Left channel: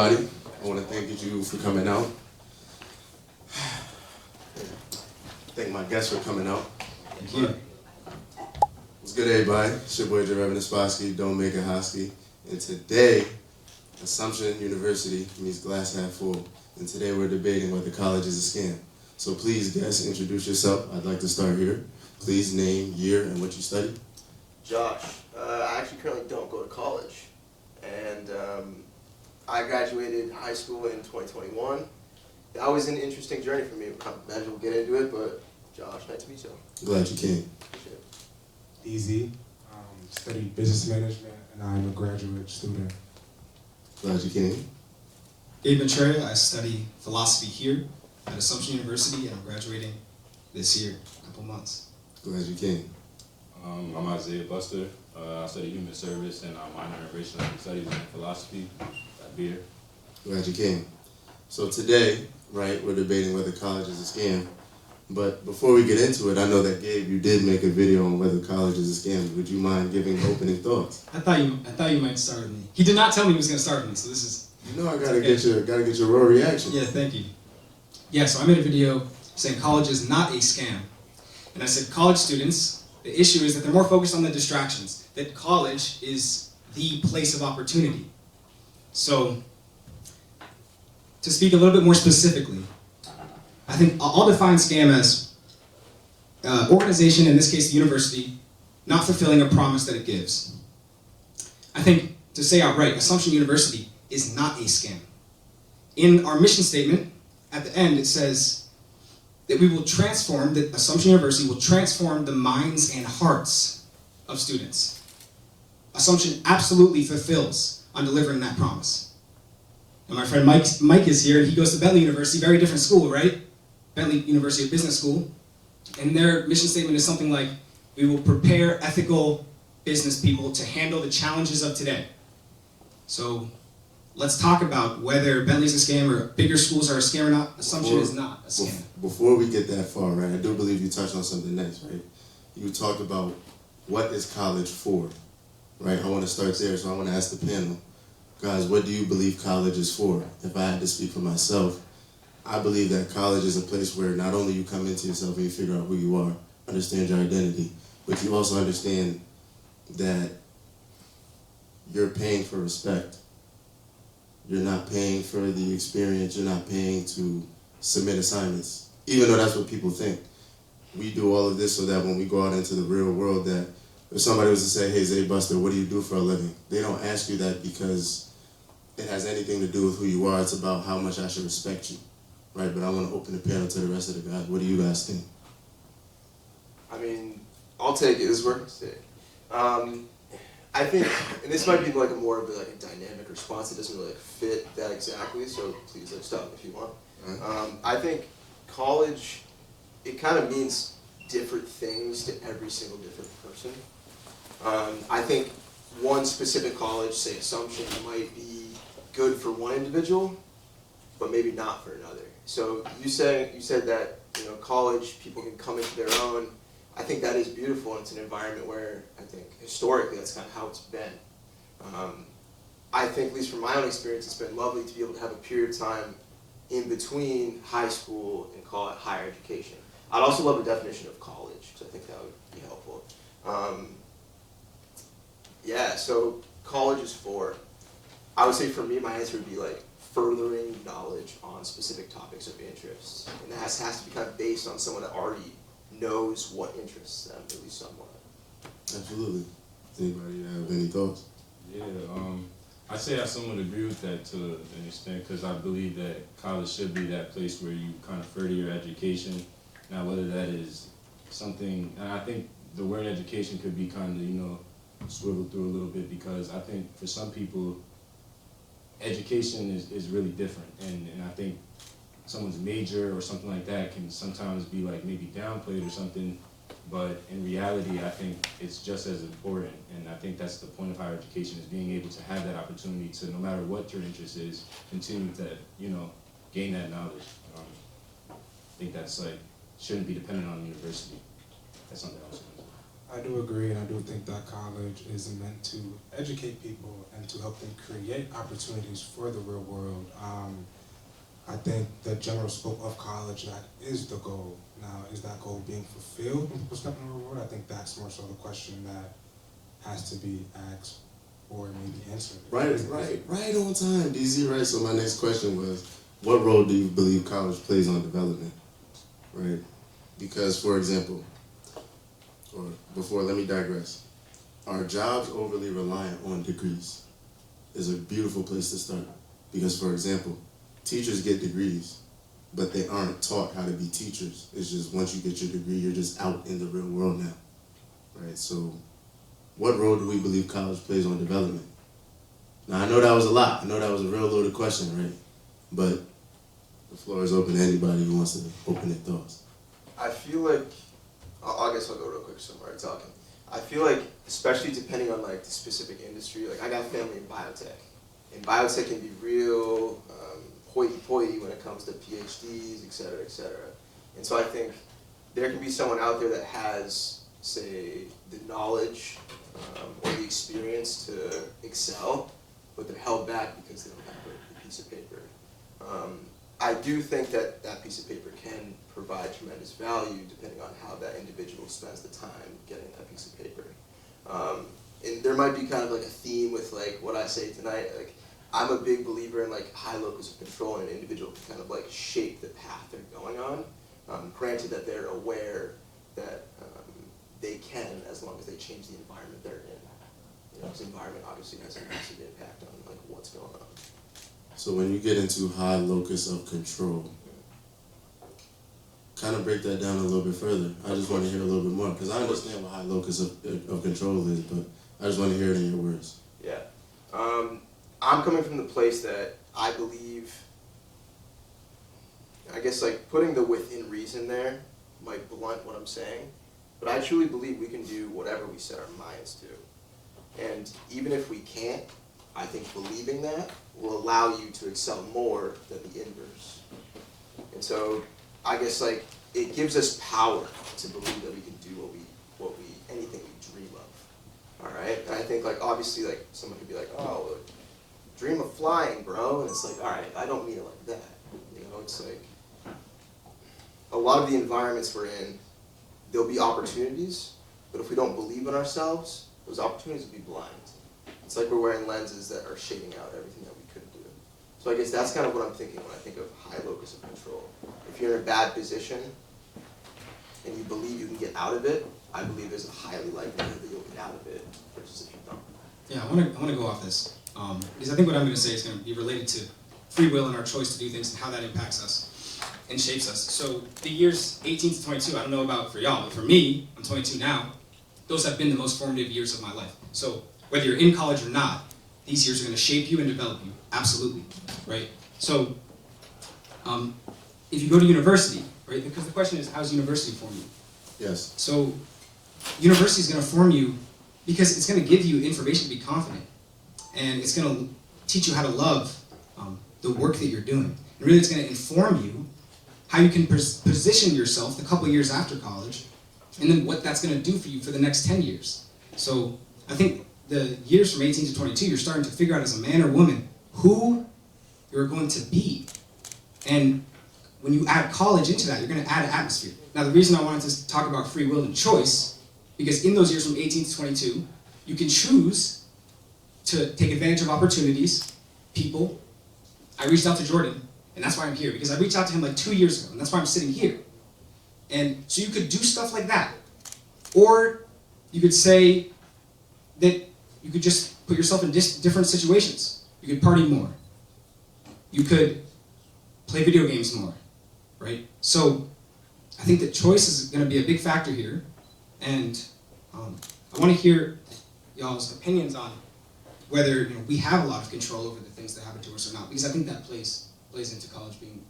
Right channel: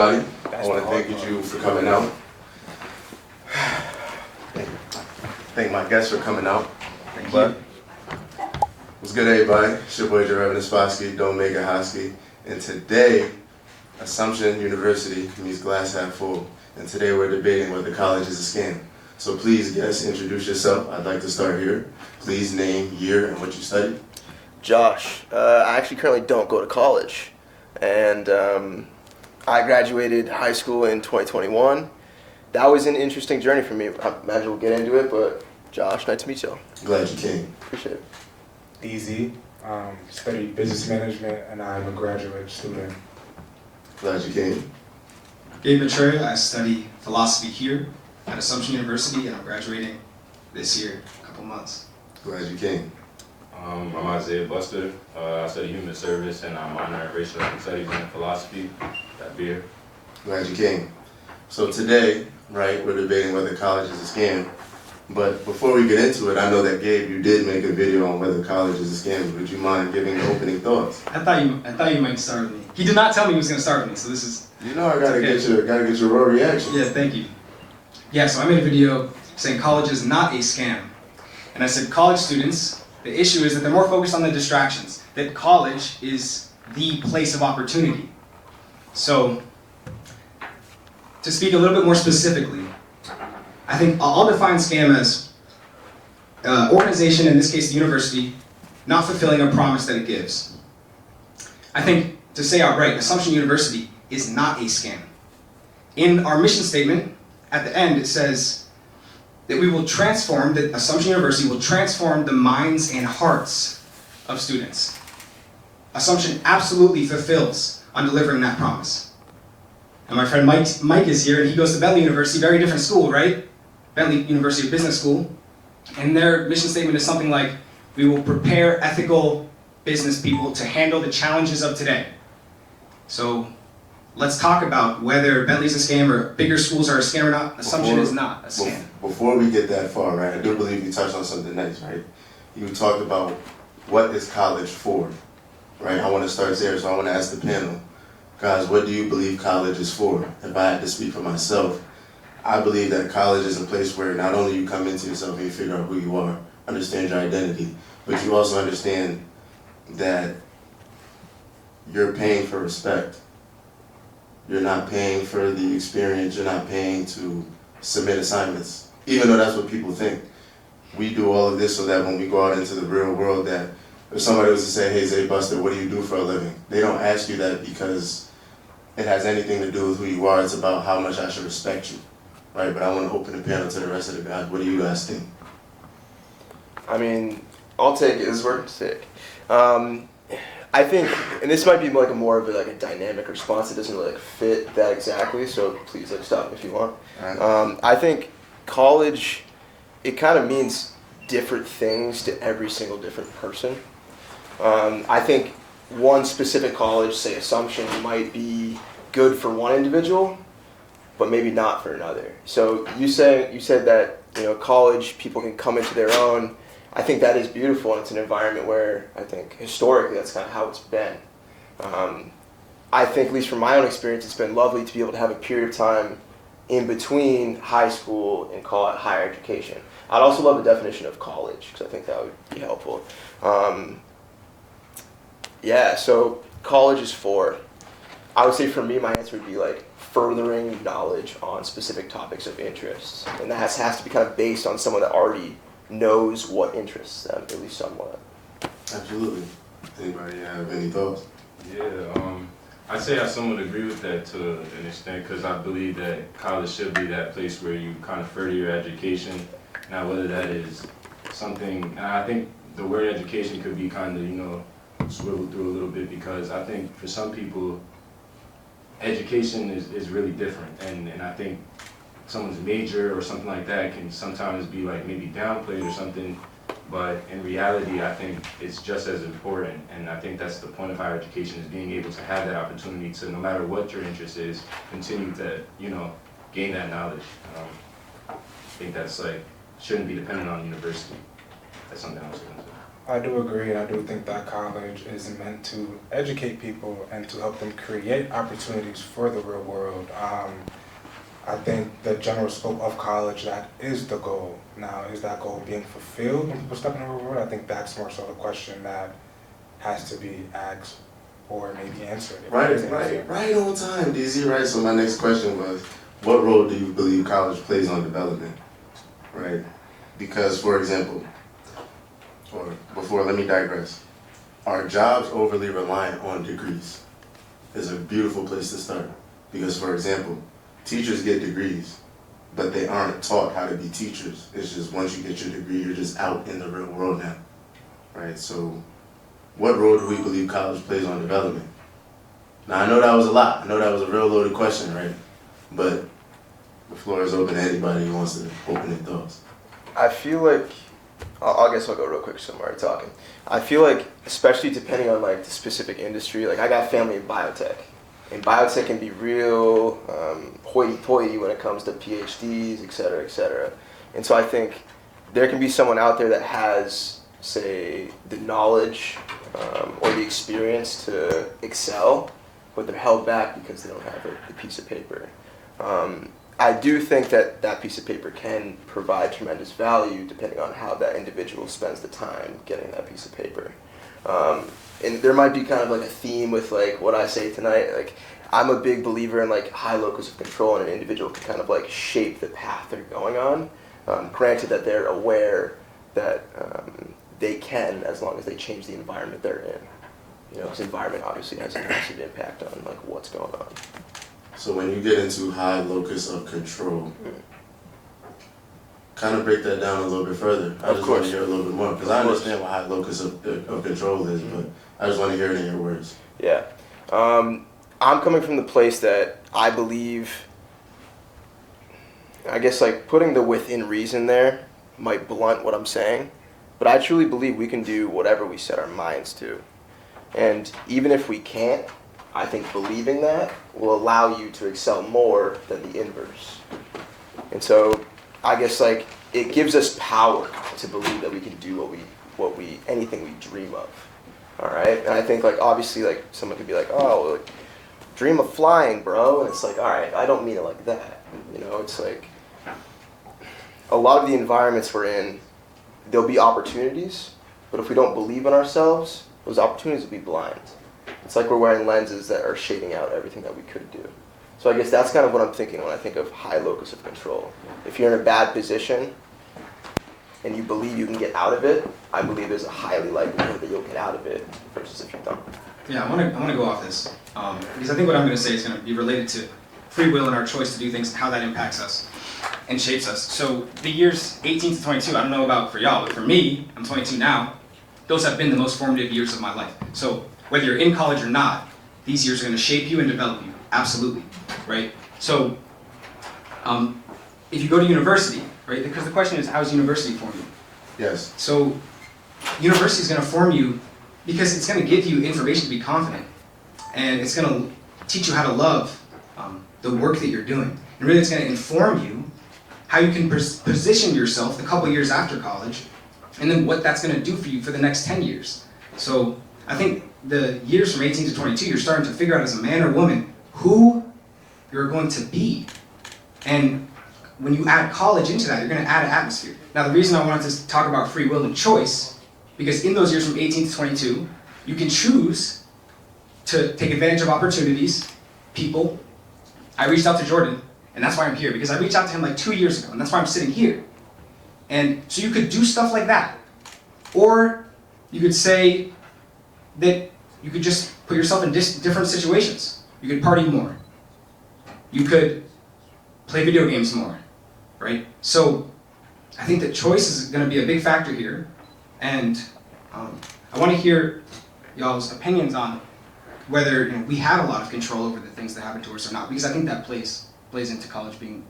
everybody. I want to thank you for coming out. Thank my guests for coming out. Thank you. What's good, everybody? It's your boy, Reverend Spassky, Don't Make It Hosky. And today, Assumption University means glass half full. And today we're debating whether college is a scam. So please, guests, introduce yourself. I'd like to start here. Please name, year, and what you studied. Josh. I actually currently don't go to college. And I graduated high school in 2021. That was an interesting journey for me. I imagine we'll get into it, but Josh, nice to meet you. Glad you came. Appreciate it. Easy. Studied business management, and I'm a graduate student. Glad you came. Gabe Matrera, I study philosophy here at Assumption University, and I'm graduating this year, a couple months. Glad you came. I'm Isaiah Buster. I study human service, and I'm minor in racial studies and philosophy at Beer. Glad you came. So today, right, we're debating whether college is a scam. But before we get into it, I know that Gabe, you did make a video on whether college is a scam. Would you mind giving the opening thoughts? I thought you might start with me. He did not tell me he was going to start with me, so this is. You know I gotta get your raw reaction. Yeah, thank you. Yeah, so I made a video saying college is not a scam, and I said college students, the issue is that they're more focused on the distractions. That college is the place of opportunity. So, to speak a little bit more specifically, I think I'll define scam as organization, in this case the university, not fulfilling a promise that it gives. I think, to say outright, Assumption University is not a scam. In our mission statement, at the end, it says that we will transform, that Assumption University will transform the minds and hearts of students. Assumption absolutely fulfills on delivering that promise. And my friend Mike is here, and he goes to Bentley University, very different school, right? Bentley University of Business School. And their mission statement is something like, we will prepare ethical business people to handle the challenges of today. So let's talk about whether Bentley's a scam or bigger schools are a scam or not. Assumption is not a scam. Before we get that far, right, I do believe you touched on something nice, right? You talked about what is college for, right? I want to start there, so I want to ask the panel, guys, what do you believe college is for? If I had to speak for myself, I believe that college is a place where not only you come into yourself and you figure out who you are, understand your identity, but you also understand that you're paying for respect. You're not paying for the experience, you're not paying to submit assignments, even though that's what people think. We do all of this so that when we go out into the real world, that if somebody was to say, hey, Zay Buster, what do you do for a living? They don't ask you that because it has anything to do with who you are. It's about how much I should respect you, right? But I want to open the panel to the rest of the guys. What do you guys think? I mean, I'll take it. This is working sick. I think, and this might be like more of a dynamic response. It doesn't really fit that exactly, so please stop me if you want. Right. I think college, it kind of means different things to every single different person. I think one specific college, say Assumption, might be good for one individual, but maybe not for another. So you said that college people can come into their own. I think that is beautiful, and it's an environment where I think historically that's kind of how it's been. I think, at least from my own experience, it's been lovely to be able to have a period of time in between high school and call it higher education. I'd also love the definition of college, because I think that would be helpful. Yeah, so college is for, I would say for me, my answer would be furthering knowledge on specific topics of interest. And that has to be kind of based on someone that already knows what interests them, at least somewhat. Absolutely. Anybody have any thoughts? Yeah, I'd say I somewhat agree with that to an extent, because I believe that college should be that place where you kind of further your education. Now, whether that is something, and I think the word education could be kind of, swiveled through a little bit, because I think for some people, education is really different, and I think someone's major or something like that can sometimes be maybe downplayed or something, but in reality I think it's just as important, and I think that's the point of higher education, is being able to have that opportunity to, no matter what your interest is, continue to gain that knowledge. I think that's shouldn't be dependent on university. That's something I was going to say. I do agree, and I do think that college is meant to educate people and to help them create opportunities for the real world. I think the general scope of college, that is the goal. Now, is that goal being fulfilled when people step in the real world? I think that's more so the question that has to be asked or maybe answered. Right on time, DZ. Right. So my next question was, what role do you believe college plays on development? Right. Because, for example, or before, let me digress. Are jobs overly reliant on degrees? Is a beautiful place to start. Because, for example, teachers get degrees, but they aren't taught how to be teachers. It's just once you get your degree, you're just out in the real world now, right? So what role do we believe college plays on development? Now, I know that was a lot. I know that was a real loaded question, right? But the floor is open to anybody who wants to open their thoughts. I feel like, I guess I'll go real quick so I'm already talking. I feel like, especially depending on like the specific industry, like I got family in biotech. And biotech can be real hoity-toity when it comes to PhDs, et cetera, et cetera. And so I think there can be someone out there that has, say, the knowledge or the experience to excel, but they're held back because they don't have a piece of paper. I do think that that piece of paper can provide tremendous value depending on how that individual spends the time getting that piece of paper. And there might be kind of like a theme with like what I say tonight. Like I'm a big believer in like high locus of control, and an individual can kind of like shape the path they're going on. Granted that they're aware that they can, as long as they change the environment they're in. You know, because environment obviously has a massive impact on like what's going on. So when you get into high locus of control, kind of break that down a little bit further. I just want to hear a little bit more, because I understand what high locus of control is, but I just want to hear it in your words. Yeah. I'm coming from the place that I believe, I guess like putting the within reason there might blunt what I'm saying, but I truly believe we can do whatever we set our minds to. And even if we can't, I think believing that will allow you to excel more than the inverse. And so I guess like it gives us power to believe that we can do anything we dream of. All right? And I think like obviously like someone could be like, "Oh, like, dream of flying, bro." And it's like, "All right, I don't mean it like that." You know, it's like a lot of the environments we're in, there'll be opportunities, but if we don't believe in ourselves, those opportunities will be blind. It's like we're wearing lenses that are shading out everything that we could do. So I guess that's kind of what I'm thinking when I think of high locus of control. If you're in a bad position and you believe you can get out of it, I believe there's a highly likelihood that you'll get out of it versus if you don't. Yeah, I want to go off this because I think what I'm going to say is going to be related to free will and our choice to do things and how that impacts us and shapes us. So the years 18 to 22, I don't know about for y'all, but for me, I'm 22 now, those have been the most formative years of my life. So whether you're in college or not, these years are going to shape you and develop you, absolutely, right? So if you go to university, right, because the question is, how does university form you? Yes. So university is going to form you because it's going to give you information to be confident, and it's going to teach you how to love the work that you're doing. And really it's going to inform you how you can position yourself the couple years after college, and then what that's going to do for you for the next 10 years. So I think the years from 18 to 22, you're starting to figure out as a man or woman who you're going to be. And when you add college into that, you're going to add an atmosphere. Now, the reason I wanted to talk about free will and choice, because in those years from 18 to 22, you can choose to take advantage of opportunities, people. I reached out to Jordan, and that's why I'm here, because I reached out to him like 2 years ago, and that's why I'm sitting here. And so you could do stuff like that. Or you could say that you could just put yourself in different situations. You could party more. You could play video games more, right? So I think that choice is going to be a big factor here. And I want to hear y'all's opinions on whether we have a lot of control over the things that happen to us or not, because I think that plays into college being.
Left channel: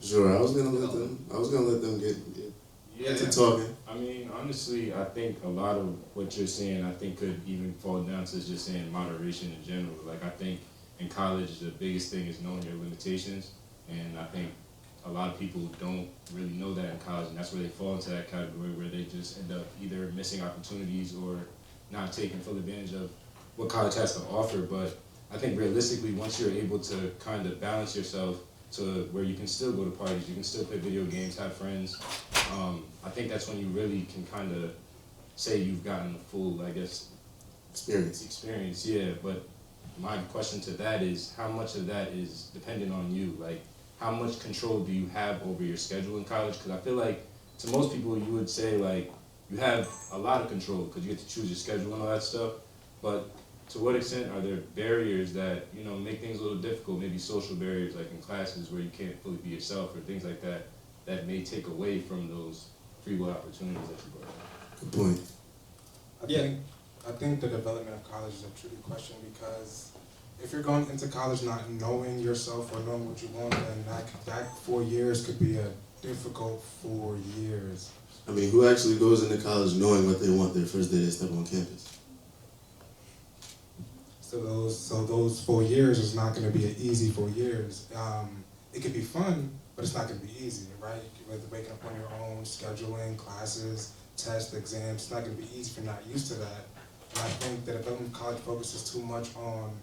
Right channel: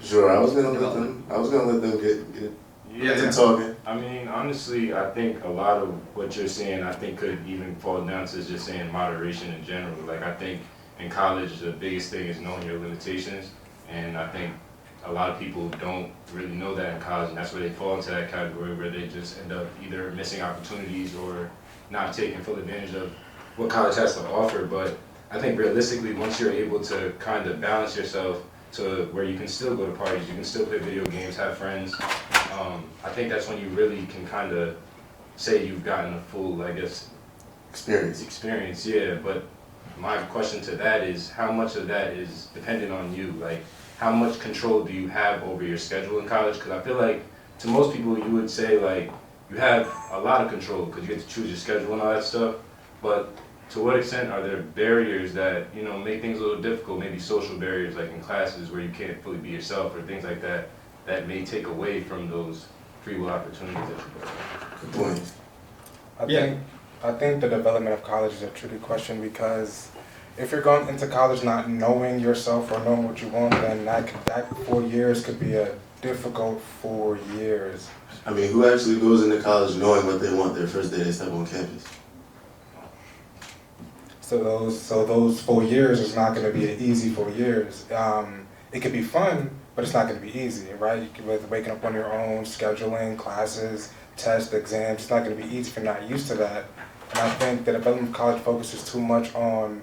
Sure, I was gonna let them get to talking. I mean, honestly, I think a lot of what you're saying, I think could even fall down to just saying moderation in general. Like I think in college, the biggest thing is knowing your limitations, and I think a lot of people don't really know that in college, and that's where they fall into that category where they just end up either missing opportunities or not taking full advantage of what college has to offer. But I think realistically, once you're able to kind of balance yourself to where you can still go to parties, you can still play video games, have friends, I think that's when you really can kind of say you've gotten a full, I guess, experience, yeah. But my question to that is, how much of that is dependent on you? Like, how much control do you have over your schedule in college? Because I feel like to most people you would say like you have a lot of control because you get to choose your schedule and all that stuff. But to what extent are there barriers that, you know, make things a little difficult? Maybe social barriers like in classes where you can't fully be yourself or things like that that may take away from those free will opportunities that you get. Good point. I think the development of college is a tricky question because if you're going into college not knowing yourself or knowing what you want, then that 4 years could be a difficult 4 years. I mean, who actually goes into college knowing what they want their first day they step on campus? So those 4 years is not going to be an easy 4 years. It could be fun, but it's not going to be easy, right? You could be waking up on your own, scheduling, classes, tests, exams. It's not going to be easy if you're not used to that. And I think the development of college focuses too much on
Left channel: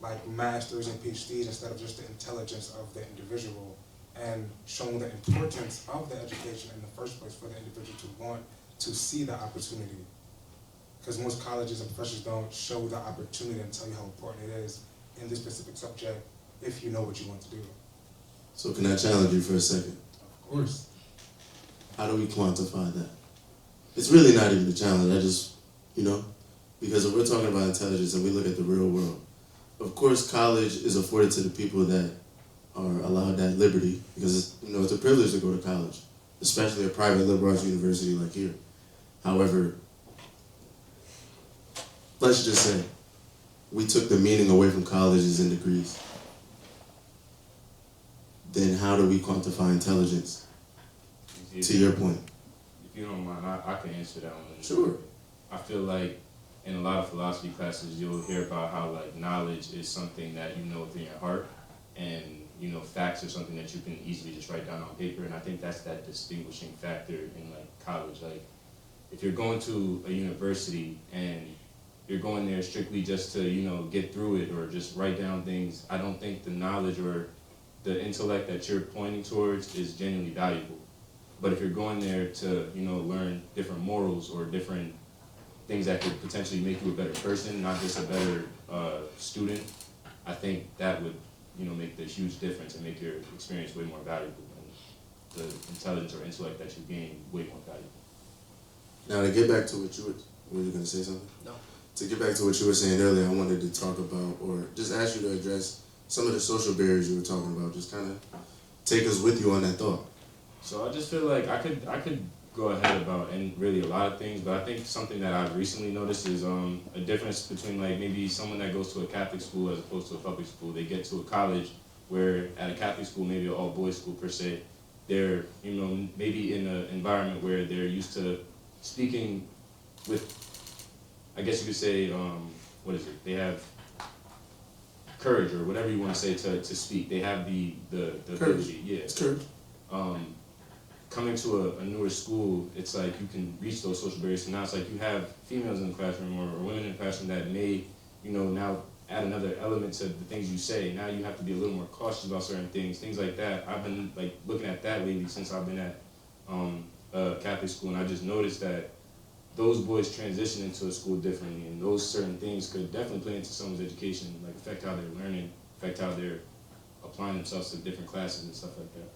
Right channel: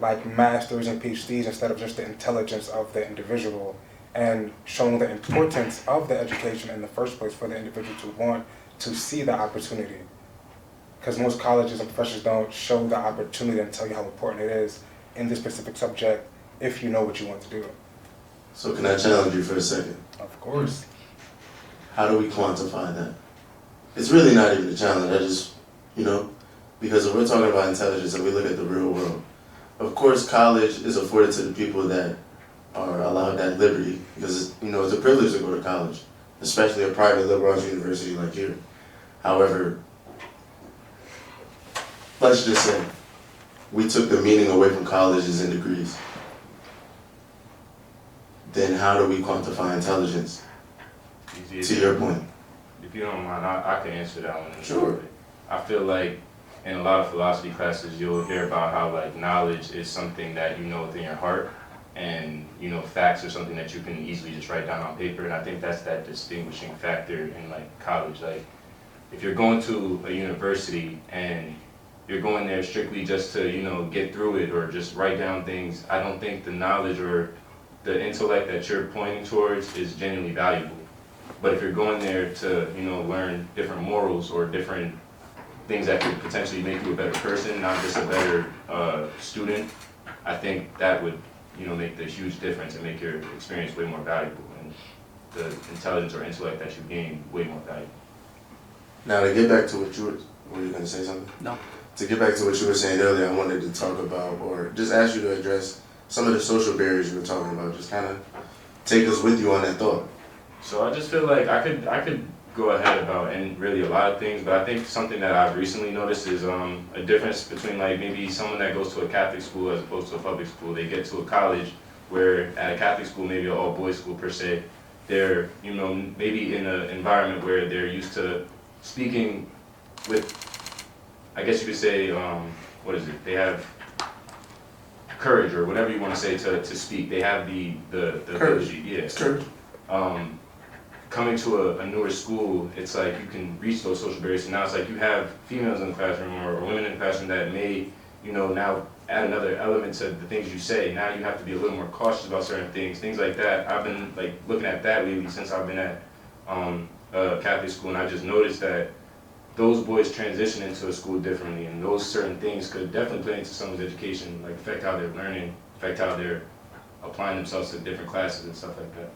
like masters and PhDs instead of just the intelligence of the individual and showing the importance of the education in the first place for the individual to want to see the opportunity. Because most colleges and professors don't show the opportunity and tell you how important it is in this specific subject if you know what you want to do. So can I challenge you for a second? Of course. How do we quantify that? It's really not even a challenge. I just, you know, because if we're talking about intelligence and we look at the real world, of course college is afforded to the people that are allowed that liberty because it's, you know, it's a privilege to go to college, especially a private liberal arts university like here. However, let's just say we took the meaning away from colleges and degrees. Then how do we quantify intelligence? To your point. If you don't mind, I can answer that one. Sure. I feel like in a lot of philosophy classes, you'll hear about how like knowledge is something that you know within your heart, and you know facts are something that you can easily just write down on paper. And I think that's that distinguishing factor in like college. Like if you're going to a university and you're going there strictly just to, you know, get through it or just write down things, I don't think the knowledge or the intellect that you're pointing towards is genuinely valuable. But if you're going there to, you know, learn different morals or different things that could potentially make you a better person, not just a better student, I think that would, you know, make the huge difference and make your experience way more valuable and the intelligence or intellect that you gain way more valuable. Now to get back to what you were you gonna say something? No. To get back to what you were saying earlier, I wanted to talk about, or just ask you to address some of the social barriers you were talking about. Just kind of take us with you on that thought. So I just feel like I could go ahead about and really a lot of things, but I think something that I've recently noticed is a difference between like maybe someone that goes to a Catholic school as opposed to a public school. They get to a college where at a Catholic school, maybe an all-boys school per se, they're, you know, maybe in an environment where they're used to speaking with, I guess you could say, what is it? They have courage or whatever you want to say to speak. They have the ability, yeah. It's courage. Coming to a newer school, it's like you can reach those social barriers. So now it's like you have females in the classroom or women in the classroom that may, you know, now add another element to the things you say. Now you have to be a little more cautious about certain things like that. I've been like looking at that lately since I've been at Catholic school, and I just noticed that those boys transition into a school differently, and those certain things could definitely play into someone's education, like affect how they're learning, affect how they're applying themselves to different classes and stuff like that.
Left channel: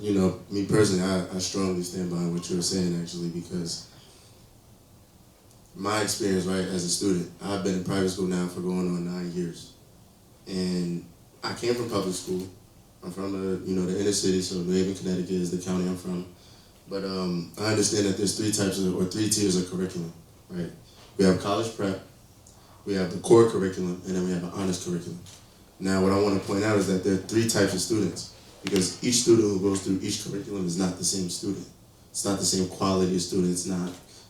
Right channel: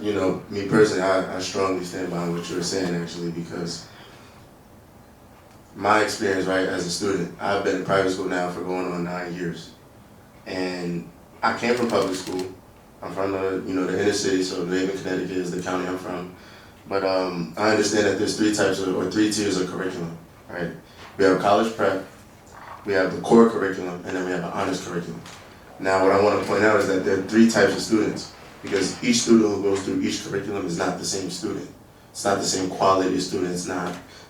You know, me personally, I strongly stand behind what you were saying actually, because my experience, right, as a student, I've been in private school now for going on 9 years, and I came from public school. I'm from the inner city, so New Haven, Connecticut is the county I'm from. But I understand that there's 3 tiers of curriculum, right? We have college prep, we have the core curriculum, and then we have an honors curriculum. Now, what I want to point out is that there are 3 types of students, because each student who goes through each curriculum is not the same student. It's not the same quality of student. It's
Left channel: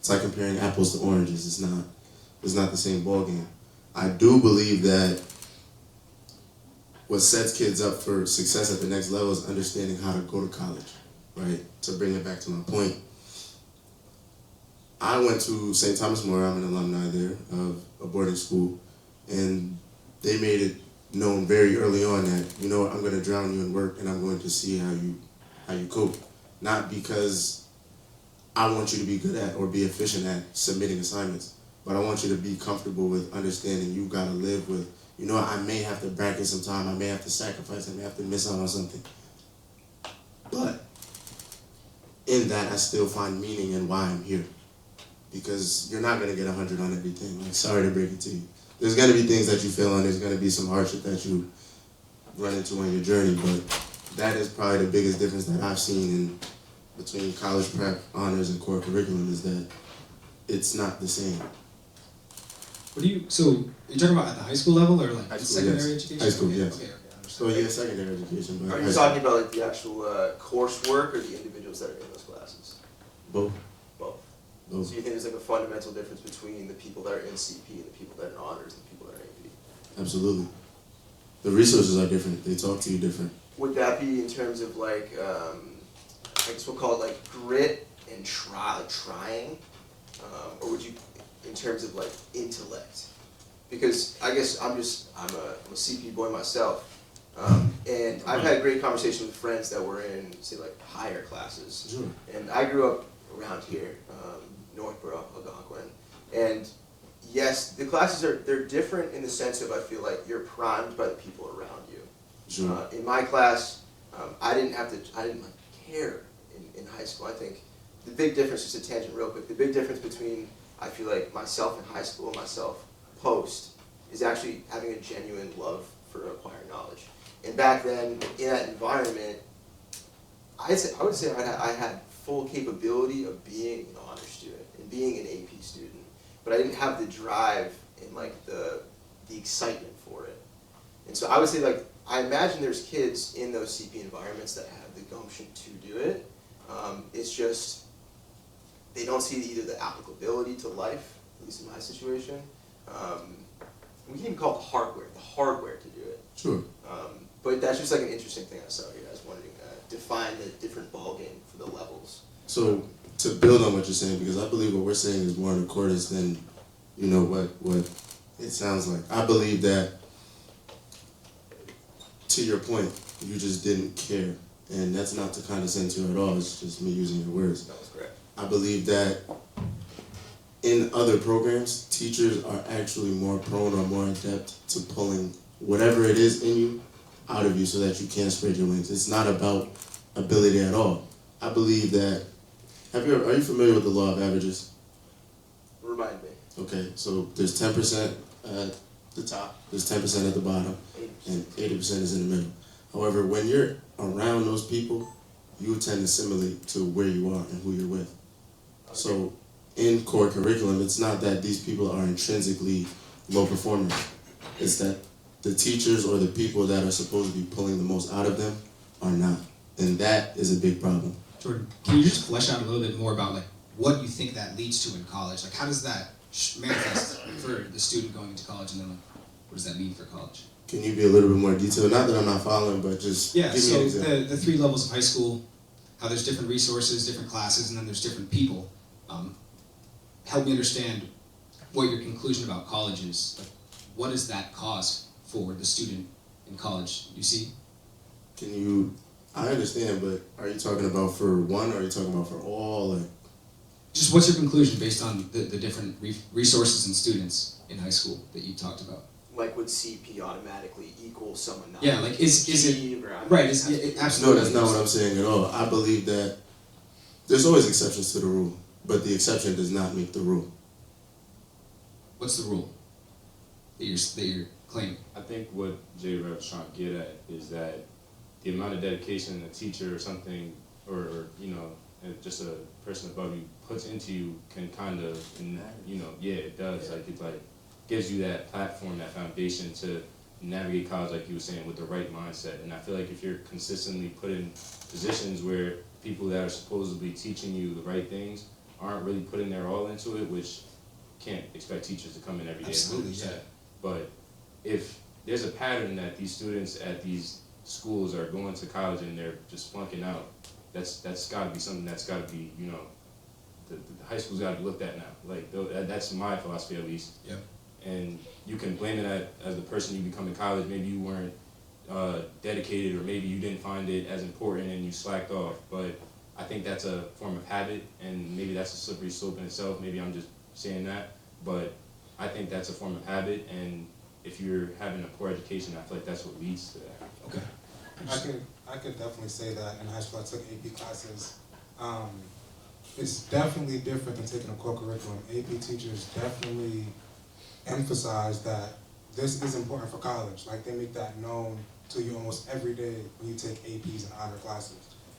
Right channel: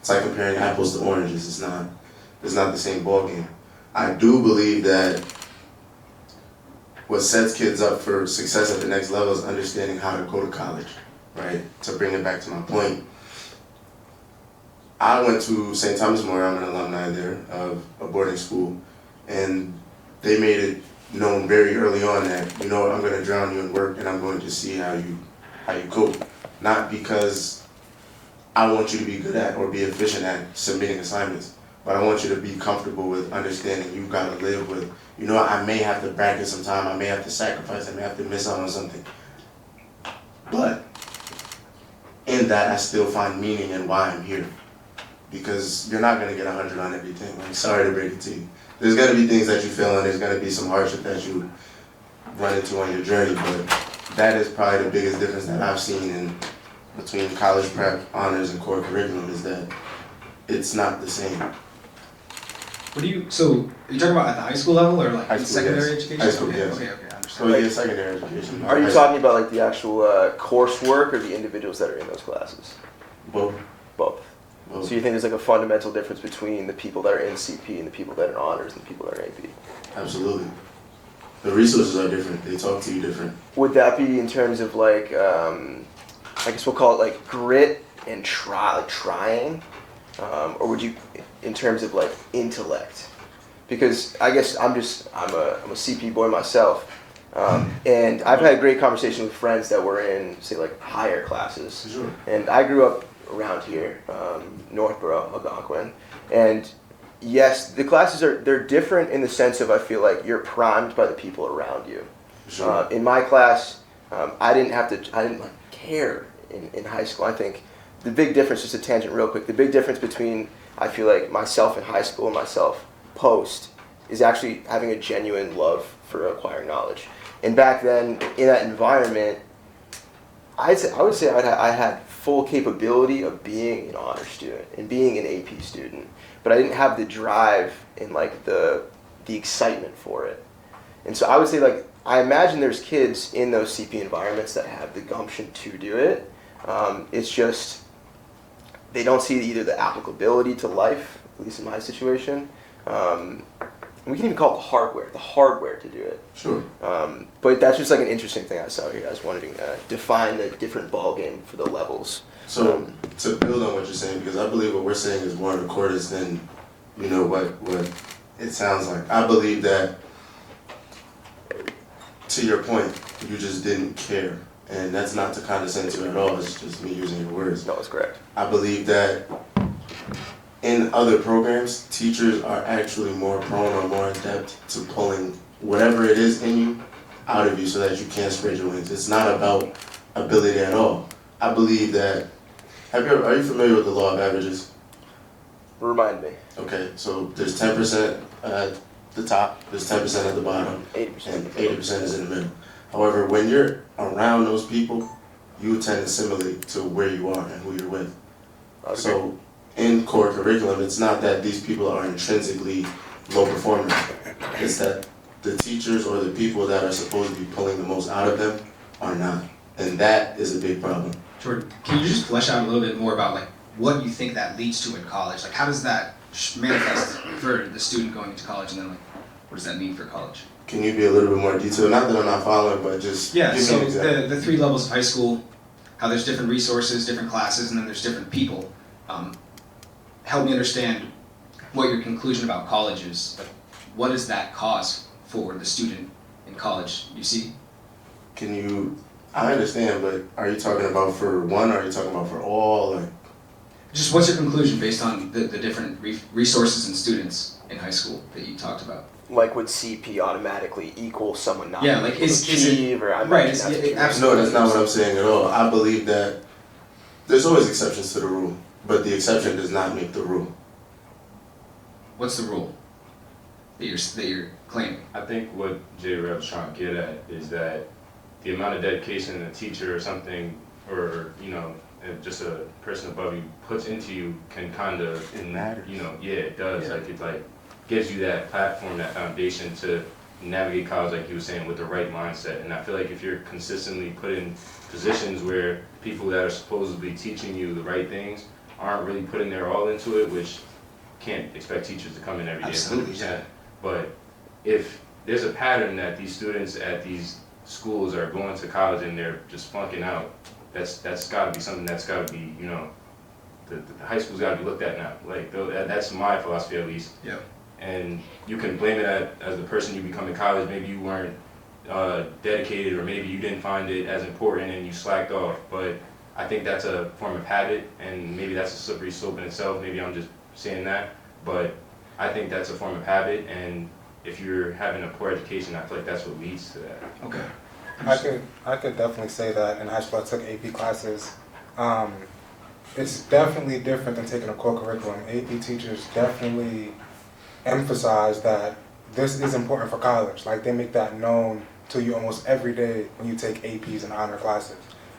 like comparing apples to oranges. It's not the same ballgame. I do believe that what sets kids up for success at the next level is understanding how to go to college, right? To bring it back to my point, I went to St. Thomas More. I'm an alumni there of a boarding school, and they made it known very early on that, you know what, I'm going to drown you in work, and I'm going to see how you cope. Not because I want you to be good at or be efficient at submitting assignments, but I want you to be comfortable with understanding you've got to live with, you know, I may have to bracket some time, I may have to sacrifice, I may have to miss out on something. But in that, I still find meaning in why I'm here. Because you're not going to get 100 on everything. Like, sorry to break it to you. There's going to be things that you feel, and there's going to be some hardship that you run into on your journey, but that is probably the biggest difference that I've seen in between college prep, honors, and core curriculum is that it's not the same. So are you talking about at the high school level or like High in school, secondary yes. education? High school, okay, yes. okay, I understand. So yeah, secondary education. Are you talking about like the actual coursework or the individuals that are in those classes? Both. Both. Both. So you think there's like a fundamental difference between the people that are in CP and the people that are in honors and the people that are in AP? Absolutely. The resources are different. They talk to you different. Would that be in terms of like, I guess we'll call it like grit and trying, or would you, in terms of like intellect? Because I guess I'm a CP boy myself, and I've had great conversations with friends that were in, say, like higher classes. Sure. And I grew up around here, Northborough, Algonquin, and yes, the classes they're different in the sense of I feel like you're primed by the people around you. Sure. In my class, I didn't like care in high school. I think the big difference, just a tangent real quick, the big difference between I feel like myself in high school and myself post is actually having a genuine love for acquiring knowledge. And back then, in that environment, I would say I had full capability of being an honor student and being an AP student, but I didn't have the drive and like the excitement for it. And so I would say like I imagine there's kids in those CP environments that have the gumption to do it. It's just they don't see either the applicability to life, at least in my situation. We can even call it the hardware to do it. Sure. But that's just like an interesting thing I saw here. I was wondering, define the different ball game for the levels. So to build on what you're saying, because I believe what we're saying is more recorded than, you know, what it sounds like. I believe that, to your point, you just didn't care. And that's not to condescend to you at all, it's just me using your words. No, that's correct. I believe that in other programs, teachers are actually more prone or more adept to pulling whatever it is in you out of you so that you can't spread your wings. It's not about ability at all. I believe that, are you familiar with the law of averages? Remind me. Okay, so there's 10% at the top, there's 10% at the bottom, 80%. and 80% is in the middle. However, when you're around those people, you tend to assimilate to where you are and who you're with. Okay. So in core curriculum, it's not that these people are intrinsically low performers. It's that the teachers or the people that are supposed to be pulling the most out of them are not. And that is a big problem. Jordan, can you just flesh out a little bit more about like what you think that leads to in college? Like how does that manifest for the student going to college, and then like what does that mean for college? Can you be a little bit more detailed? Not that I'm not following, but just Yeah, give me so an example. the 3 levels of high school, how there's different resources, different classes, and then there's different people. Help me understand what your conclusion about college is. Like, what does that cause for the student in college, you see? I understand, but are you talking about for one, or are you talking about for all? Like, Just what's your conclusion based on the different resources and students in high school that you talked about? Like would CP automatically equal someone not Yeah, able like to is it achieve, or I right? imagine that's what you're Absolutely. no, that's not what I'm saying at all. I believe that there's always exceptions to the rule, but the exception does not make the rule. What's the rule that you're claiming? I think what J. Reb's trying to get at is that the amount of dedication a teacher or something, or just a person above you puts into you can kind of, It matters. Yeah, it does. Yeah. Like it gives you that platform, that foundation to navigate college, like you were saying, with the right mindset. And I feel like if you're consistently put in positions where people that are supposedly teaching you the right things aren't really putting their all into it, which can't expect teachers to come in every day 100%. Absolutely, yeah. But if there's a pattern that these students at these schools are going to college and they're just flunking out. That's got to be something that's got to be, you know, the high school's got to be looked at now. Like that's my philosophy at least. Yeah. And you can blame it as the person you become in college. Maybe you weren't dedicated, or maybe you didn't find it as important and you slacked off. But I think that's a form of habit, and maybe that's a slippery slope in itself. Maybe I'm just saying that, but I think that's a form of habit, and if you're having a poor education, I feel like that's what leads to that. Okay. I could definitely say that in high school I took AP classes. It's definitely different than taking a core curriculum. AP teachers definitely emphasize that this is important for college. Like, they make that known to you almost every day when you take APs and honor classes.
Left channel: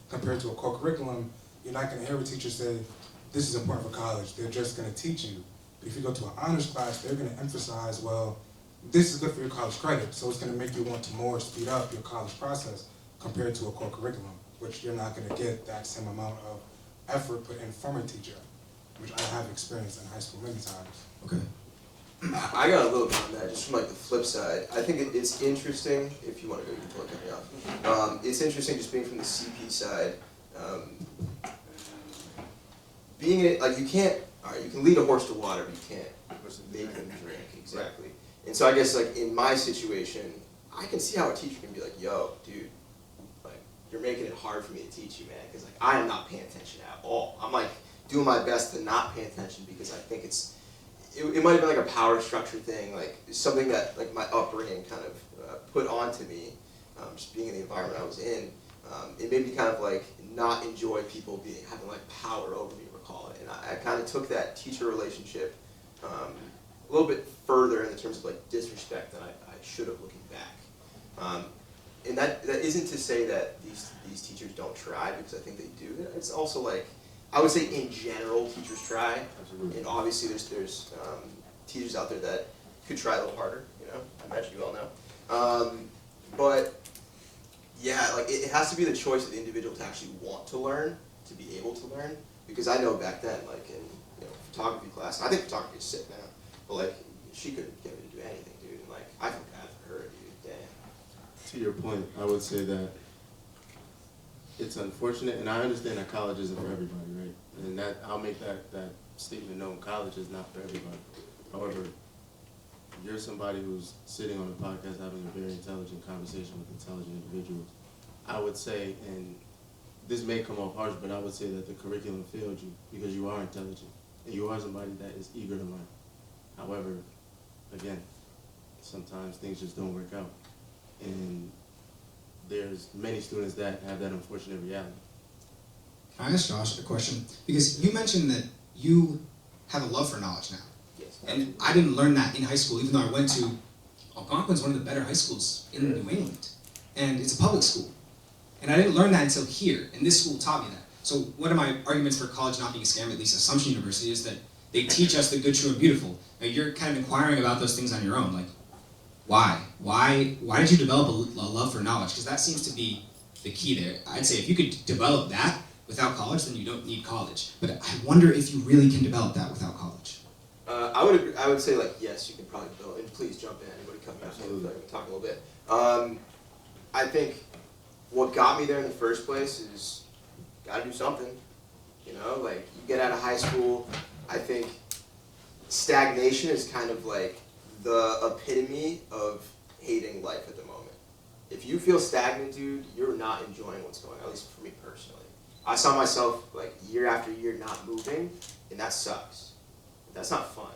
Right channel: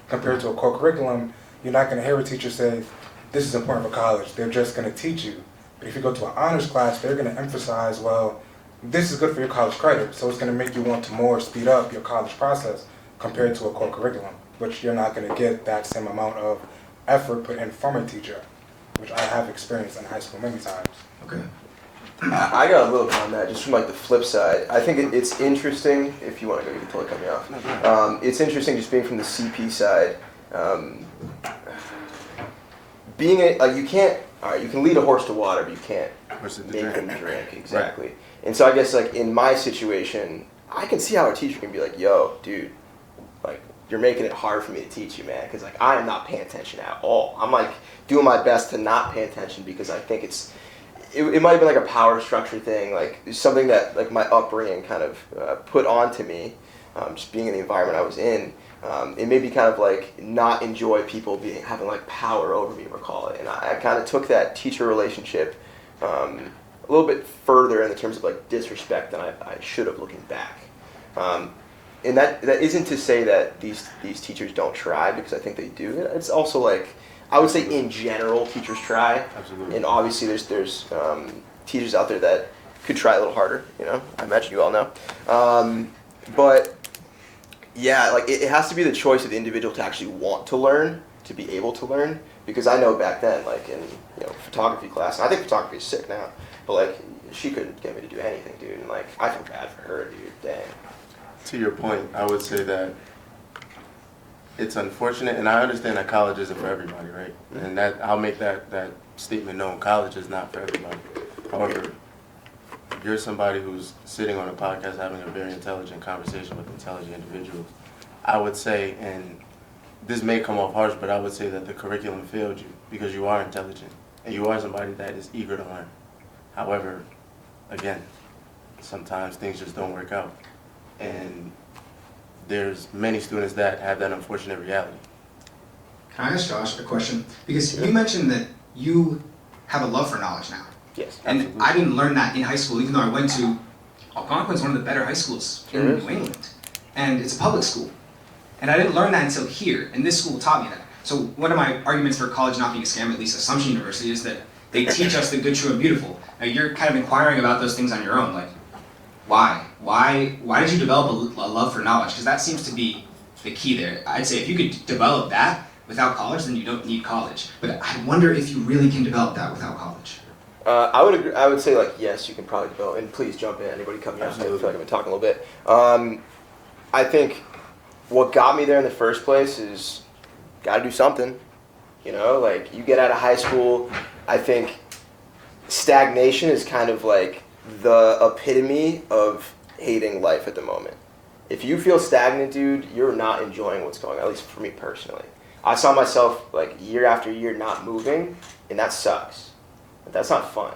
Compared to a core curriculum, you're not going to hear a teacher say, this is important for college. They're just going to teach you. But if you go to an honors class, they're going to emphasize, well, this is good for your college credit, so it's going to make you want to more speed up your college process compared to a core curriculum, which you're not going to get that same amount of effort put in from a teacher, which I have experienced in high school many times. Okay. I got a little bit on that, just from like the flip side. I think it's interesting, if you want to go, you can totally cut me off. It's interesting just being from the CP side. You can't, all right, you can lead a horse to water, but you can't make him drink, exactly. Right. And so I guess like in my situation, I can see how a teacher can be like, yo, dude, like you're making it hard for me to teach you, man, because like I am not paying attention at all. I'm like doing my best to not pay attention because I think it might have been like a power structure thing, like something that like my upbringing kind of put onto me, just being in the environment I was in. It made me kind of like not enjoy people having like power over me, we'll call it. And I kind of took that teacher relationship a little bit further in the terms of like disrespect than I should have looking back. And that isn't to say that these teachers don't try, because I think they do. It's also like, I would say in general, teachers try. Absolutely. And obviously there's teachers out there that could try a little harder, you know? I imagine you all know. But yeah, like it has to be the choice of the individual to actually want to learn, to be able to learn. Because I know back then, like in photography class, and I think photography is sick now, but like she couldn't get me to do anything, dude. And like I feel bad for her, dude. Dang. To your point, I would say that it's unfortunate, and I understand that college isn't for everybody, right? And that I'll make that statement known. College is not for everybody. However, if you're somebody who's sitting on a podcast having a very intelligent conversation with intelligent individuals, I would say, and this may come off harsh, but I would say that the curriculum failed you because you are intelligent and you are somebody that is eager to learn. However, again, sometimes things just don't work out. And there's many students that have that unfortunate reality. Can I ask Josh a question? Because you mentioned that you have a love for knowledge now. Yes. And Absolutely. I didn't learn that in high school, even though I went to Algonquin's, one of the better high schools in New England. And it's a public school. And I didn't learn that until here, and this school taught me that. So one of my arguments for college not being a scam, at least Assumption University, is that they teach us the good, true, and beautiful. Now you're kind of inquiring about those things on your own, like, why? Why did you develop a love for knowledge? Because that seems to be the key there. I'd say if you could develop that without college, then you don't need college. But I wonder if you really can develop that without college. I would agree. I would say like yes, you can probably develop. And please jump in. Anybody cut me off? I feel like I've been talking a little bit. I think what got me there in the first place is got to do something. You know, like you get out of high school. I think stagnation is kind of like the epitome of hating life at the moment. If you feel stagnant, dude, you're not enjoying what's going on, at least for me personally. I saw myself like year after year not moving, and that sucks. That's not fun.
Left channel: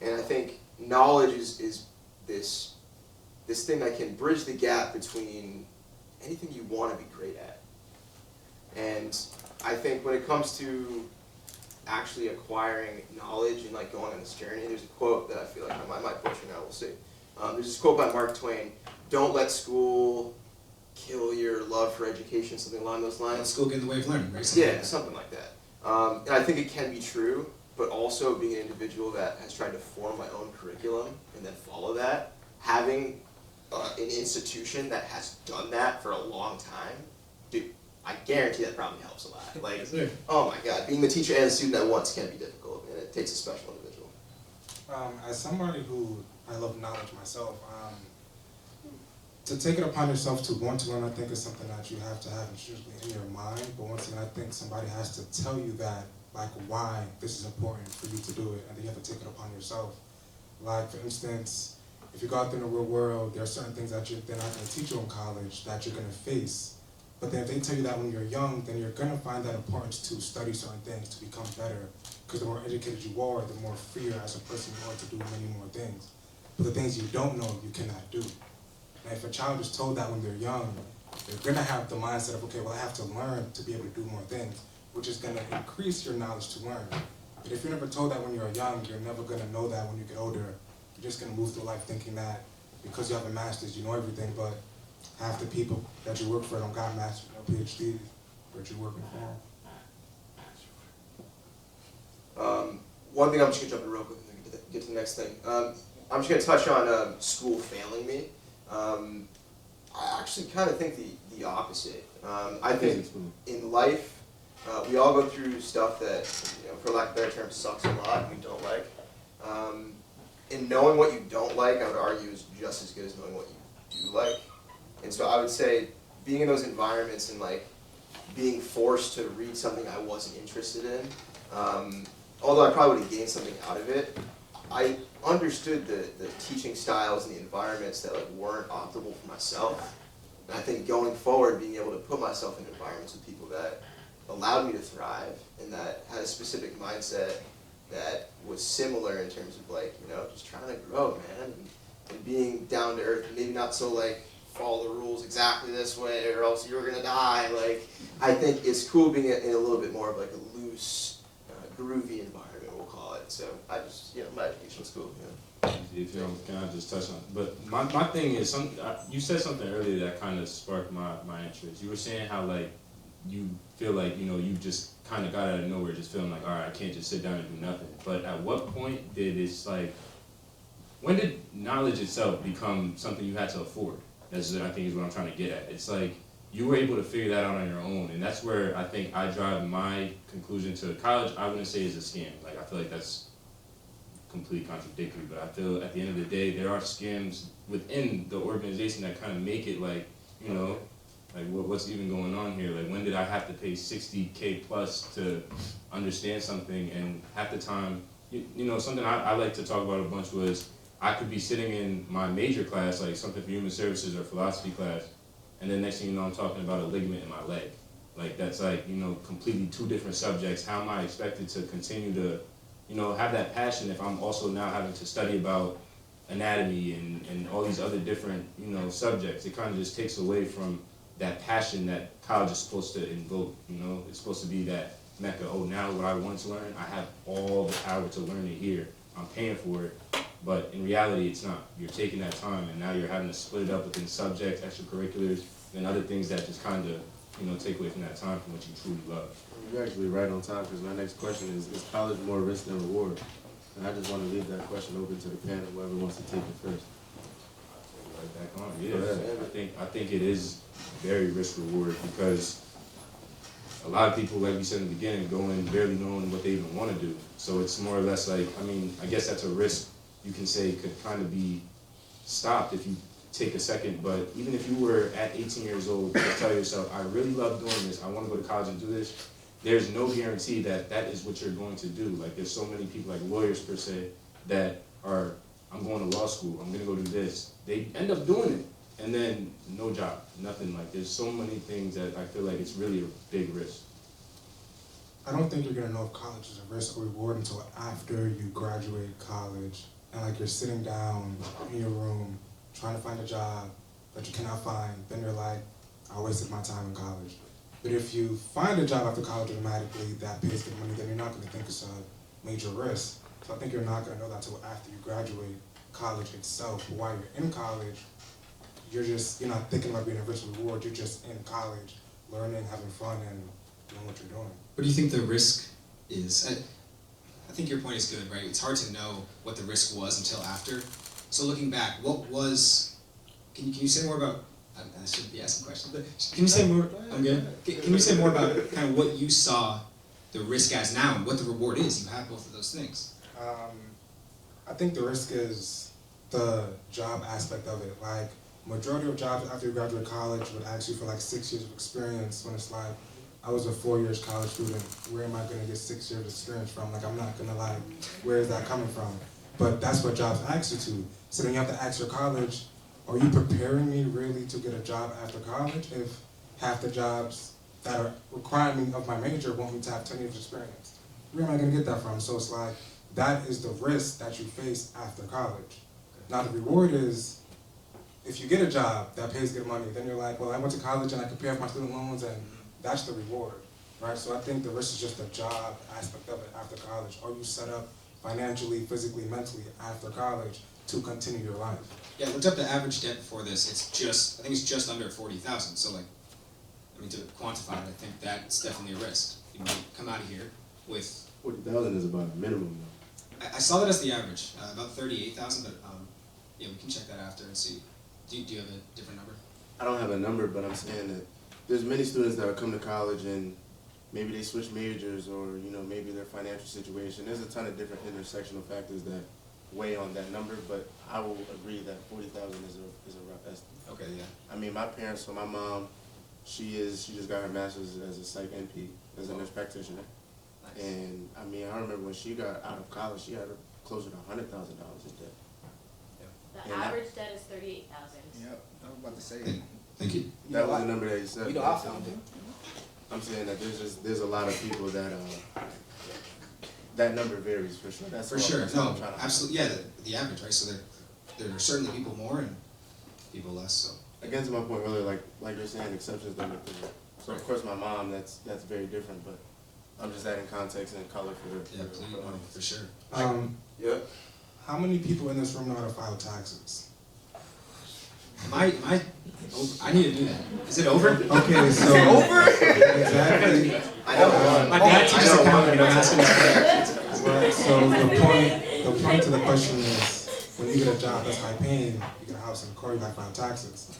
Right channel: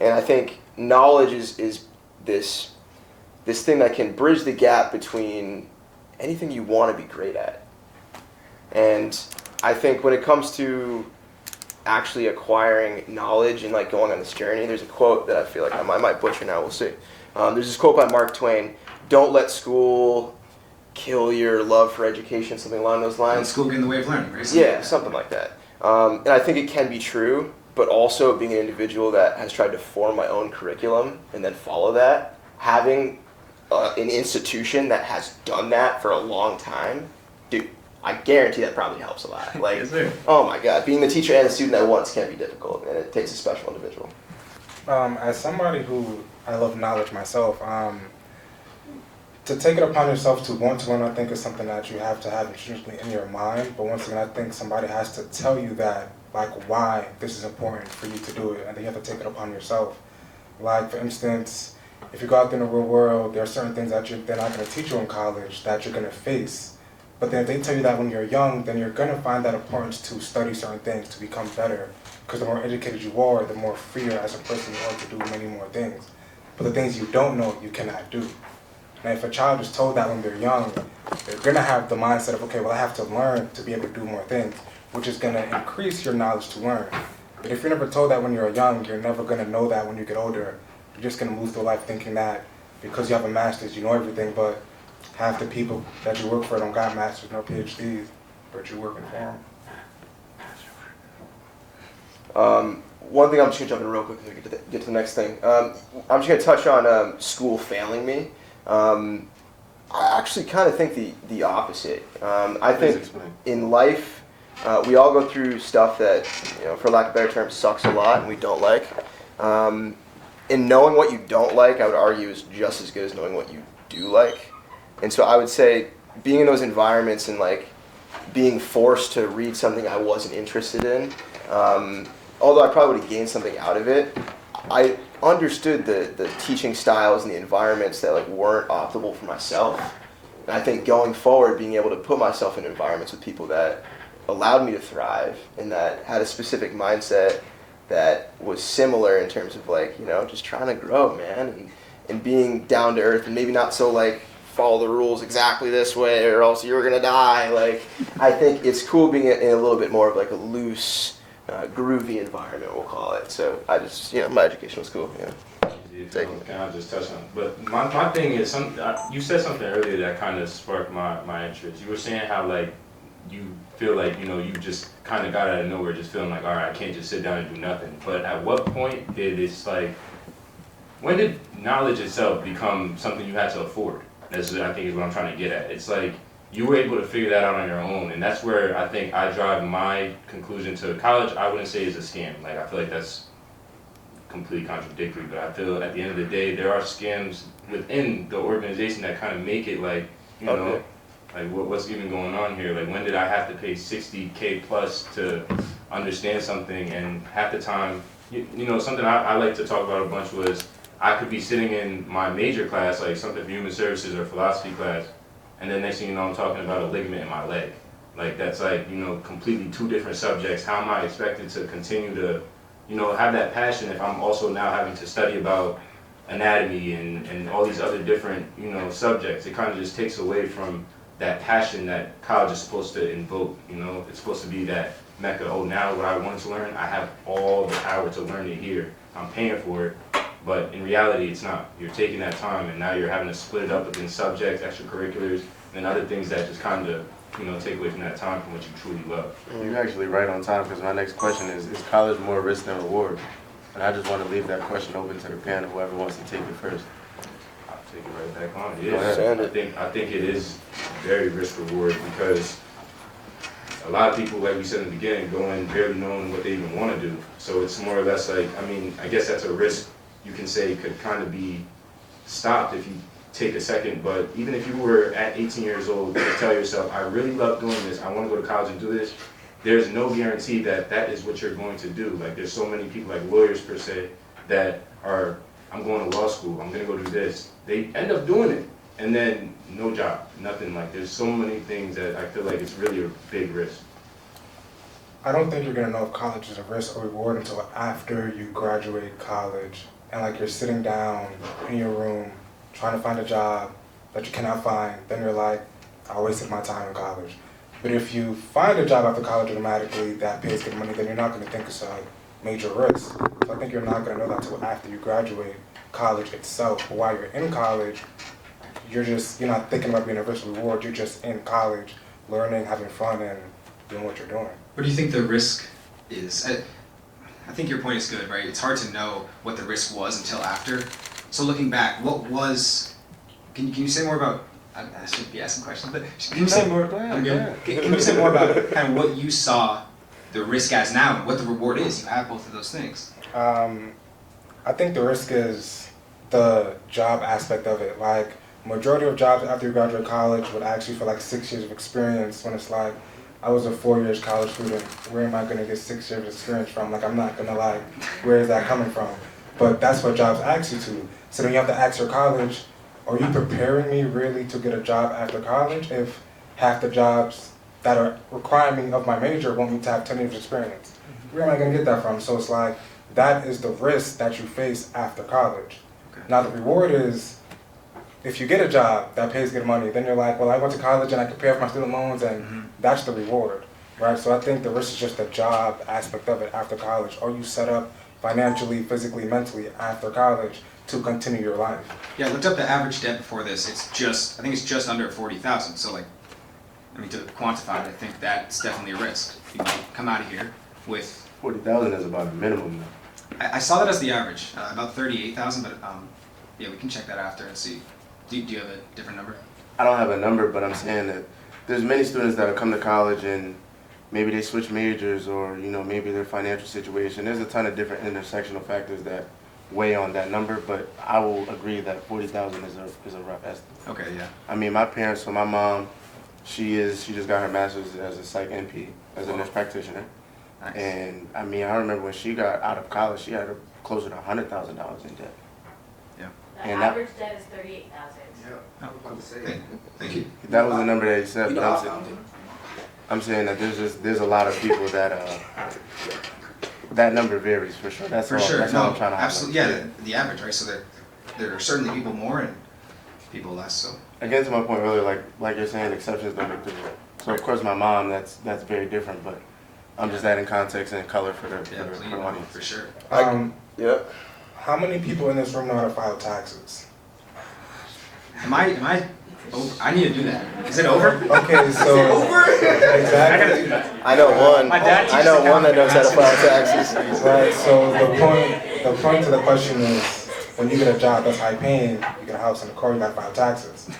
And I think knowledge is this thing that can bridge the gap between anything you want to be great at. And I think when it comes to actually acquiring knowledge and like going on this journey, there's a quote that I feel like I might butcher now, we'll see. There's this quote by Mark Twain: "Don't let school kill your love for education," something along those lines. Let school get in the way of learning, right? Something like that. And I think it can be true, but also being an individual that has tried to form my own curriculum and then follow that, having an institution that has done that for a long time, dude, I guarantee that probably helps a lot. Like, Yes, sir. oh my God, being the teacher and the student at once can be difficult, and it takes a special individual. As somebody who I love knowledge myself, to take it upon yourself to want to learn, I think is something that you have to have intrinsically in your mind. But once again, I think somebody has to tell you that, like, why this is important for you to do it, and then you have to take it upon yourself. Like, for instance, if you go out there in the real world, there are certain things that they're not going to teach you in college that you're going to face. But then if they tell you that when you're young, then you're going to find that importance to study certain things, to become better. Because the more educated you are, the more freer as a person you are to do many more things. But the things you don't know, you cannot do. And if a child is told that when they're young, they're going to have the mindset of, okay, well, I have to learn to be able to do more things, which is going to increase your knowledge to learn. But if you're never told that when you're young, you're never going to know that when you get older. You're just going to move through life thinking that because you have a master's, you know everything, but half the people that you work for don't got masters, no PhDs, but you're working for them. One thing I'm just going to jump in real quick to get to the next thing. I'm just going to touch on school failing me. I actually kind of think the opposite. I think in life, we all go through stuff that, for lack of a better term, sucks a lot and we don't like. And knowing what you don't like, I would argue, is just as good as knowing what you do like. And so I would say being in those environments and like being forced to read something I wasn't interested in, although I probably would have gained something out of it, I understood the teaching styles and the environments that like weren't optimal for myself. And I think going forward, being able to put myself in environments with people that allowed me to thrive and that had a specific mindset that was similar in terms of like, just trying to grow, man, and being down to earth and maybe not so like follow the rules exactly this way or else you're gonna die. Like, I think it's cool being in a little bit more of like a loose, groovy environment, we'll call it. So I just, my education was cool. Can I just touch on it? But my thing is, you said something earlier that kind of sparked my interest. You were saying how like you feel like, you just kind of got out of nowhere just feeling like, all right, I can't just sit down and do nothing. But at what point did it's like, when did knowledge itself become something you had to afford? That's what I think is what I'm trying to get at. It's like you were able to figure that out on your own, and that's where I think I drive my conclusion to college. I wouldn't say is a scam. Like, I feel like that's completely contradictory, but I feel at the end of the day there are scams within the organization that kind of make it like, like what's even going on here? Like, when did I have to pay $60K plus to understand something? And half the time, something I like to talk about a bunch was I could be sitting in my major class, like something for human services or philosophy class, and then next thing you know, I'm talking about a ligament in my leg. Like, that's like, completely two different subjects. How am I expected to continue to, have that passion if I'm also now having to study about anatomy and all these other different, subjects? It kind of just takes away from that passion that college is supposed to invoke. It's supposed to be that mecca. Oh, now what I want to learn, I have all the power to learn it here. I'm paying for it, but in reality, it's not. You're taking that time, and now you're having to split it up within subjects, extracurriculars, and other things that just kind of, take away from that time from what you truly love. You're actually right on time, because my next question is college more risk than reward? And I just want to leave that question open to the panel, whoever wants to take it first. I'll take it right back on. Yeah, I think it is very risk reward, because a lot of people, like we said in the beginning, go in barely knowing what they even want to do. So it's more or less like, I guess that's a risk you can say could kind of be stopped if you take a second. But even if you were at 18 years old to tell yourself, I really love doing this, I want to go to college and do this, there's no guarantee that that is what you're going to do. Like, there's so many people, like lawyers per se, that are, I'm going to law school, I'm going to go do this. They end up doing it, and then no job, nothing. Like, there's so many things that I feel like it's really a big risk. I don't think you're going to know if college is a risk or reward until after you graduate college and like you're sitting down in your room trying to find a job that you cannot find. Then you're like, I wasted my time in college. But if you find a job after college automatically that pays good money, then you're not going to think it's a major risk. So I think you're not going to know that until after you graduate college itself. But while you're in college, you're not thinking about being a risk reward. You're just in college, learning, having fun, and doing what you're doing. What do you think the risk is? I think your point is good, right? It's hard to know what the risk was until after. So looking back, what was, can you say more about, I shouldn't be asking questions, but can you say more, Can you say more about kind of what you saw the risk as now and what the reward is? You have both of those things. I think the risk is the job aspect of it. Like, majority of jobs after you graduate college would ask you for like 6 years of experience, when it's like, I was a 4 years college student. Where am I gonna get 6 years of experience from? Like, I'm not gonna lie, where is that coming from? But that's what jobs ask you to. So then you have to ask your college, are you preparing me really to get a job after college if half the jobs that are requiring me of my major want me to have 10 years of experience? Where am I gonna get that from? So it's like, that is the risk that you face after college. Now the reward is, if you get a job that pays good money, then you're like, well, I went to college and I could pay off my student loans, and that's the reward, right? So I think the risk is just the job aspect of it after college. Are you set up financially, physically, mentally after college to continue your life? Yeah, I looked up the average debt before this. I think it's just under 40,000. So like, I mean, to quantify it, I think that's definitely a risk. You might come out of here with, 40,000 is about a minimum now. I saw that as the average, about 38,000, but yeah, we can check that after and see. Do you have a different number? I don't have a number, but I'm saying that there's many students that will come to college and maybe they switch majors, or maybe their financial situation. There's a ton of different intersectional factors that weigh on that number, but I will agree that 40,000 is a rough estimate. Okay, yeah. I mean, my parents, so my mom, she just got her master's as a psych NP, as a nurse practitioner. Nice. And I mean, I remember when she got out of college, she had closer to $100,000 in debt. Yeah. The And that- average debt is 38,000. Oh, cool. Thank you. That was the number that he said, but I'm saying that there's a lot of people that that number varies for sure. That's For all. sure. That's all No, I'm trying to absolutely. Yeah, the average, right? So there are certainly people more and people less. So Again, to my point earlier, like you're saying, exceptions don't make the rule. So of course, my mom, that's very different, but I'm just adding context and color for the yeah, please, for the audience. for sure. Yeah. How many people in this room know how to file taxes? Am I over? I need to do that. Is it over? Okay, so exactly. I know one. My dad I teaches know one that accounting. knows how to file taxes. Right. So the point to the question is, when you get a job that's high paying, you get a house and a car, you gotta file taxes.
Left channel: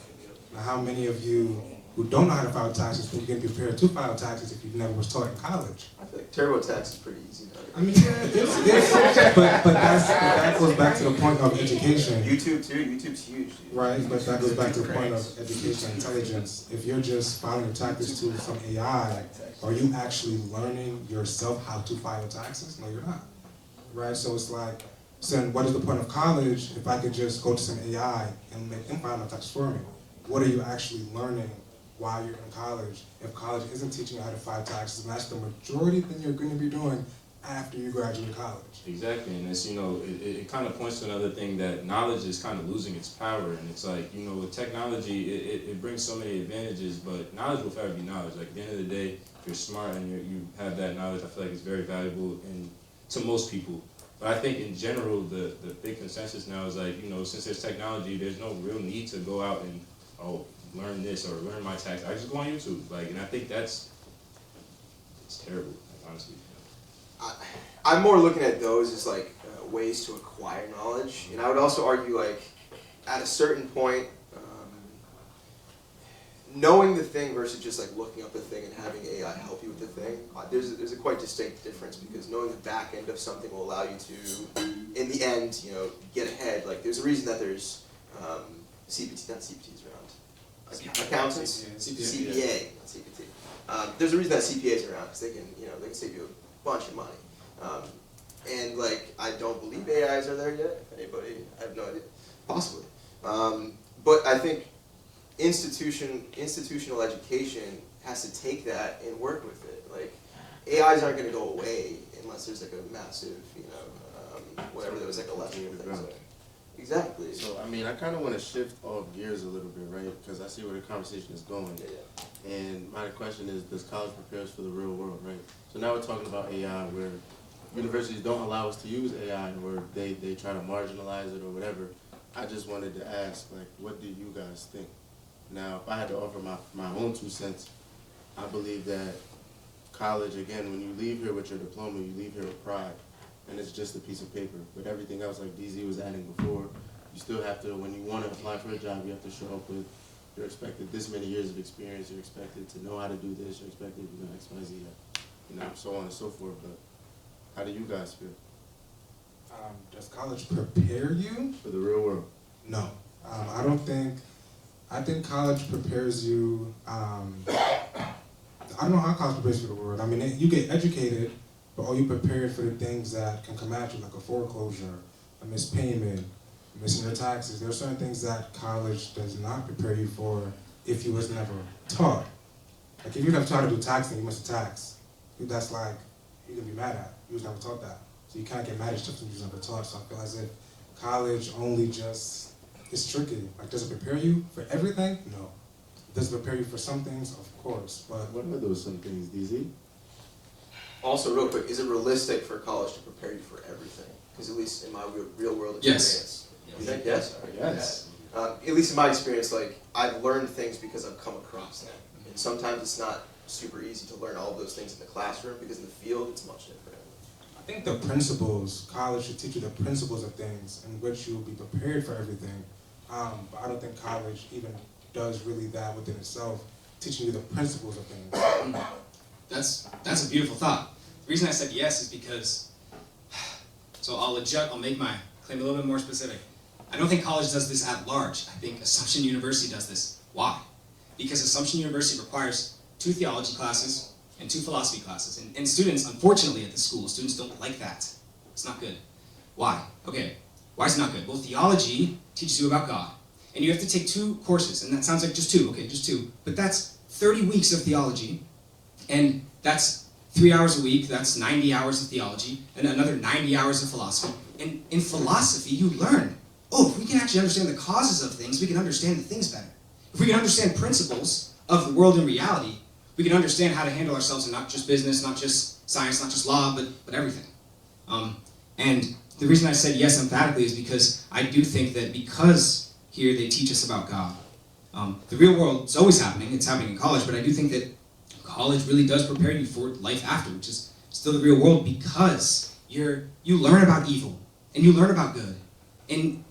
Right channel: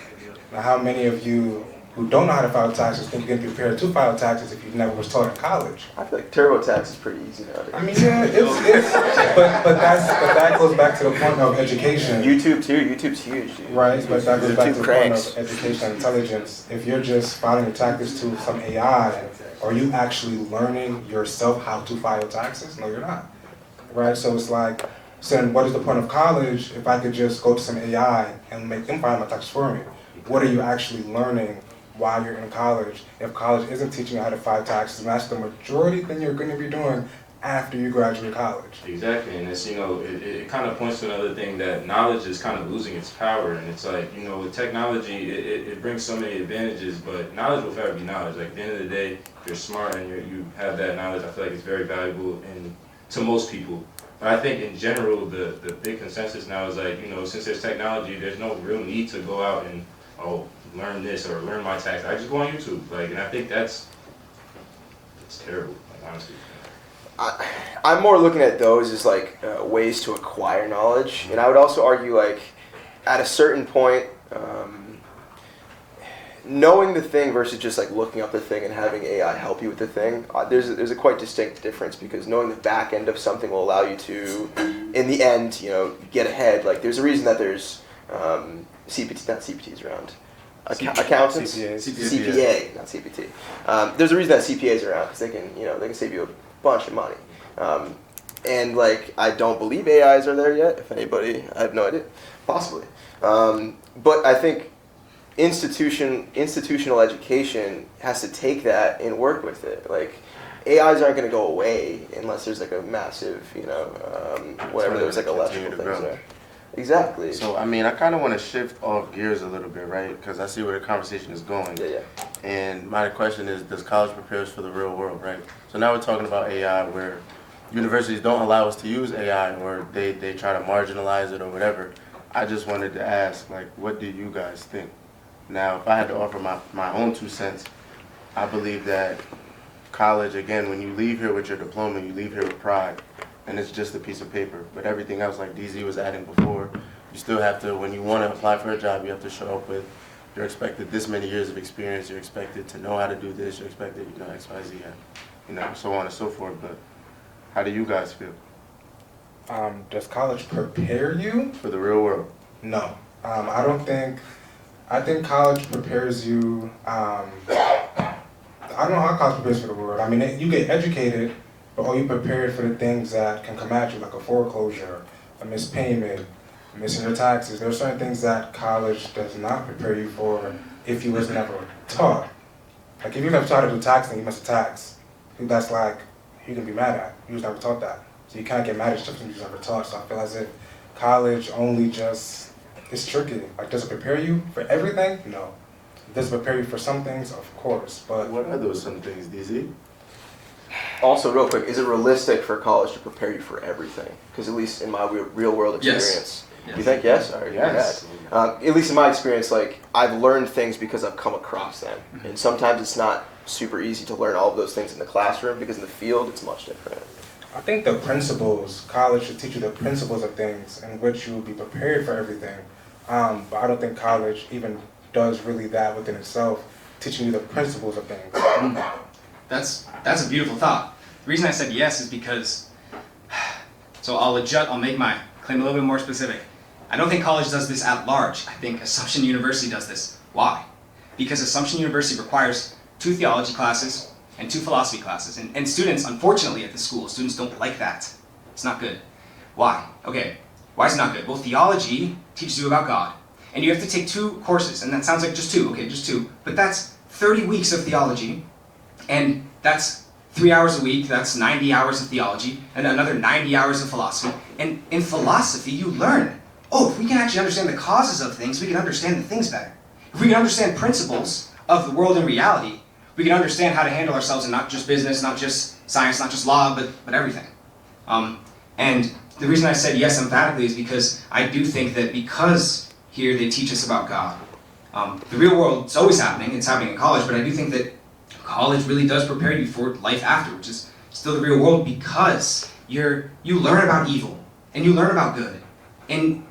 Now, how many of you who don't know how to file taxes think you can be prepared to file taxes if you never was taught in college? I feel like TurboTax is pretty easy nowadays. I mean, yeah, but that goes back to the point of education. YouTube too. YouTube's huge, dude. Right, but that goes back to the point Cranks. of education and intelligence. If you're just filing your taxes to some AI, are you actually learning yourself how to file taxes? No, you're not. Right, so it's like, so then what is the point of college if I could just go to some AI and make them file my taxes for me? What are you actually learning while you're in college if college isn't teaching you how to file taxes, and that's the majority thing you're going to be doing after you graduate college? Exactly, and it's, it kind of points to another thing, that knowledge is kind of losing its power. And it's like, with technology, it brings so many advantages, but knowledge will forever be knowledge. Like, at the end of the day, if you're smart and you have that knowledge, I feel like it's very valuable to most people. But I think in general, the big consensus now is like, since there's technology, there's no real need to go out and, learn this or learn my tax. I just go on YouTube, and I think it's terrible, honestly. I'm more looking at those as like ways to acquire knowledge, and I would also argue like at a certain point, knowing the thing versus just like looking up the thing and having AI help you with the thing. There's a quite distinct difference, because knowing the back end of something will allow you to, in the end, get ahead. Like there's a reason that there's CPTs around. Accountants, CPA, not CPT. There's a reason that CPAs are around, because they can save you a bunch of money. And like, I don't believe AIs are there yet. If anybody, I have no idea, possibly. But I think institutional education has to take that and work with it. Like, AIs aren't going to go away unless there's like a massive, whatever those like electrical things are. Exactly. So, I mean, I kind of want to shift off gears a little bit, right? Because I see where the conversation is going. Yeah. And my question is, does college prepare us for the real world, right? So now we're talking about AI, where universities don't allow us to use AI, or they try to marginalize it or whatever. I just wanted to ask, like, what do you guys think? Now, if I had to offer my own 2 cents, I believe that college, again, when you leave here with your diploma, you leave here with pride. And it's just a piece of paper. But everything else, like DZ was adding before, you still have to, when you want to apply for a job, you have to show up with, you're expected this many years of experience, you're expected to know how to do this, you're expected, X, Y, Z, so on and so forth. But how do you guys feel? Does college prepare you? For the real world? No. I don't think I think college prepares you, I don't know how college prepares for the world. I mean, you get educated, but are you prepared for the things that can come at you, like a foreclosure, a missed payment, missing your taxes? There are certain things that college does not prepare you for if you was never taught. Like if you never taught to do taxing, you miss a tax. That's like, you can be mad at. You was never taught that. So you can't get mad at stuff you was never taught. So I feel as if college only just, it's tricky. Like, does it prepare you for everything? No. Does it prepare you for some things? Of course, but... What are those some things, DZ? Also, real quick, is it realistic for college to prepare you for everything? Because at least in my real world experience, Yes. you think yes? Or Yes. at least in my experience, like I've learned things because I've come across them, and sometimes it's not super easy to learn all of those things in the classroom because in the field it's much different. I think the principles, college should teach you the principles of things in which you will be prepared for everything. But I don't think college even does really that within itself, teaching you the principles of things. That's a beautiful thought. The reason I said yes is because, so I'll make my claim a little bit more specific. I don't think college does this at large. I think Assumption University does this. Why? Because Assumption University requires 2 theology classes and 2 philosophy classes. And students, unfortunately at the school, students don't like that. It's not good. Why? Okay, why is it not good? Well, theology teaches you about God. And you have to take 2 courses, and that sounds like just 2, okay, just 2. But that's 30 weeks of theology, and that's 3 hours a week, that's 90 hours of theology, and another 90 hours of philosophy. And in philosophy, you learn, oh, if we can actually understand the causes of things, we can understand the things better. If we can understand principles of the world and reality, we can understand how to handle ourselves in not just business, not just science, not just law, but everything. And the reason I said yes emphatically is because I do think that because here they teach us about God, the real world is always happening, it's happening in college, but I do think that college really does prepare you for life after, which is still the real world, because you learn about evil and you learn about good. And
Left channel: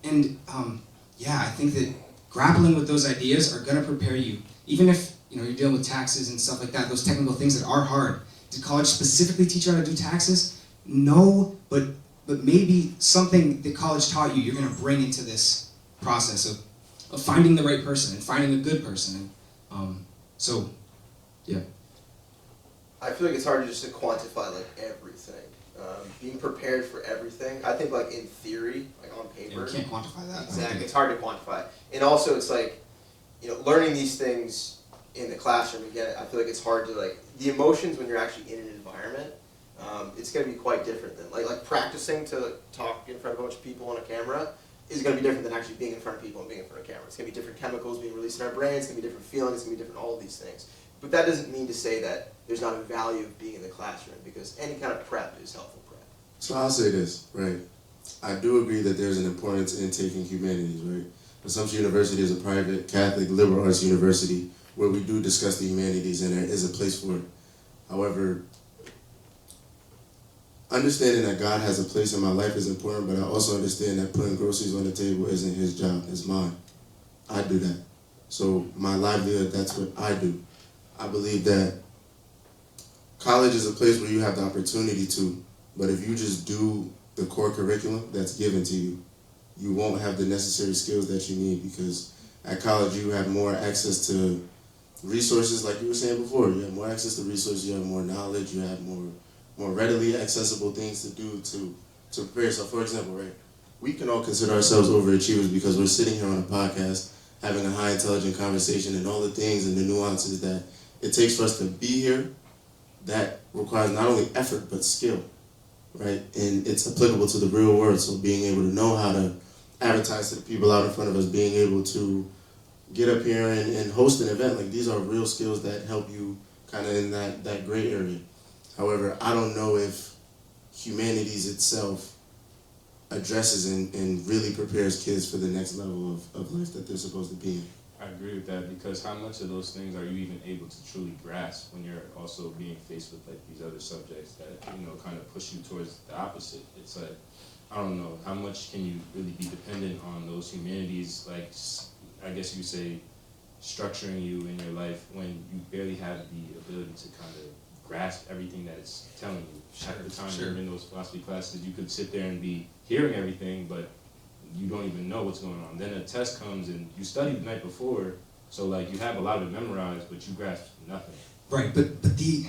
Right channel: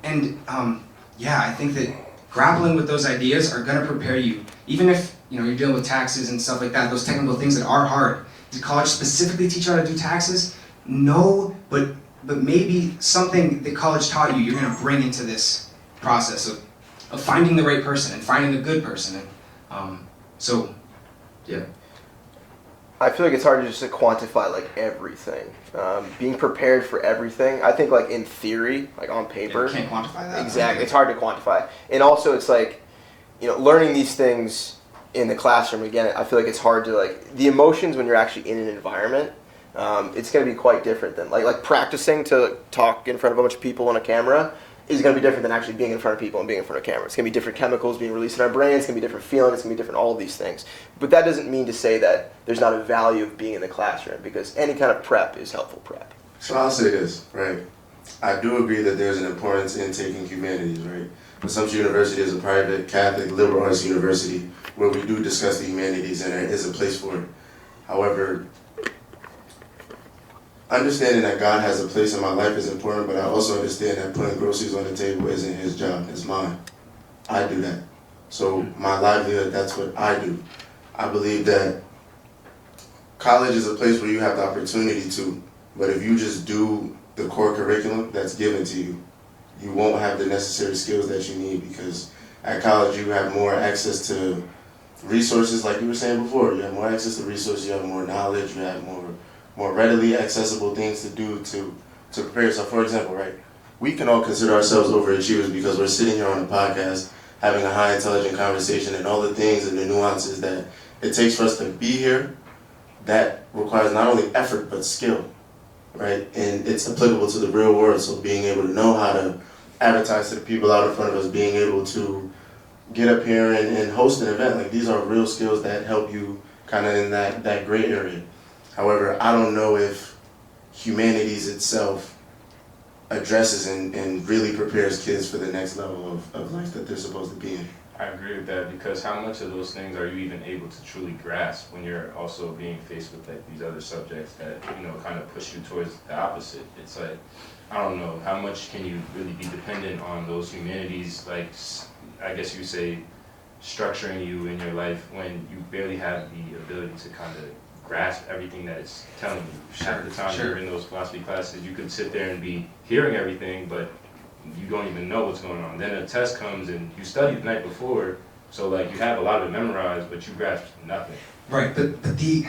I think that grappling with those ideas are going to prepare you, even if you're dealing with taxes and stuff like that, those technical things that are hard. Did college specifically teach you how to do taxes? No, but maybe something that college taught you, you're going to bring into this process of finding the right person and finding the good person. And yeah. I feel like it's hard just to quantify like everything. Being prepared for everything, I think like in theory, like on paper. You can't quantify that. Exactly, Okay. it's hard to quantify. And also it's like, learning these things in the classroom, again, I feel like it's hard to like, the emotions when you're actually in an environment, it's going to be quite different than, like practicing to talk in front of a bunch of people on a camera is going to be different than actually being in front of people and being in front of cameras. It's going to be different chemicals being released in our brains, it's going to be different feelings, it's going to be different all of these things. But that doesn't mean to say that there's not a value of being in the classroom, because any kind of prep is helpful prep. So I'll say this, right? I do agree that there's an importance in taking humanities, right? Assumption University is a private Catholic liberal arts university where we do discuss the humanities, and there is a place for it. However, understanding that God has a place in my life is important, but I also understand that putting groceries on the table isn't his job, it's mine. I do that. So my livelihood, that's what I do. I believe that college is a place where you have the opportunity to, but if you just do the core curriculum that's given to you, you won't have the necessary skills that you need, because at college you have more access to resources, like you were saying before. You have more access to resources, you have more knowledge, you have more readily accessible things to do to prepare yourself. For example, right, we can all consider ourselves overachievers because we're sitting here on a podcast having a high intelligent conversation, and all the things and the nuances that it takes for us to be here, that requires not only effort but skill, right? And it's applicable to the real world. So being able to know how to advertise to the people out in front of us, being able to get up here and host an event, like these are real skills that help you kind of in that gray area. However, I don't know if humanities itself addresses and really prepares kids for the next level of life that they're supposed to be in. I agree with that, because how much of those things are you even able to truly grasp when you're also being faced with like these other subjects that kind of push you towards the opposite? It's like, I don't know, how much can you really be dependent on those humanities, like I guess you would say structuring you in your life when you barely have the ability to kind of grasp everything that it's telling you. Half the time you're in those philosophy classes, you could sit there and be hearing everything, but you don't even know what's going on. Then a test comes and you studied the night before, So like you have a lot of it memorized, but you grasp nothing. Right, but the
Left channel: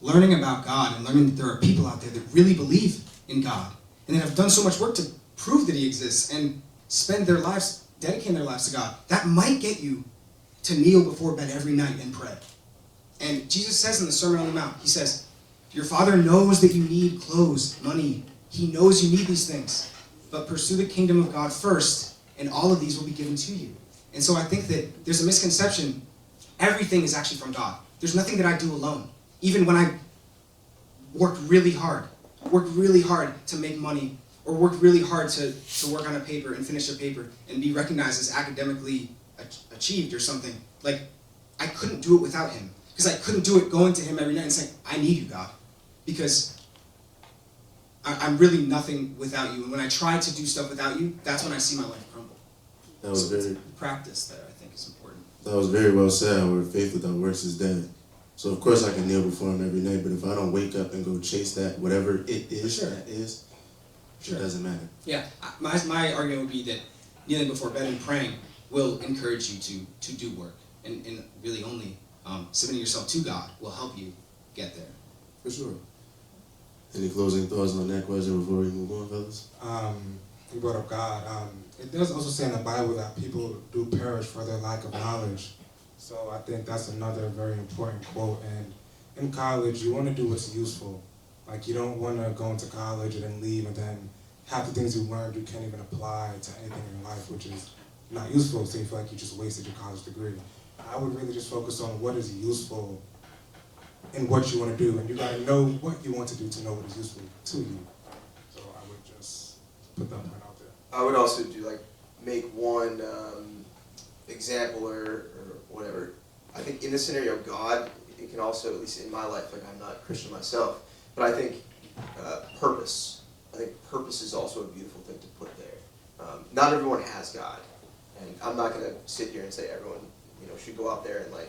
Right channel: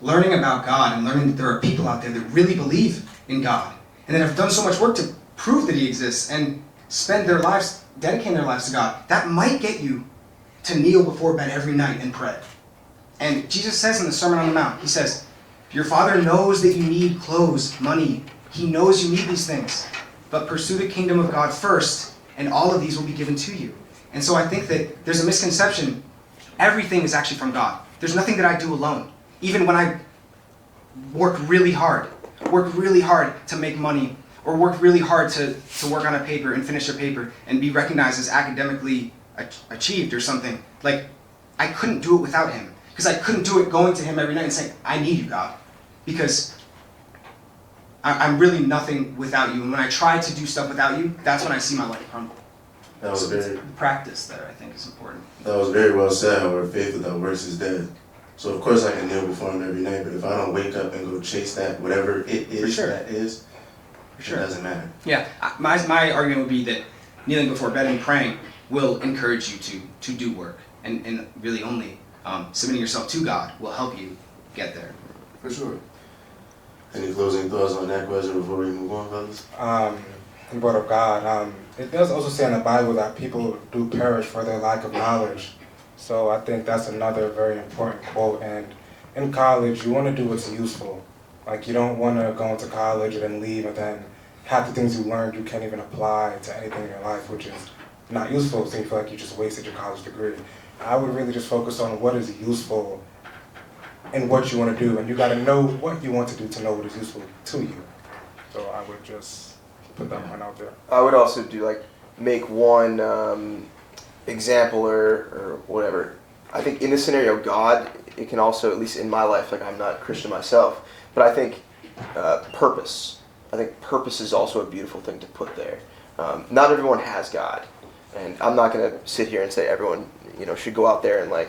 learning about God and learning that there are people out there that really believe in God and that have done so much work to prove that he exists and spend their lives, dedicating their lives to God, that might get you to kneel before bed every night and pray. And Jesus says in the Sermon on the Mount, he says, your Father knows that you need clothes, money. He knows you need these things. But pursue the kingdom of God first, and all of these will be given to you. And so I think that there's a misconception. Everything is actually from God. There's nothing that I do alone. Even when I work really hard to make money, or work really hard to work on a paper and finish a paper and be recognized as academically achieved or something, like, I couldn't do it without him. Because I couldn't do it going to him every night and saying, I need you, God. Because I'm really nothing without you. And when I try to do stuff without you, that's when I see my life crumble. That was So it's very, practice there, I think, is important. that was very well said, however, faith without works is dead. So of course I can kneel before him every night, but if I don't wake up and go chase that, whatever it is sure. that is, Sure. it doesn't matter. Yeah, my argument would be that kneeling before bed and praying will encourage you to do work. And really only submitting yourself to God will help you get there. For sure. Any closing thoughts on that question before we move on, fellas? You brought up God. It does also say in the Bible that people do perish for their lack of knowledge. So I think that's another very important quote. And in college, you want to do what's useful. Like, you don't want to go into college and then leave, and then half the things you learned you can't even apply to anything in your life, which is not useful, so you feel like you just wasted your college degree. I would really just focus on what is useful and what you want to do, and you got to know what you want to do to know what is useful to you. So I would just put that one out there. I would also do make one example or whatever. I think in this scenario, God, it can also, at least in my life, I'm not a Christian myself, but I think purpose. I think purpose is also a beautiful thing to put there. Not everyone has God, and I'm not going to sit here and say everyone should go out there and I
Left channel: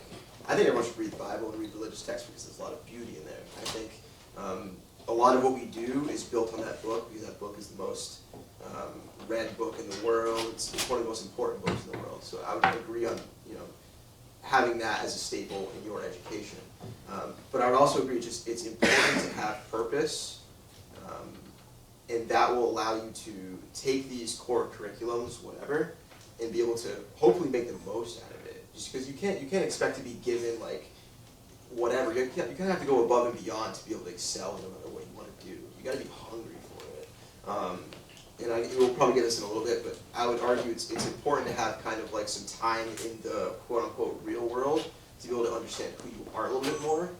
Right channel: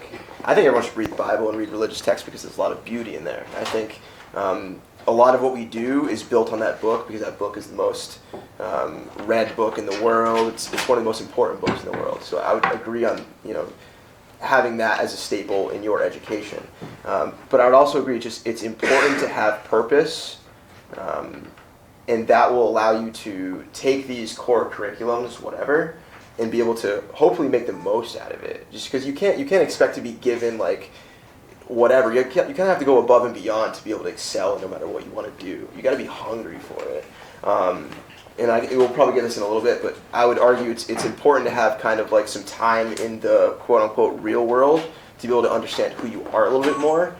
think everyone should read the Bible and read religious texts because there's a lot of beauty in there. I think a lot of what we do is built on that book because that book is the most read book in the world. It's one of the most important books in the world. So I would agree on having that as a staple in your education. But I would also agree it's important to have purpose, and that will allow you to take these core curriculums, whatever, and be able to hopefully make the most out of it. Just because you can't expect to be given whatever. You kind of have to go above and beyond to be able to excel no matter what you want to do. You got to be hungry for it. And we'll probably get this in a little bit, but I would argue it's important to have kind of some time in the quote unquote real world to be able to understand who you are a little bit more,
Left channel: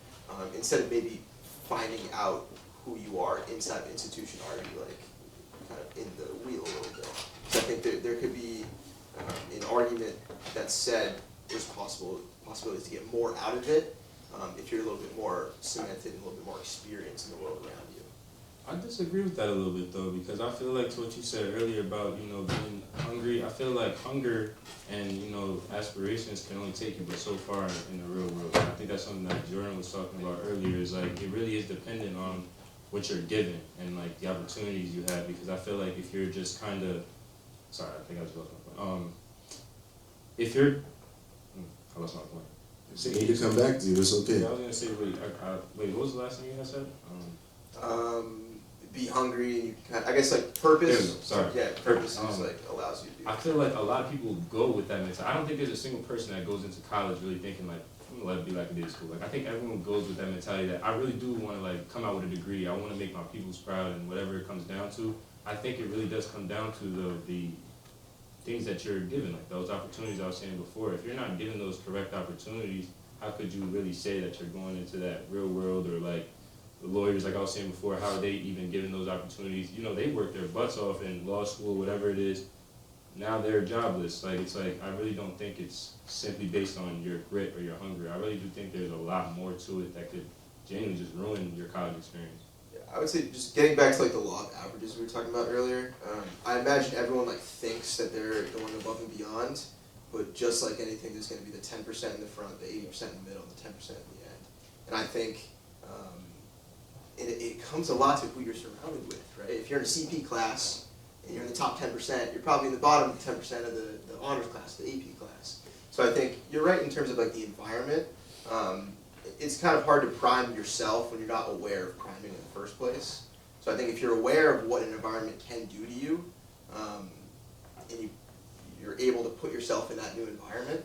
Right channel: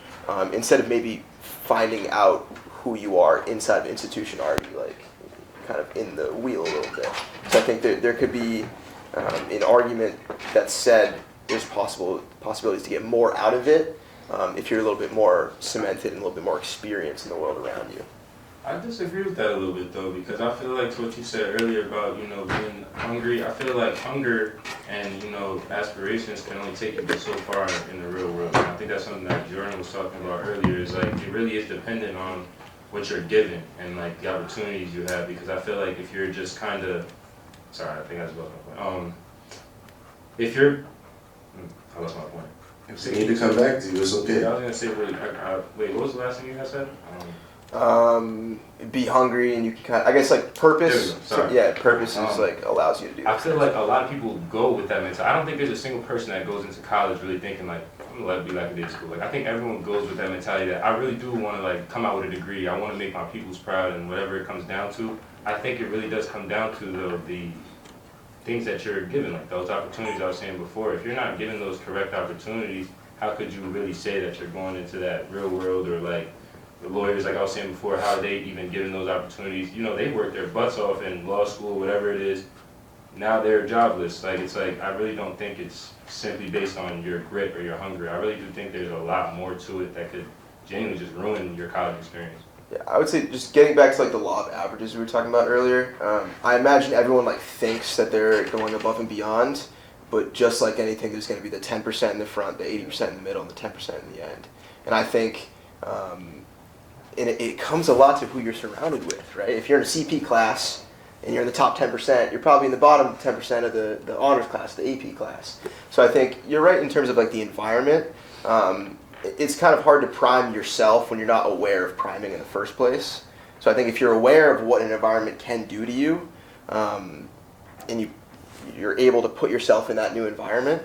instead of maybe finding out who you are inside the institution already kind of in the wheel a little bit. So I think there could be an argument that said there's possibilities to get more out of it if you're a little bit more cemented and a little bit more experienced in the world around you. I disagree with that a little bit though, because I feel like what you said earlier about, being hungry, I feel like hunger and, aspirations can only take you but so far in the real world. And I think that's something that Jordan was talking about earlier, is it really is dependent on what you're given and the opportunities you have, because I feel like if you're just kind of, sorry, I think I just lost my point. If you're, I lost my point. If they need to come back to you, it's okay. Yeah, I was going to say, wait, what was the last thing you guys said? Be hungry, and you can kind of, I guess purpose. Sorry. Yeah, purpose is allows you to do that. I feel like a lot of people go with that mentality. I don't think there's a single person that goes into college really thinking I'm gonna let it be like it is school. I think everyone goes with that mentality that I really do want to come out with a degree. I want to make my peoples proud, and whatever it comes down to, I think it really does come down to the things that you're given, those opportunities I was saying before. If you're not given those correct opportunities, how could you really say that you're going into that real world? Or the lawyers, I was saying before, how they even given those opportunities? They work their butts off in law school, whatever it is. Now they're jobless. I really don't think it's simply based on your grit or your hunger. I really do think there's a lot more to it that could genuinely just ruin your college experience. Yeah, I would say just getting back to the law of averages we were talking about earlier. I imagine everyone thinks that they're going above and beyond, but just like anything, there's going to be the 10% in the front, the 80% in the middle, and the 10% in the end. And I think and it comes a lot to who you're surrounded with, right? If you're in a CP class and you're in the top 10%, you're probably in the bottom 10% of the honors class, the AP class. So I think you're right in terms of like the environment. It's kind of hard to prime yourself when you're not aware of priming in the first place. So I think if you're aware of what an environment can do to you, and you're able to put yourself in that new environment,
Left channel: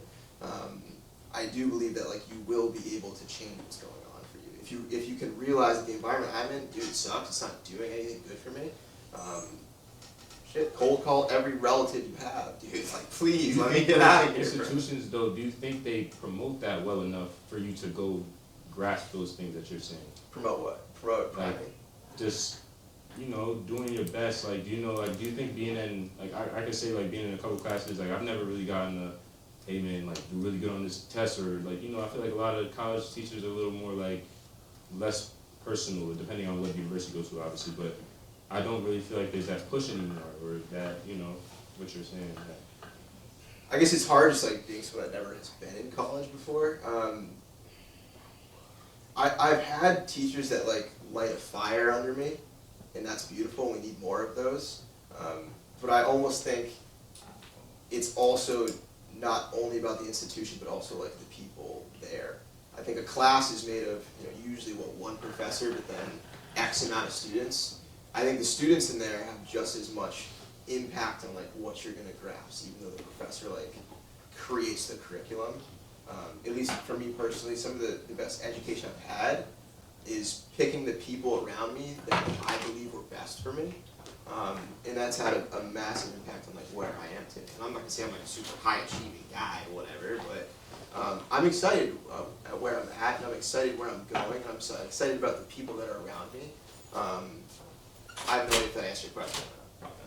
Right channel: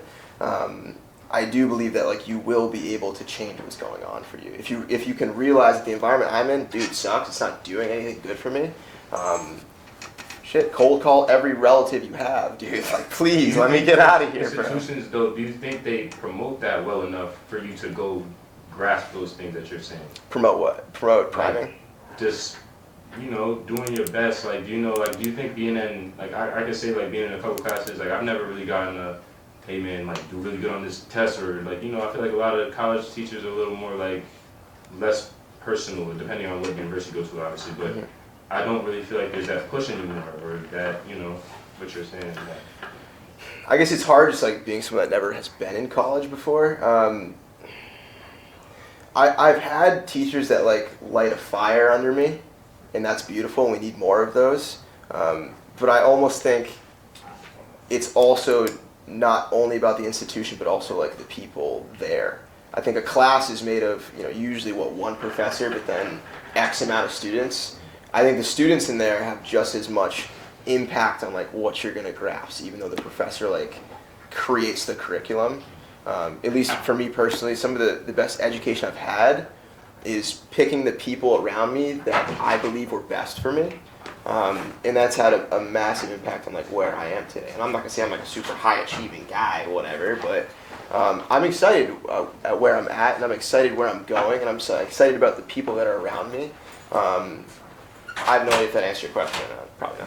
I do believe that like you will be able to change what's going on for you. If you can realize that the environment I'm in, dude, sucks. It's not doing anything good for me. Shit, cold call every relative you have, dude. Like, please, let me get out of here, bro. Institutions, though, do you think they promote that well enough for you to go grasp those things that you're saying? Promote what? Promote priming? Just, you know, doing your best. Like, do you think being in, like, I could say, like, being in a couple classes, like, I've never really gotten a, hey, man, like, do really good on this test, or, like, you know, I feel like a lot of college teachers are a little more, like, less personal, depending on what university you go to, obviously, but I don't really feel like there's that push anymore, or that, you know, what you're saying. I guess it's hard just like being someone that never has been in college before. I've had teachers that like light a fire under me, and that's beautiful, and we need more of those. But I almost think it's also not only about the institution, but also like the people there. I think a class is made of, you know, usually one professor, but then X amount of students. I think the students in there have just as much impact on like what you're gonna grasp, even though the professor like creates the curriculum. At least for me personally, some of the best education I've had is picking the people around me that I believe were best for me. And that's had a massive impact on like where I am today. And I'm not gonna say I'm like a super high achieving guy or whatever, but I'm excited at where I'm at, and I'm excited where I'm going, and I'm so excited about the people that are around me. I have no idea if that answered your question or not. Probably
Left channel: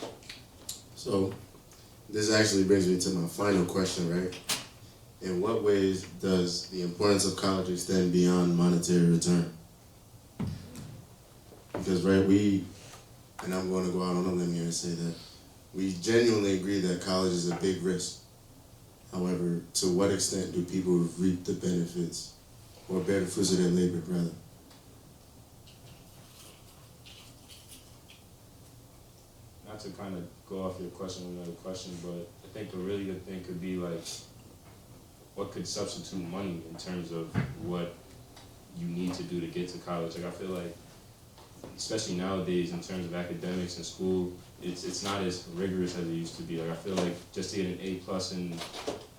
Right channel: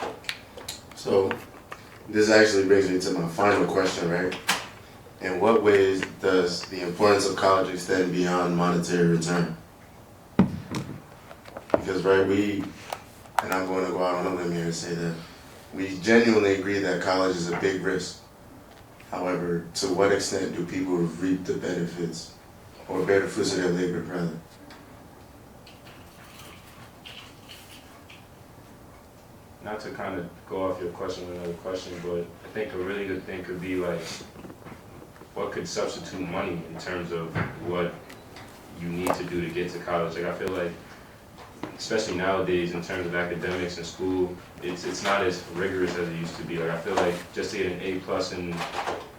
not. So, this actually brings me to my final question, right? In what ways does the importance of college extend beyond monetary return? Because, right, and I'm going to go out on a limb here and say that we genuinely agree that college is a big risk. However, to what extent do people reap the benefits or bear the fruits of their labor, rather? Not to kind of go off your question with another question, but I think a really good thing could be like, what could substitute money in terms of what you need to do to get to college? Like, I feel like, especially nowadays in terms of academics and school, it's not as rigorous as it used to be. Like, I feel like just to get an A+ in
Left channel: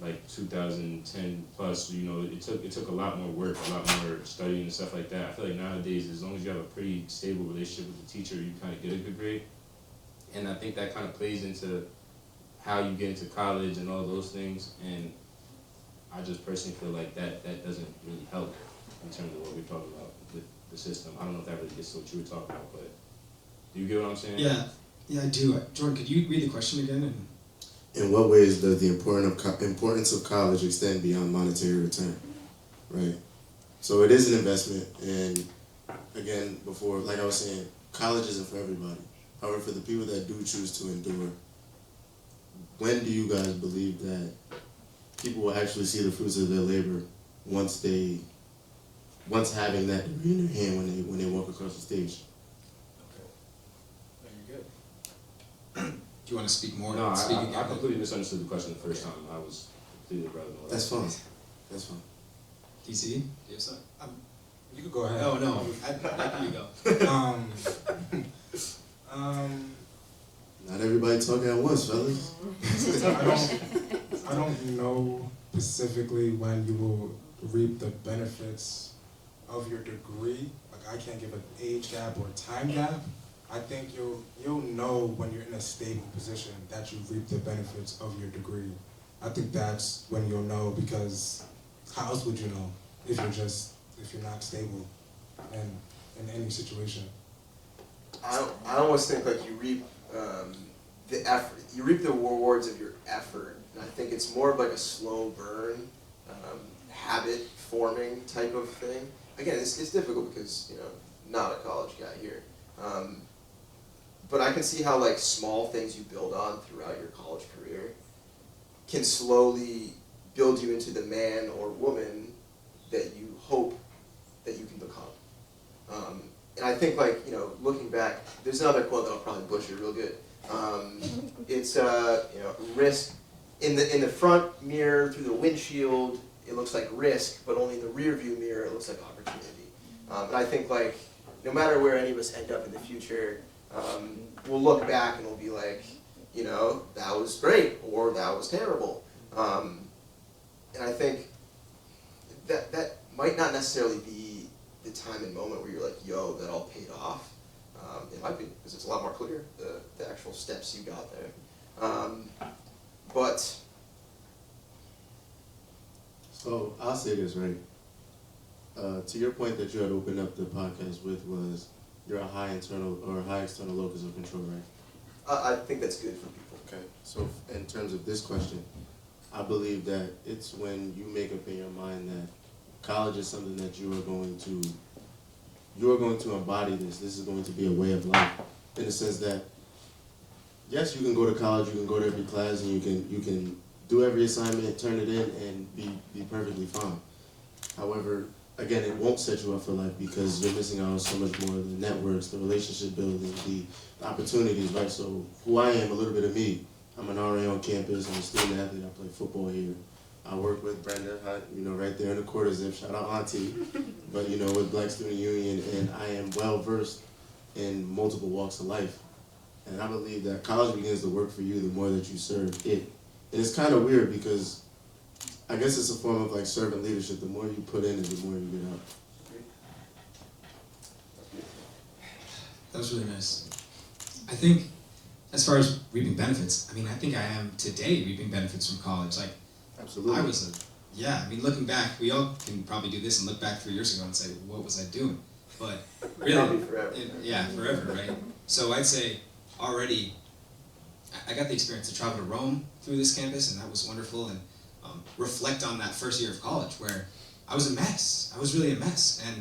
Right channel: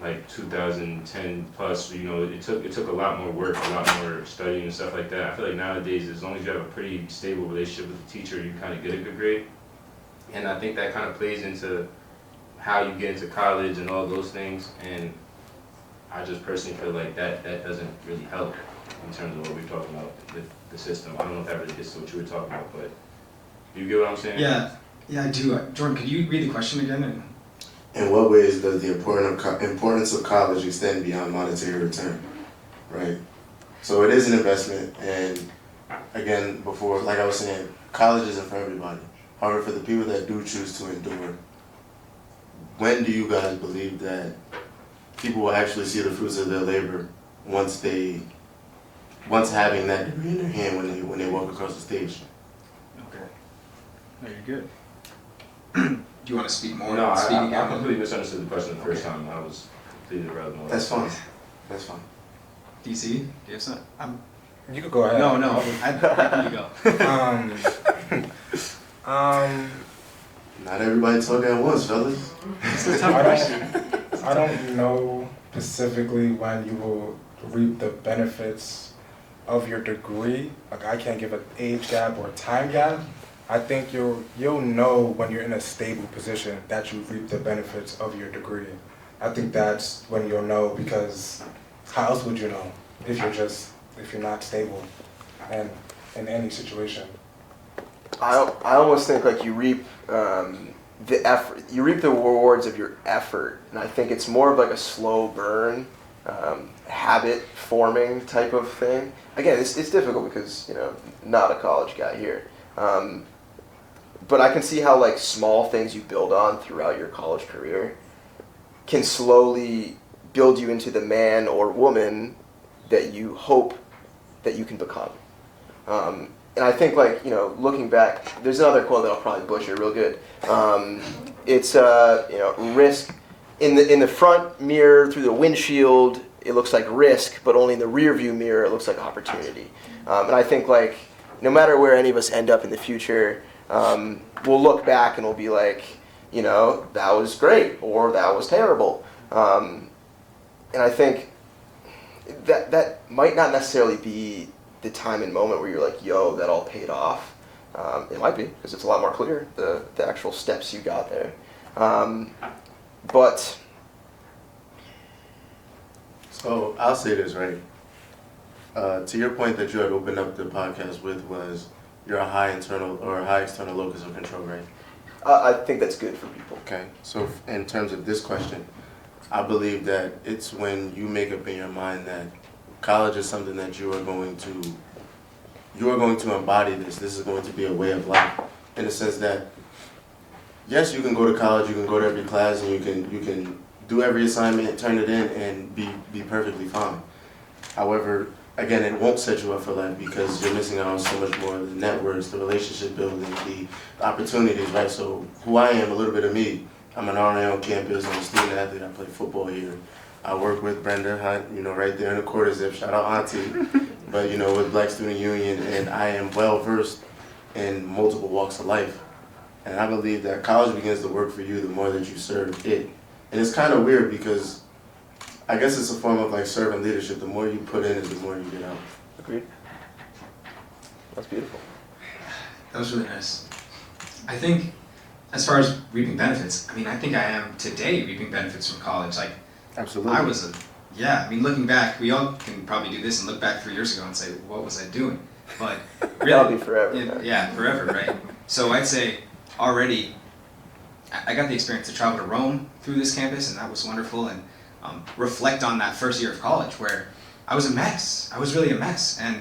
like 2010 plus, you know, it took a lot more work, a lot more studying and stuff like that. I feel like nowadays, as long as you have a pretty stable relationship with the teacher, you kind of get a good grade. And I think that kind of plays into how you get into college and all those things. And I just personally feel like that doesn't really help in terms of what we're talking about with the system. I don't know if that really gets to what you were talking about, but do you get what I'm saying? Yeah, I do. Jordan, could you read the question again? In what ways does the importance of college extend beyond monetary return, right? So it is an investment, and again, before, like I was saying, college isn't for everybody. However, for the people that do choose to endure, when do you guys believe that people will actually see the fruits of their labor once having that degree in their hand when they walk across the stage? Okay. No, you're good. Do you want to speak more? No, Speak I again? completely misunderstood the question the first time. I was completely irrelevant. That's fine. That's fine. DC, do you have some? You could go ahead. No, you go. Not everybody talk at once, fellas. I don't know specifically when you will reap the benefits of your degree. Like, I can't give an age gap or time gap. I think you'll know when you're in a stable position that you reap the benefits of your degree. I think that's when you'll know, because how else would you know if you're not stable and in any situation? I almost think like you reap the effort. You reap the rewards of your effort, and I think it's more of like a slow burn, habit forming type of thing. Again, it's difficult because, you know, not a college guy here, but I can see how like small things you build on throughout your college career can slowly build you into the man or woman that you hope that you can become. and I think, like, you know, looking back, there's another quote that I'll probably butcher real good. It's you know, risk in the front mirror through the windshield, it looks like risk, but only in the rear view mirror it looks like opportunity. And I think, like, no matter where any of us end up in the future, we'll look back and we'll be like, you know, that was great or that was terrible. And I think that might not necessarily be the time and moment where you're like, yo, that all paid off. It might be, because it's a lot more clear, the actual steps you got there. But So I'll say this, right? To your point that you had opened up the podcast with was you're a high internal or a high external locus of control, right? I think that's good for people. Okay. So in terms of this question, I believe that it's when you make up in your mind that college is something that you are going to embody this. This is going to be a way of life, in the sense that yes, you can go to college, you can go to every class, and you can do every assignment, turn it in, and be perfectly fine. However, again, it won't set you up for life because you're missing out on so much more: the networks, the relationship building, the opportunities, right? So who I am, a little bit of me. I'm an RA on campus. I'm a student athlete. I play football here. I work with Brenda Hunt, you know, right there in the quarter zip. Shout out Auntie. But, you know, with Black Student Union, and I am well versed in multiple walks of life. And I believe that college begins to work for you the more that you serve it. And it's kind of weird because I guess it's a form of like servant leadership. The more you put in, the more you get out. Agreed. That's beautiful. That was really nice. I think, as far as reaping benefits, I mean, I think I am today reaping benefits from college. Like, Absolutely. I mean, looking back, we all can probably do this and look back 3 years ago and say, what was I doing? But really, That'll be forever. Yeah, forever, right? So I'd say already, I got the experience to travel to Rome through this campus, and that was wonderful, and reflect on that first year of college where I was a mess. I was really a mess, and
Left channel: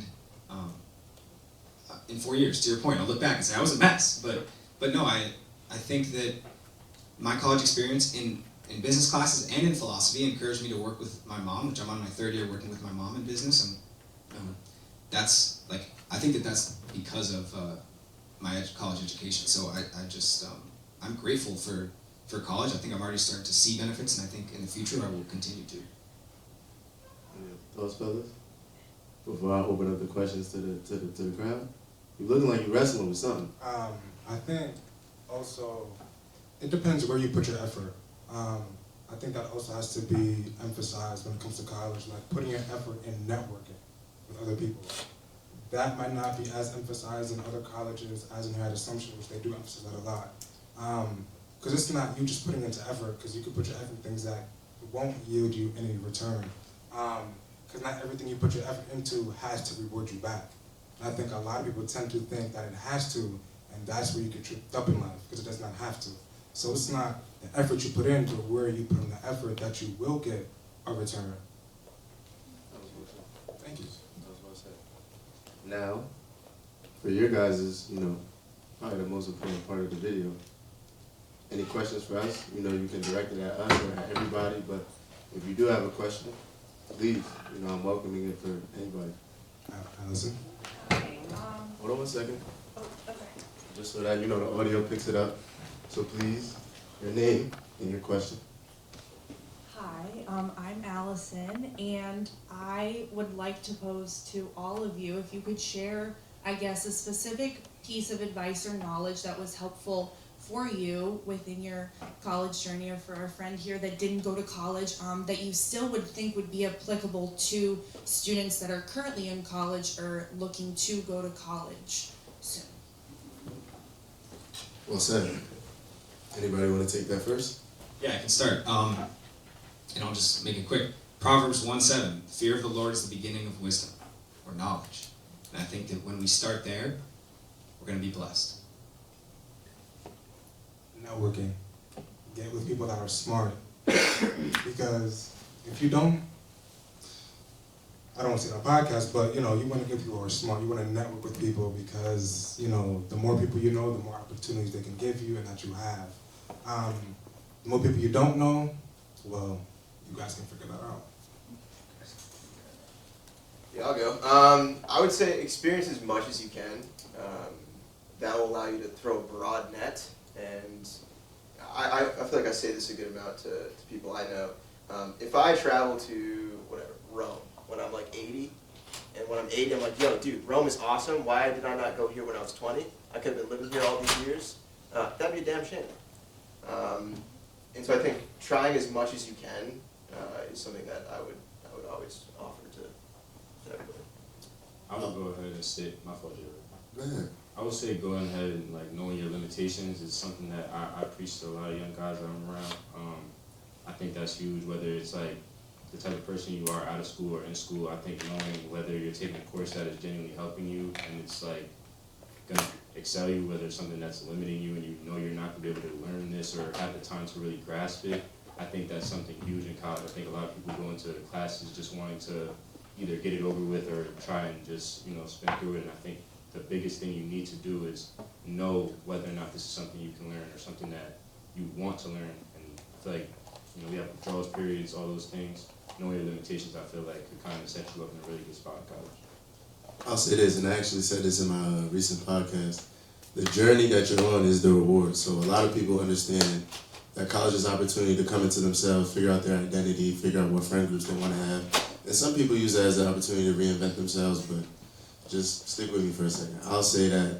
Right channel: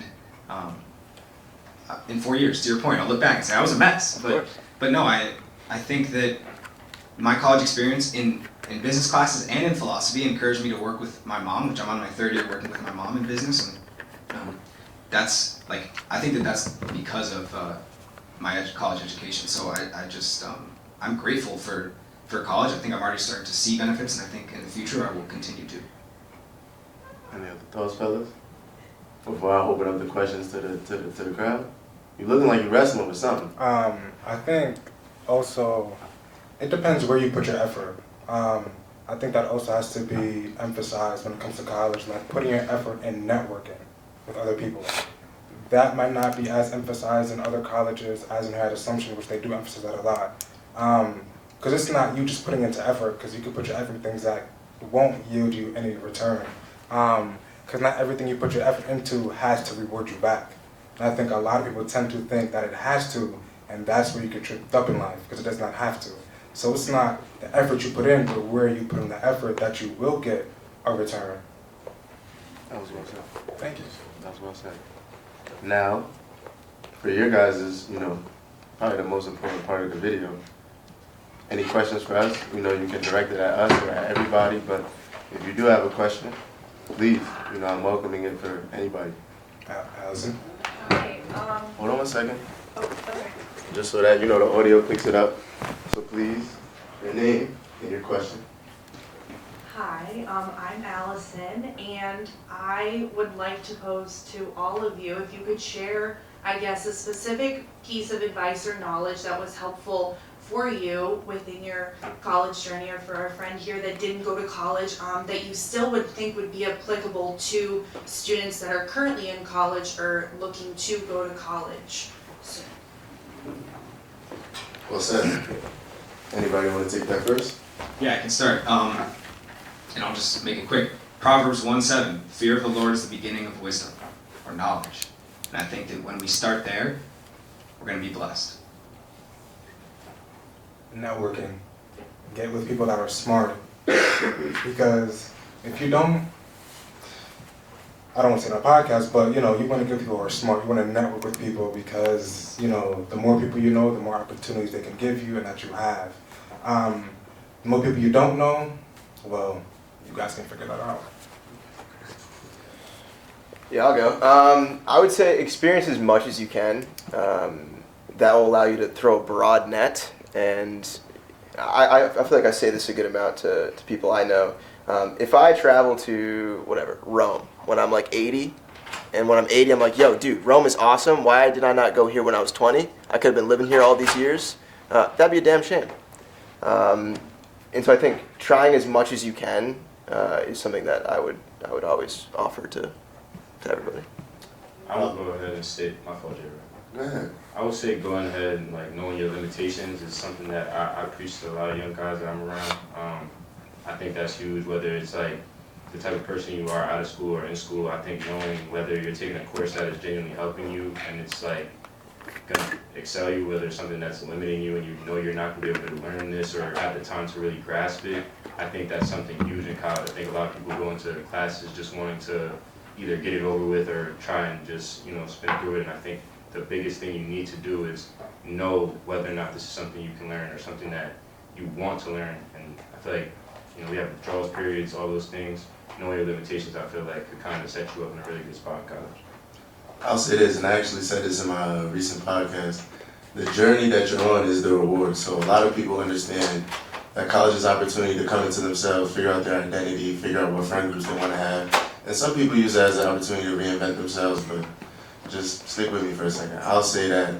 in 4 years, to your point, I'll look back and say I was a mess. But no, I think that my college experience in business classes and in philosophy encouraged me to work with my mom, which I'm on my 3rd year working with my mom in business, and that's like, I think that that's because of my college education. So I just I'm grateful for college. I think I'm already starting to see benefits, and I think in the future I will continue to. Any other thoughts, fellas? Before I open up the questions to the crowd, you looking like you wrestling with something. I think also it depends where you put your effort. I think that also has to be emphasized when it comes to college, like putting your effort in networking with other people. That might not be as emphasized in other colleges as in Head Assumption, which they do emphasize that a lot. Because it's not you just putting into effort, because you can put your effort in things that won't yield you any return. Because not everything you put your effort into has to reward you back. And I think a lot of people tend to think that it has to, and that's where you get tripped up in life, because it does not have to. So it's not the effort you put in, but where you put in the effort that you will get a return. That was well said. Thank you. That was well said. Now, for your guys' probably the most important part of the video. Any questions for us? You can direct it at us or at everybody, but if you do have a question, please, I'm welcoming it for anybody. Allison? Hi, Hold on one second, okay. just so that, the audio picks it up. So please, your name and your question. Hi, I'm Allison, and I would like to pose to all of you, if you could share, I guess, a specific piece of advice or knowledge that was helpful for you within your college journey, or for a friend here that didn't go to college, that you still would think would be applicable to students that are currently in college or looking to go to college. So, Well said. Anybody want to take that first? Yeah, I can start. And I'll just make it quick. Proverbs 1:7, fear of the Lord is the beginning of wisdom, or knowledge. And I think that when we start there, we're going to be blessed. Networking. Get with people that are smart. Because if you don't, I don't want to say on a podcast, but you want to get people who are smart. You want to network with people because, the more people you know, the more opportunities they can give you and that you have. The more people you don't know, well, you guys can figure that out. Yeah, I'll go. I would say experience as much as you can. That will allow you to throw a broad net, and I feel like I say this a good amount to people I know. If I travel to, whatever, Rome, when I'm like 80, and when I'm 80, I'm like, yo, dude, Rome is awesome. Why did I not go here when I was 20? I could have been living here all these years. That'd be a damn shame. And so I think trying as much as you can is something that I would always offer to everybody. I would go ahead and state my fault, Jerry. Go ahead. I would say going ahead and like knowing your limitations is something that I preach to a lot of young guys that I'm around. I think that's huge, whether it's like the type of person you are out of school or in school. I think knowing whether you're taking a course that is genuinely helping you and it's like gonna excel you, whether it's something that's limiting you and you know you're not gonna be able to learn this or have the time to really grasp it. I think that's something huge in college. I think a lot of people go into the classes just wanting to either get it over with or try and just, spin through it. And I think the biggest thing you need to do is know whether or not this is something you can learn or something that you want to learn. And I feel like, we have withdrawals periods, all those things. Knowing your limitations, I feel like could kind of set you up in a really good spot in college. I'll say this, and I actually said this in my recent podcast. The journey that you're on is the reward. So a lot of people understand that college is an opportunity to come into themselves, figure out their identity, figure out what friend groups they want to have. And some people use that as an opportunity to reinvent themselves, but just stick with me for a second. I'll say that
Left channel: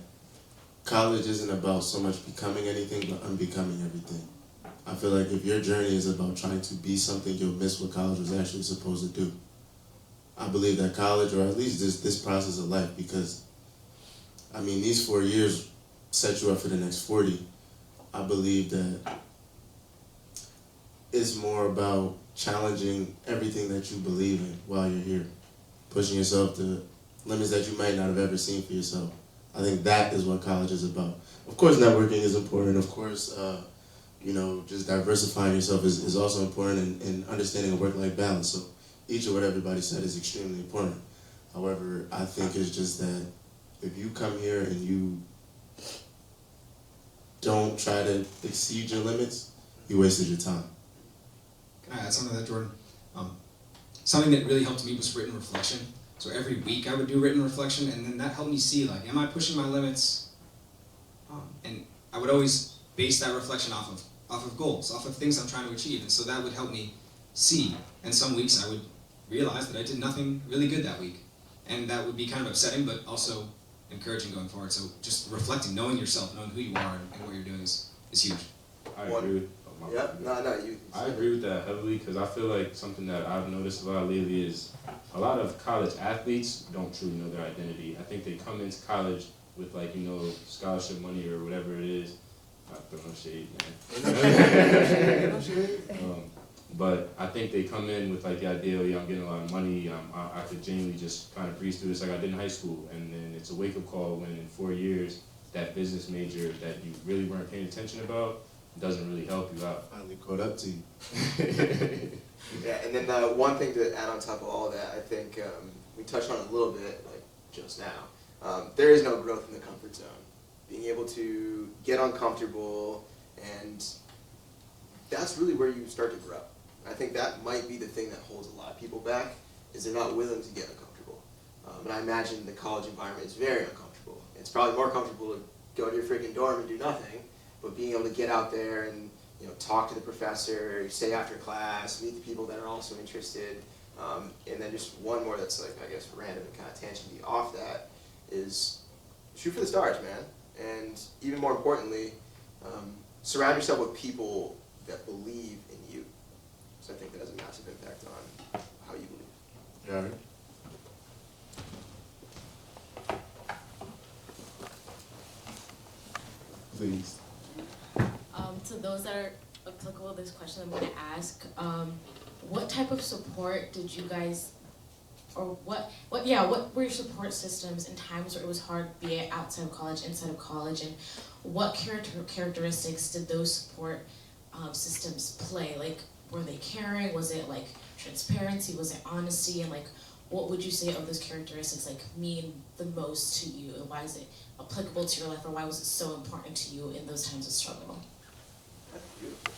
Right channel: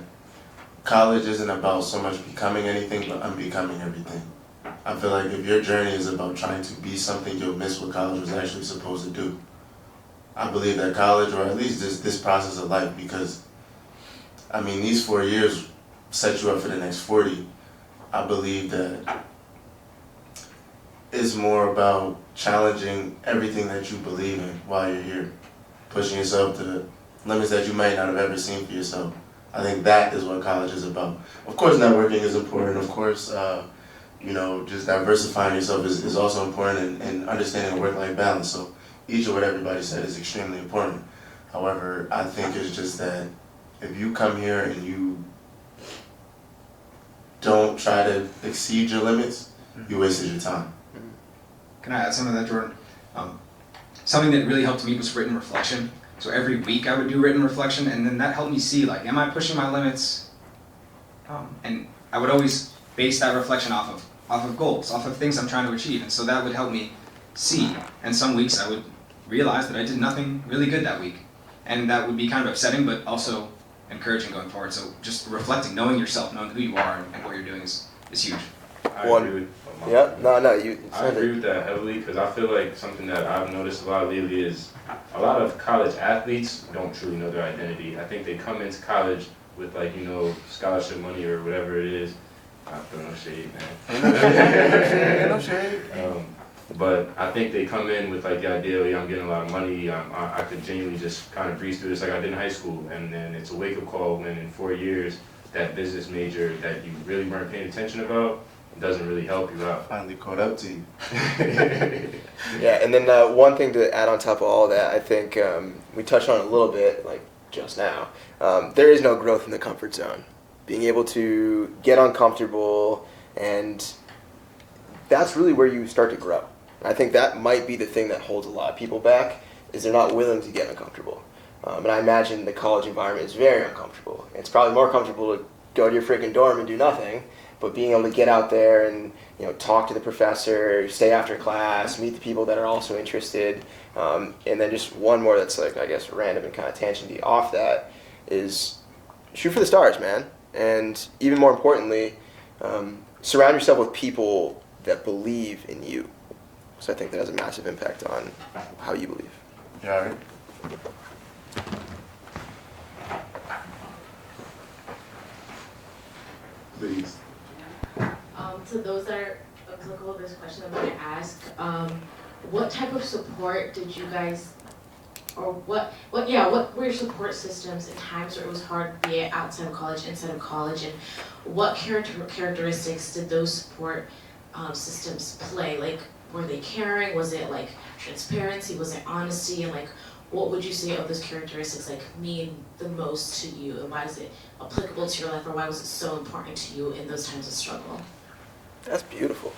college isn't about so much becoming anything, but unbecoming everything. I feel like if your journey is about trying to be something, you'll miss what college was actually supposed to do. I believe that college, or at least this process of life, because, these 4 years set you up for the next 40. I believe that it's more about challenging everything that you believe in while you're here, pushing yourself to the limits that you might not have ever seen for yourself. I think that is what college is about. Of course, networking is important. Of course, just diversifying yourself is also important, and understanding work-life balance. So each of what everybody said is extremely important. However, I think it's just that if you come here and you don't try to exceed your limits, you wasted your time. Can I add something to that, Jordan? Something that really helped me was written reflection. So every week I would do written reflection, and then that helped me see, like, am I pushing my limits? And I would always base that reflection off of goals, off of things I'm trying to achieve, and so that would help me see. And some weeks I would realize that I did nothing really good that week, and that would be kind of upsetting, but also encouraging going forward. So just reflecting, knowing yourself, knowing who you are and what you're doing is huge. I agree with I agree with that heavily, because I feel like something that I've noticed a lot lately is a lot of college athletes don't truly know their identity. I think they come into college with scholarship money or whatever it is. I feel no shade, man. No shade. But I think they come in with the idea, I'm getting a lot of money, I could genuinely just kind of breeze through this like I did in high school. And then it's a wake-up call when in 4 years, that business major that you really weren't paying attention about doesn't really help you out. Finally caught up to you. Yeah, and then one thing to add on top of all that, I think we touched on it a little bit, like just now. There is no growth in the comfort zone. Being able to get uncomfortable, and that's really where you start to grow. I think that might be the thing that holds a lot of people back, is they're not willing to get uncomfortable. And I imagine the college environment is very uncomfortable. It's probably more comfortable to go to your freaking dorm and do nothing, but being able to get out there and talk to the professor, stay after class, meet the people that are also interested, and then just one more that's random and kind of tangenty off that is shoot for the stars, man. And even more importantly, surround yourself with people that believe in you. So I think that has a massive impact on how you believe. You all right? Please. To those that are applicable, this question I'm going to ask, what type of support did you guys, or what were your support systems in times where it was hard, be it outside of college, inside of college, and what characteristics did those support systems play? Like, were they caring? Was it transparency? Was it honesty? And what would you say of those characteristics mean the most to you, and why is it applicable to your life, or why was it so important to you in those times of struggle? That's beautiful.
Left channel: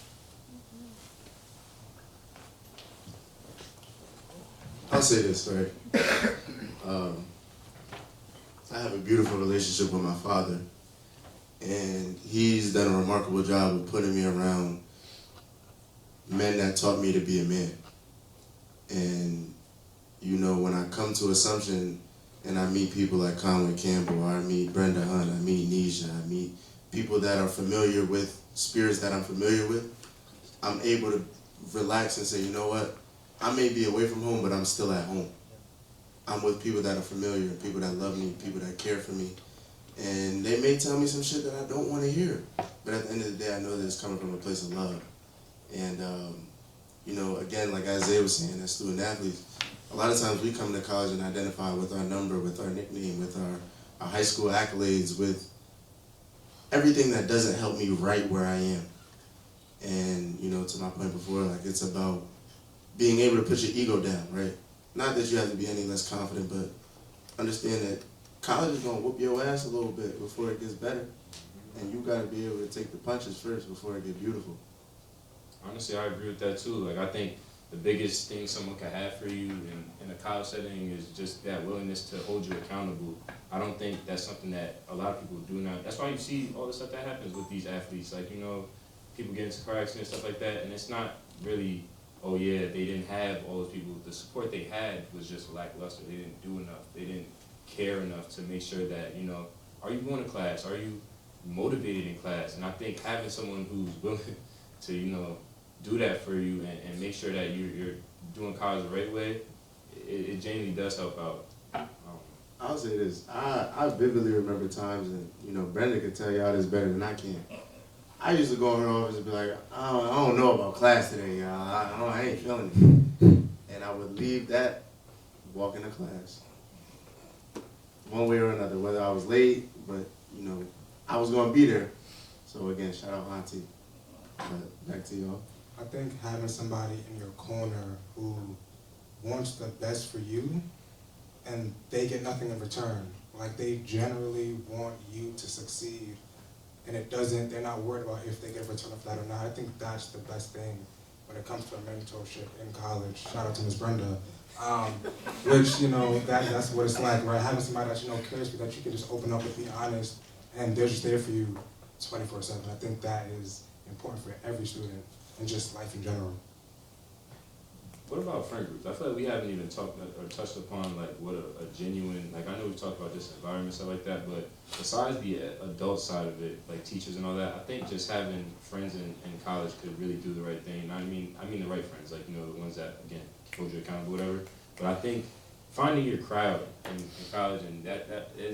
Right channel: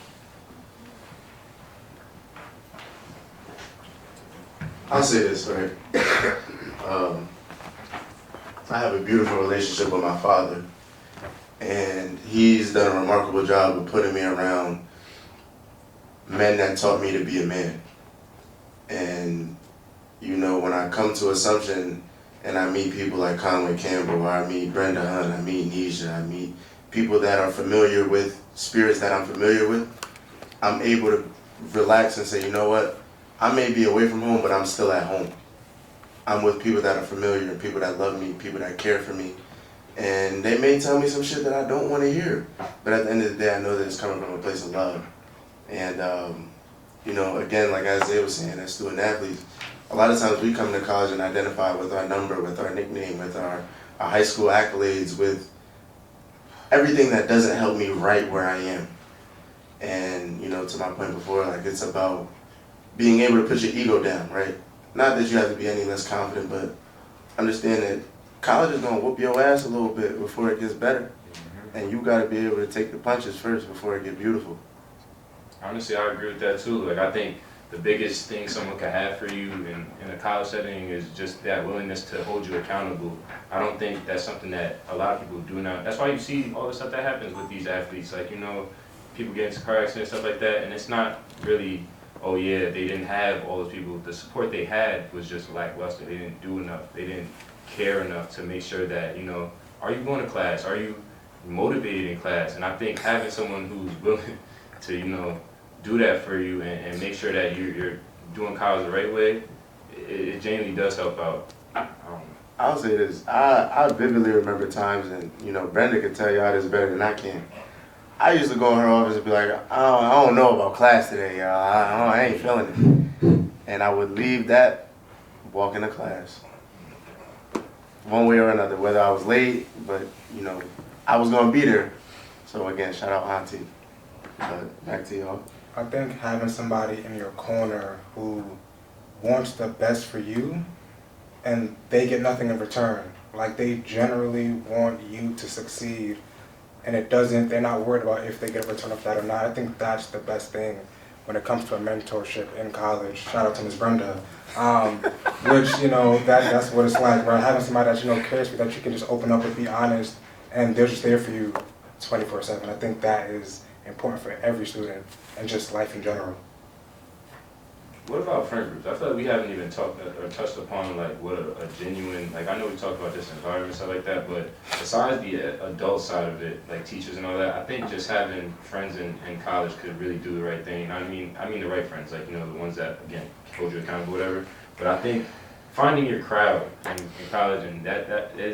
I'll say this, right? I have a beautiful relationship with my father, and he's done a remarkable job of putting me around men that taught me to be a man. And you know, when I come to Assumption and I meet people like Conway Campbell, or I meet Brenda Hunt, I meet Nisha, I meet people that are familiar with spirits that I'm familiar with, I'm able to relax and say, you know what, I may be away from home, but I'm still at home. I'm with people that are familiar, people that love me, people that care for me. And they may tell me some shit that I don't want to hear. But at the end of the day, I know that it's coming from a place of love. And, you know, again, like Isaiah was saying, as student athletes, a lot of times we come to college and identify with our number, with our nickname, with our high school accolades, with everything that doesn't help me right where I am. And, you know, to my point before, like, it's about being able to put your ego down, right? Not that you have to be any less confident, but understand that college is gonna whoop your ass a little bit before it gets better. And you gotta be able to take the punches first before it gets beautiful. Honestly, I agree with that too. Like, I think the biggest thing someone can have for you in a college setting is just that willingness to hold you accountable. I don't think that's something that a lot of people do now. That's why you see all the stuff that happens with these athletes. Like, you know, people get into car accidents, stuff like that, and it's not really, oh yeah, they didn't have all those people. The support they had was just lackluster. They didn't do enough. They didn't care enough to make sure that, you know, are you going to class? Are you motivated in class? And I think having someone who's willing to, you know, do that for you and make sure that you're doing college the right way, it genuinely does help out. I'll say this, I vividly remember times, and you know, Brenda can tell y'all this better than I can. I used to go in her office and be like, I don't know about class today, y'all. I ain't feeling it. And I would leave that, walk into class. One way or another, whether I was late, but you know, I was gonna be there. So again, shout out Auntie. But back to y'all. I think having somebody in your corner who wants the best for you and they get nothing in return. Like, they generally want you to succeed, and they're not worried about if they get a return of that or not. I think that's the best thing when it comes to a mentorship in college. Shout out to Ms. Brenda. Which, you know, that's what it's like, right? Having somebody that, you know, cares for you, that you can just open up and be honest, and they're just there for you 24/7. I think that is important for every student and just life in general. What about friend groups? I feel like we haven't even talked or touched upon like what a genuine, like I know we talked about this environment, stuff like that, but besides the adult side of it, like teachers and all that, I think just having friends in college could really do the right thing. I mean the right friends, like, you know, the ones that, again, hold you accountable, whatever. But I think finding your crowd in college, and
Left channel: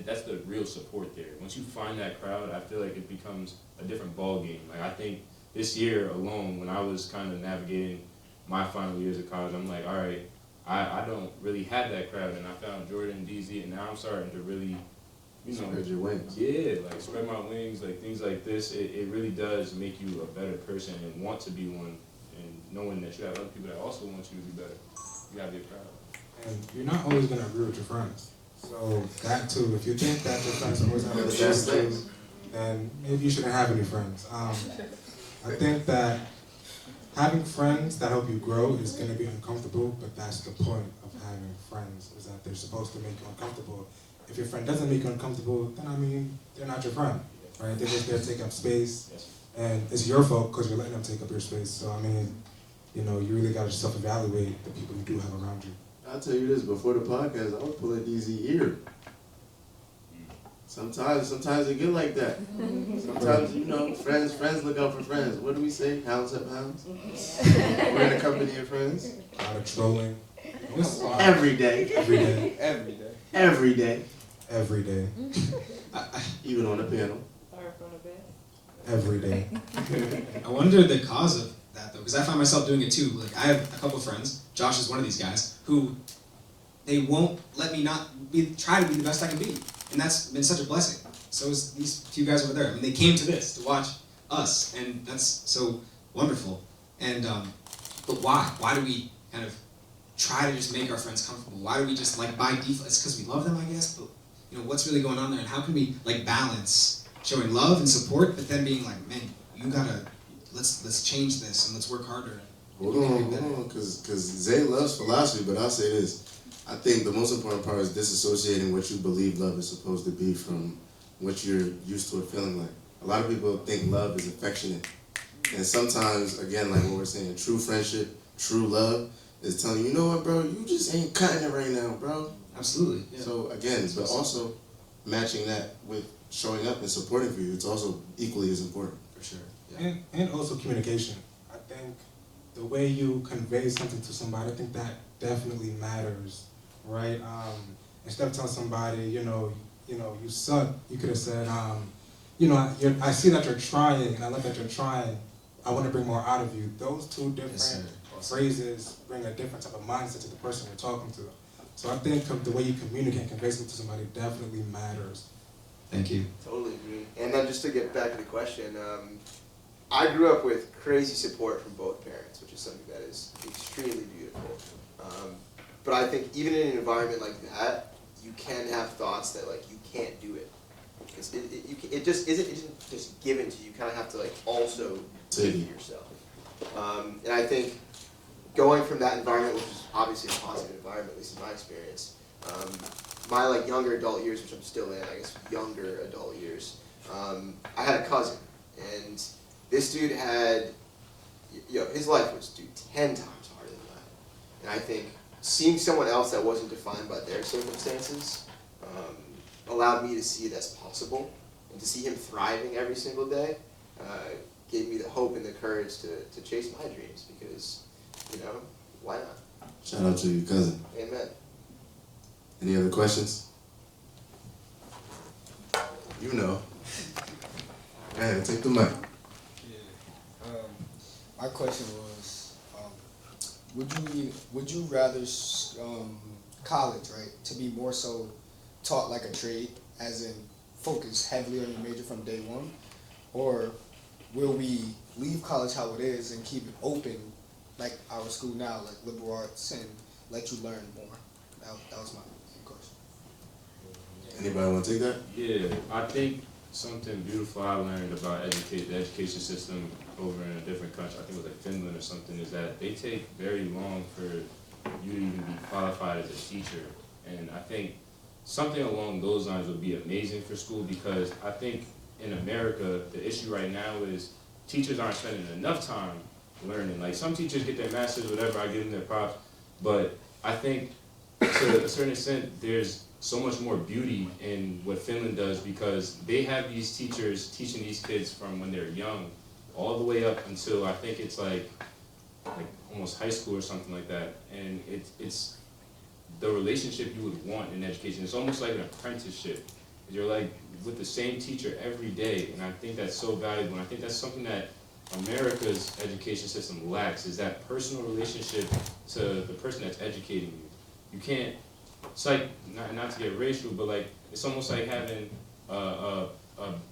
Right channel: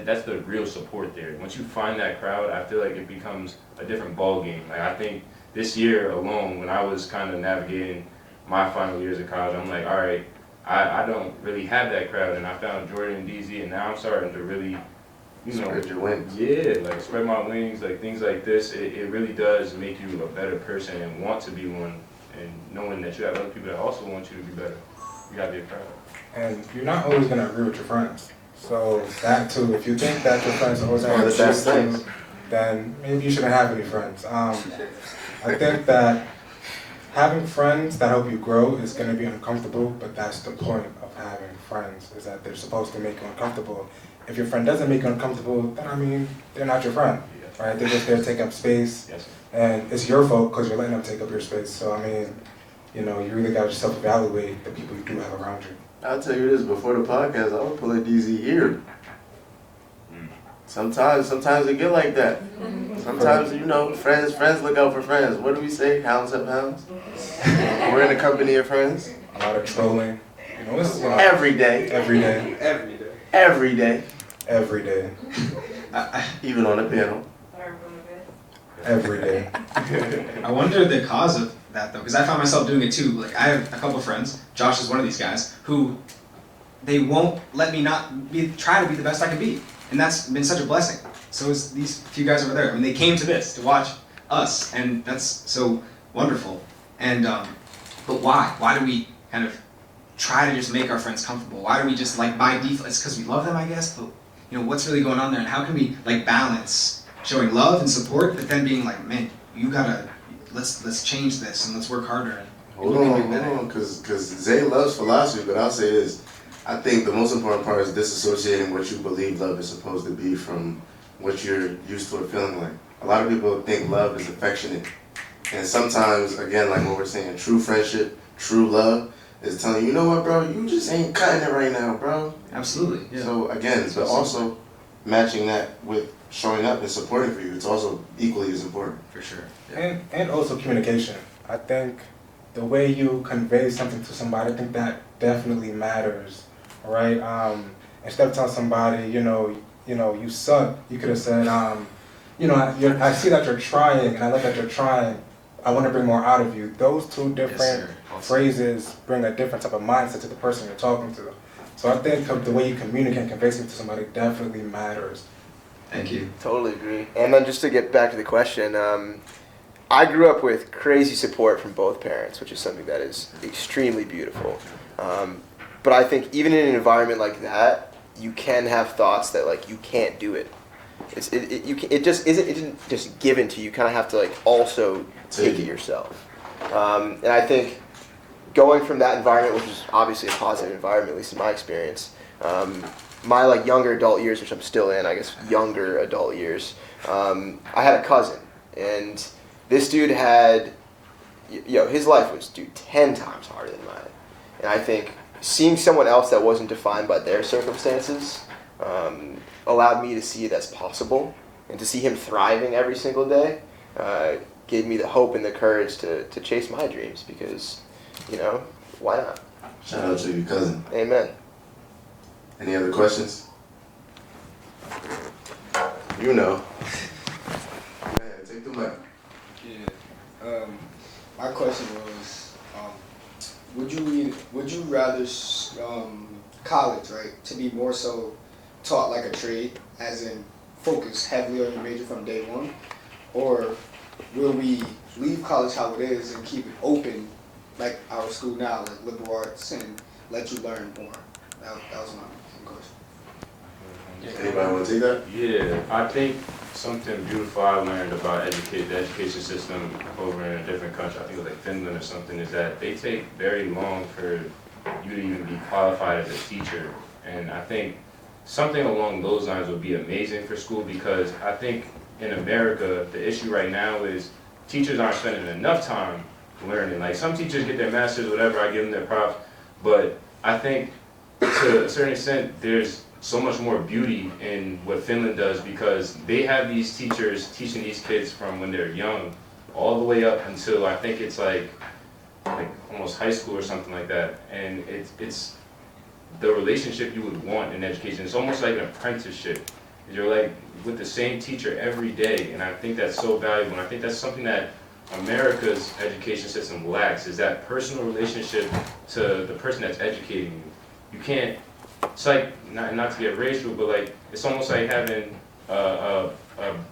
that's the real support there. Once you find that crowd, I feel like it becomes a different ball game. Like, I think this year alone, when I was kind of navigating my final years of college, I'm like, all right, I don't really have that crowd, and I found Jordan and DZ, and now I'm starting to really, you know, Spread your wings. Yeah, like spread my wings, like things like this. It really does make you a better person and want to be one, and knowing that you have other people that also want you to be better. You gotta be a crowd. And you're not always gonna agree with your friends. So that too, if you think that your friends are always gonna agree with you, then maybe you shouldn't have any friends. I think that having friends that help you grow is going to be uncomfortable, but that's the point of having friends, is that they're supposed to make you uncomfortable. If your friend doesn't make you uncomfortable, then I mean, they're not your friend, right? They're just there to take up space, and it's your fault because you're letting them take up your space. So I mean, you know, you really got to self-evaluate the people you do have around you. I'll tell you this, before the podcast, I would pull a DZ ear. Sometimes it get like that. Sometimes, you know, friends look out for friends. What do we say? Hounds have hounds. We're in the company of friends. A lot of trolling. You know, it's every day. Every day. Every day. Every day. Even on the panel. Every day. I wonder the cause of that though, because I found myself doing it too. Like, I have a couple of friends, Josh is one of these guys, who they won't let me try to be the best I can be. And that's been such a blessing. So is these few guys over there. I mean, they came to this to watch us, and that's so wonderful. And but why? Why do we kind of try to just make our friends comfortable? Why do we just, like, by default? It's because we love them, I guess. But you know, what's really going on there, and how can we, like, balance showing love and support, but then being like, man, you gotta let's change this and let's work harder. And Hold on, because Zay loves philosophy, but I'll say this. I think the most important part is disassociating what you believe love is supposed to be from what you're used to it feeling like. A lot of people think love is affectionate. And sometimes, again, like what we're saying, true friendship, true love is telling you, you know what, bro, you just ain't cutting it right now, bro. Absolutely, yeah. So again, but also matching that with showing up and supporting for you, it's also equally as important. For sure. Yeah. And also communication. I think the way you convey something to somebody, I think that definitely matters, right? Instead of telling somebody, you suck, you could have said, I see that you're trying, and I like that you're trying. I want to bring more out of you. Those two different phrases bring a different type of mindset to the person you're talking to. So I think the way you communicate and convey something to somebody definitely matters. Thank you. Totally agree. And then just to get back to the question, I grew up with crazy support from both parents, which is something that is extremely beautiful. But I think even in an environment like that, you can have thoughts that like you can't do it. It isn't just given to you. You kind of have to like also take it yourself. And I think going from that environment, which is obviously a positive environment, at least in my experience, my like younger adult years, which I'm still in, I guess younger adult years, I had a cousin, and this dude had, his life was 10 times harder than mine. And I think seeing someone else that wasn't defined by their circumstances allowed me to see it as possible, and to see him thriving every single day gave me the hope and the courage to chase my dreams, because, why not? Shout out to your cousin. Amen. Any other questions? You know. Go ahead, take the mic. Yeah. My question was, would you rather college, right, to be more so taught like a trade, as in focus heavily on your major from day one, or will we leave college how it is and keep it open, like our school now, like liberal arts, and let you learn more? That was my question. Anybody want to take that? Yeah, I think something beautiful I learned about the education system over in a different country, I think it was like Finland or something, is that they take very long for you to even be qualified as a teacher. And I think something along those lines would be amazing for school, because I think in America, the issue right now is teachers aren't spending enough time learning. Like, some teachers get their masters, whatever, I give them their props, but I think to a certain extent, there's so much more beauty in what Finland does, because they have these teachers teaching these kids from when they're young all the way up until I think it's like almost high school or something like that. And it's the relationship you would want in education. It's almost like an apprenticeship. You're like with the same teacher every day, and I think that's so valuable. And I think that's something that America's education system lacks, is that personal relationship to the person that's educating you. You can't, it's like, not to get racial, but like, it's almost like having a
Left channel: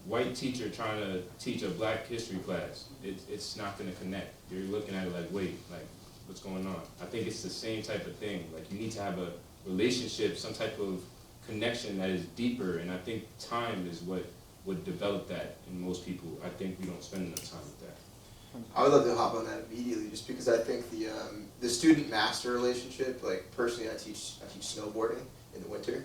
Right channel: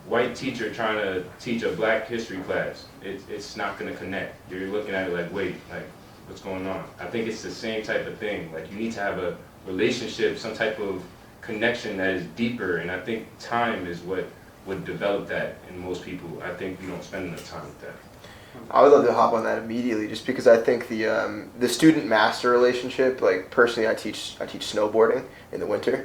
white teacher trying to teach a black history class. It's not gonna connect. You're looking at it like, wait, like, what's going on? I think it's the same type of thing. Like, you need to have a relationship, some type of connection that is deeper, and I think time is what would develop that in most people. I think we don't spend enough time with that. I would love to hop on that immediately, just because I think the student-master relationship, like personally I teach snowboarding in the winter,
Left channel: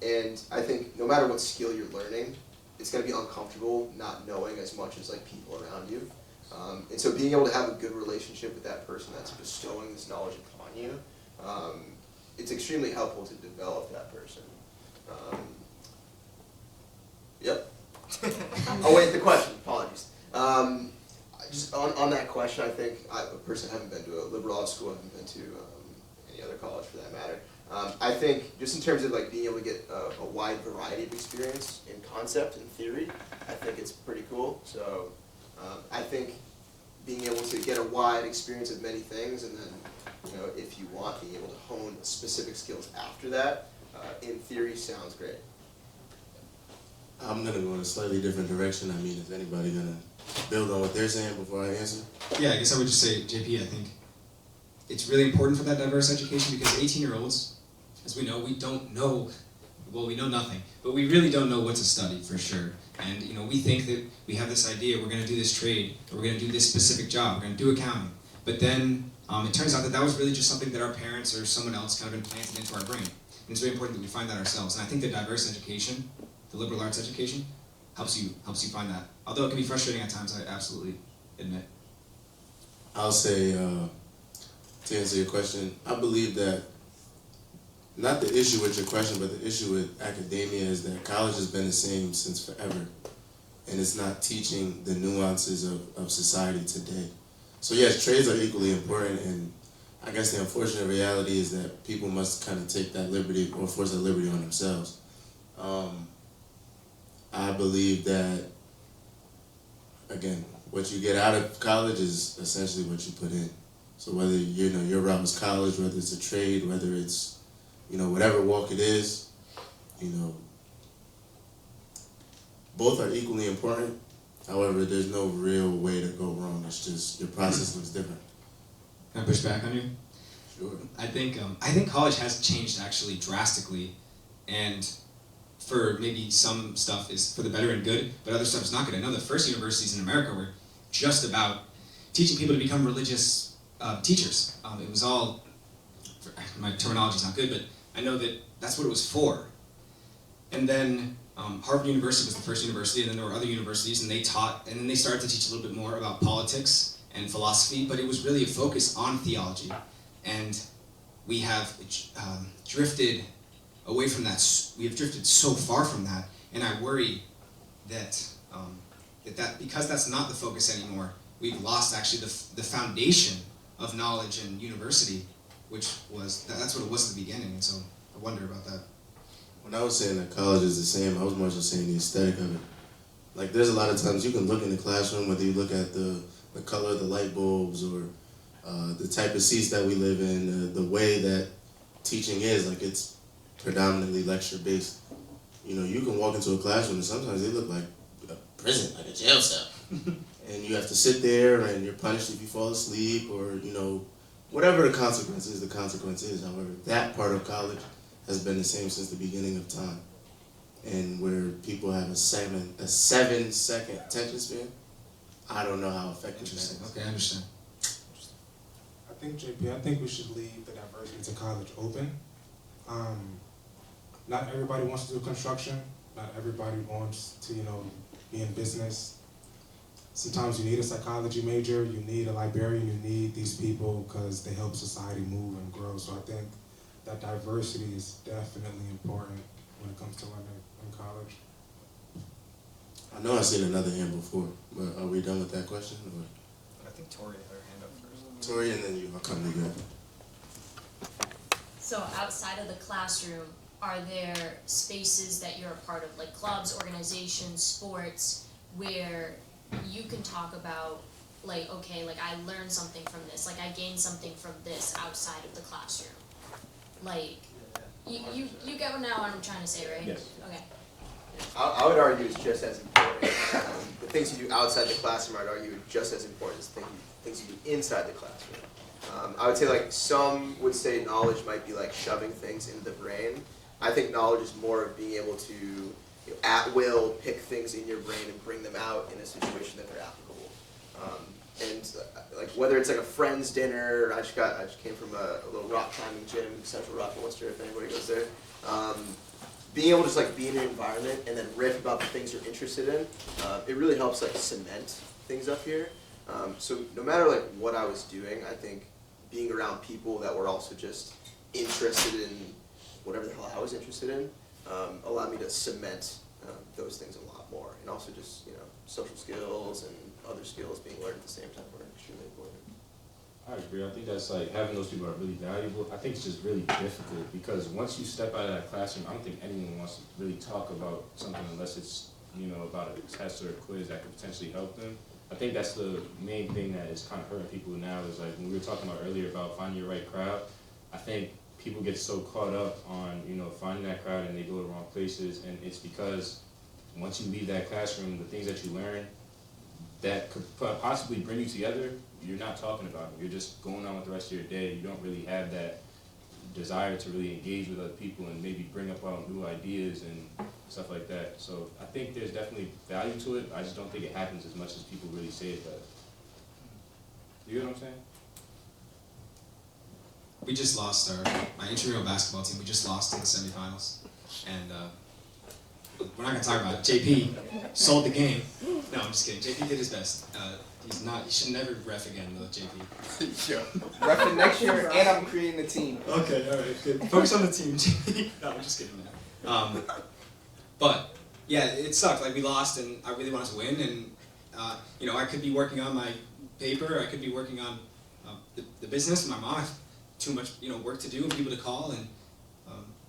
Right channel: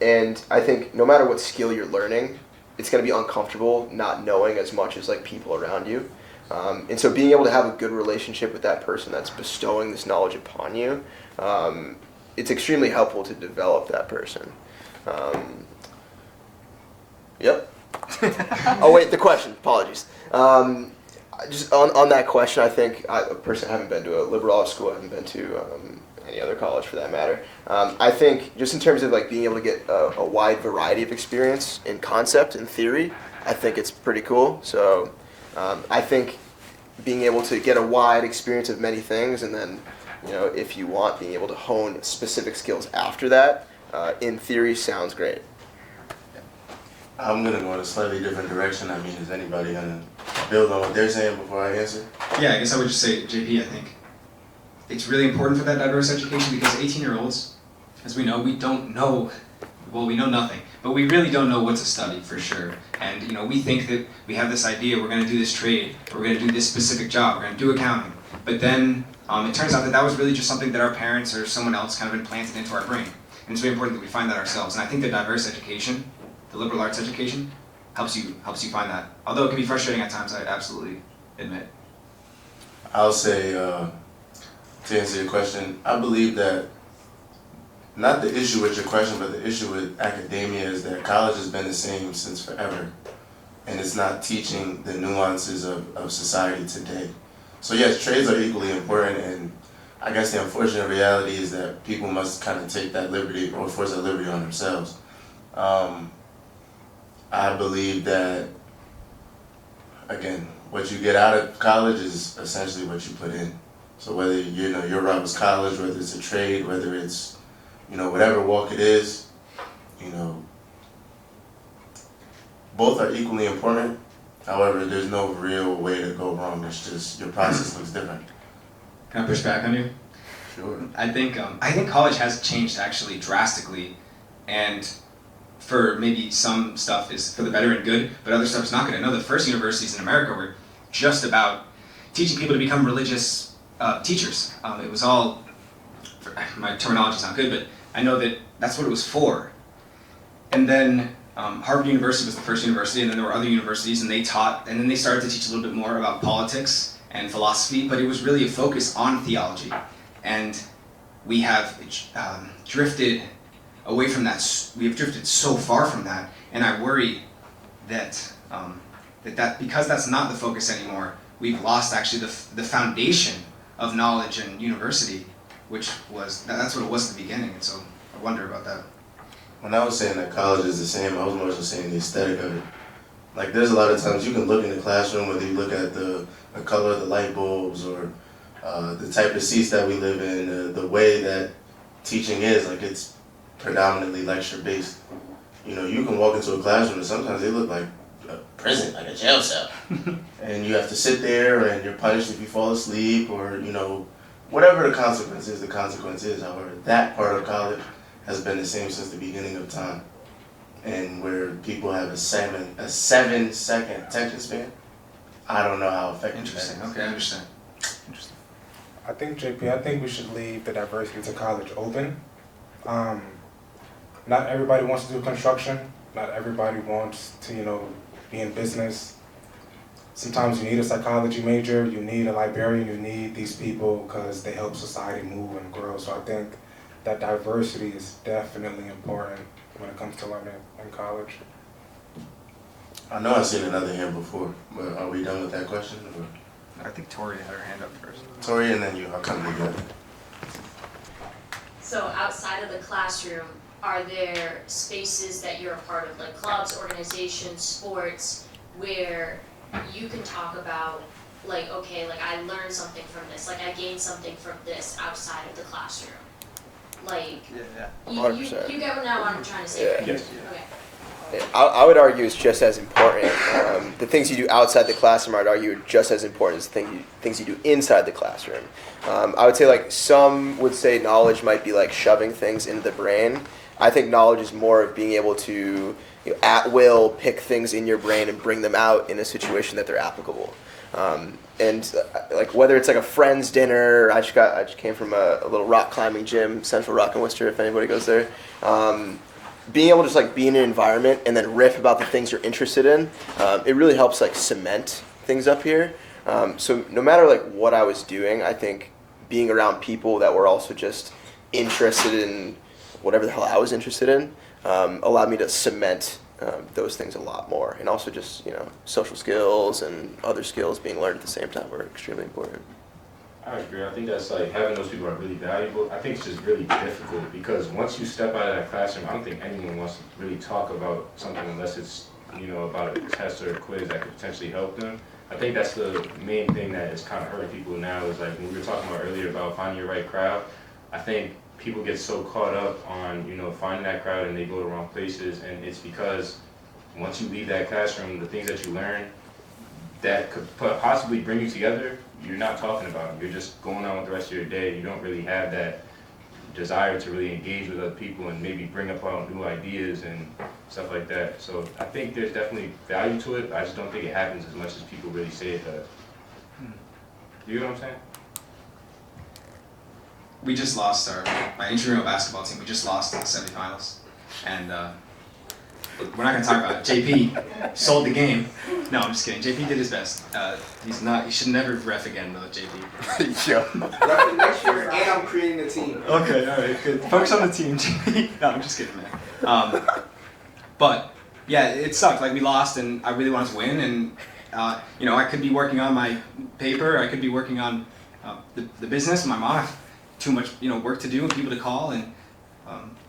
and I think no matter what skill you're learning, it's going to be uncomfortable not knowing as much as like people around you. And so being able to have a good relationship with that person that's bestowing this knowledge upon you, it's extremely helpful to develop that person. Yep. Oh wait, the question, apologies. Just on that question, I think a person I haven't been to a liberal arts school, I haven't been to any other college for that matter. I think just in terms of like being able to get a wide variety of experience in concept and theory, I think it's pretty cool. So I think being able to get a wide experience of many things, and then, if you want, being able to hone specific skills after that, in theory sounds great. I'm going to go in a slightly different direction. I mean, is anybody going to build on what they're saying before I answer? Yeah, I guess I would just say, JP, I think it's really important for that diverse education, because 18-year-olds, as we know, we don't know, well, we know nothing, but we really don't know what to study for sure. And, we think that we have this idea, we're going to do this trade, or we're going to do this specific job, we're going to do accounting. But then It turns out that that was really just something that our parents or someone else kind of implanted into our brain. And it's really important that we find that ourselves. And I think that diverse education, the liberal arts education, helps you find that. Although it can be frustrating at times, I absolutely admit. I'll say, to answer your question, I believe that not the issue with your question, but the issue with academia is that college has been the same since forever. And it's not teaching the nuances of society today. So yes, trades are equally important, and I guess the unfortunate reality is that people must kind of take that liberty or force that liberty on themselves. I believe that, again, what you get out of college is essentially what you put in. So whether your route was college, whether it's a trade, whether it's whatever walk it is, both are equally important. However, there's no real way to go wrong. It's just your process looks different. Can I push back on you? Sure. I think college has changed actually drastically, and for maybe some stuff is for the better and good, but other stuff is not good. I know the first universities in America were just about teaching people to become religious teachers. It was all, my terminology's not good, but I know that that's what it was for. And then Harvard University was the first university, and then there were other universities, and they taught, and then they started to teach a little bit more about politics and philosophy, but it was really a focus on theology. And we have drifted away from that. We have drifted so far from that, and I worry that that because that's not the focus anymore, we've lost actually the foundation of knowledge and university, which was that's what it was at the beginning. And so I wonder about that. When I was saying that college is the same, I was more just saying the aesthetic of it. Like, there's a lot of times you can look in the classroom, whether you look at the color of the light bulbs or the type of seats that we live in, the way that teaching is, like, it's predominantly lecture-based. You can walk into a classroom and sometimes they look like a prison, like a jail cell. And you have to sit there and you're punished if you fall asleep or, whatever the consequence is, the consequence is. However, that part of college has been the same since the beginning of time. And where people have a 7-second attention span, I don't know how effective Interesting. that is. Okay, I understand. Interesting. I think we should leave the diversity to college open. Not everybody wants to do construction. Not everybody wants to, be in business. Sometimes you need a psychology major, you need a librarian, you need these people because they help society move and grow. So I think that diversity is definitely important when it comes to learning in college. I know I've seen another hand before, but are we done with that question? Or? I think Tori had her hand up first. Tori, and then you. I'll come together. So outside of the classroom, are there spaces that you're a part of, like clubs, organizations, sports, where you can talk about, like, okay, like I learned something from this, like I gained something from this outside of the classroom? Like, you 100%. You get now what I'm trying to say, right? Yes. Okay. I would argue it's just as important. The things you do outside the classroom, I'd argue, are just as important as the things you do inside the classroom. I would say, like, some would say knowledge might be like shoving things into the brain. I think knowledge is more of being able to, at will, pick things in your brain and bring them out in a situation that they're applicable. Like whether it's like a friend's dinner, I just came from a little rock climbing gym, Central Rock in Worcester, if anybody goes there. Being able to just like be in an environment and then riff about the things you're interested in, it really helps like cement things up here. So no matter like what I was doing, I think being around people that were also just interested in whatever the hell I was interested in allowed me to cement those things a lot more. And also just, social skills and other skills being learned at the same time are extremely important. I agree. I think that's like having those people are really valuable. I think it's just really difficult because once you step out of that classroom, I don't think anyone wants to really talk about something unless it's, about a test or a quiz that could potentially help them. I think that's the main thing that is kind of hurting people now is like when we were talking about earlier about finding your right crowd. I think people get so caught up on, finding that crowd and they go to the wrong places, and it's because once you leave that classroom, the things that you learn that could possibly bring you together, you're not talking about. You're just going on with the rest of your day. You don't really have that desire to really engage with other people and maybe bring up new ideas and stuff like that. So I think there's definitely value to it. I just don't think it happens as much as people really say it does. You know what I'm saying? we just lost my intramural basketball team. We just lost in the semifinals, and we're not gonna talk about it. JP sold the game. No, I'm just kidding. JP did his best. He's not. He should never ref again, though. JP. Yo. Ref next year, and I'm creating a team. Okay, all right, good. Focus on the team, JP. No, I'm just kidding, man. But yeah, it sucked. Like we lost, and I really wanted to win, and you know, I could be working on my paper. I could be working on the business. My mom, too much, you know, work to do and people to call, and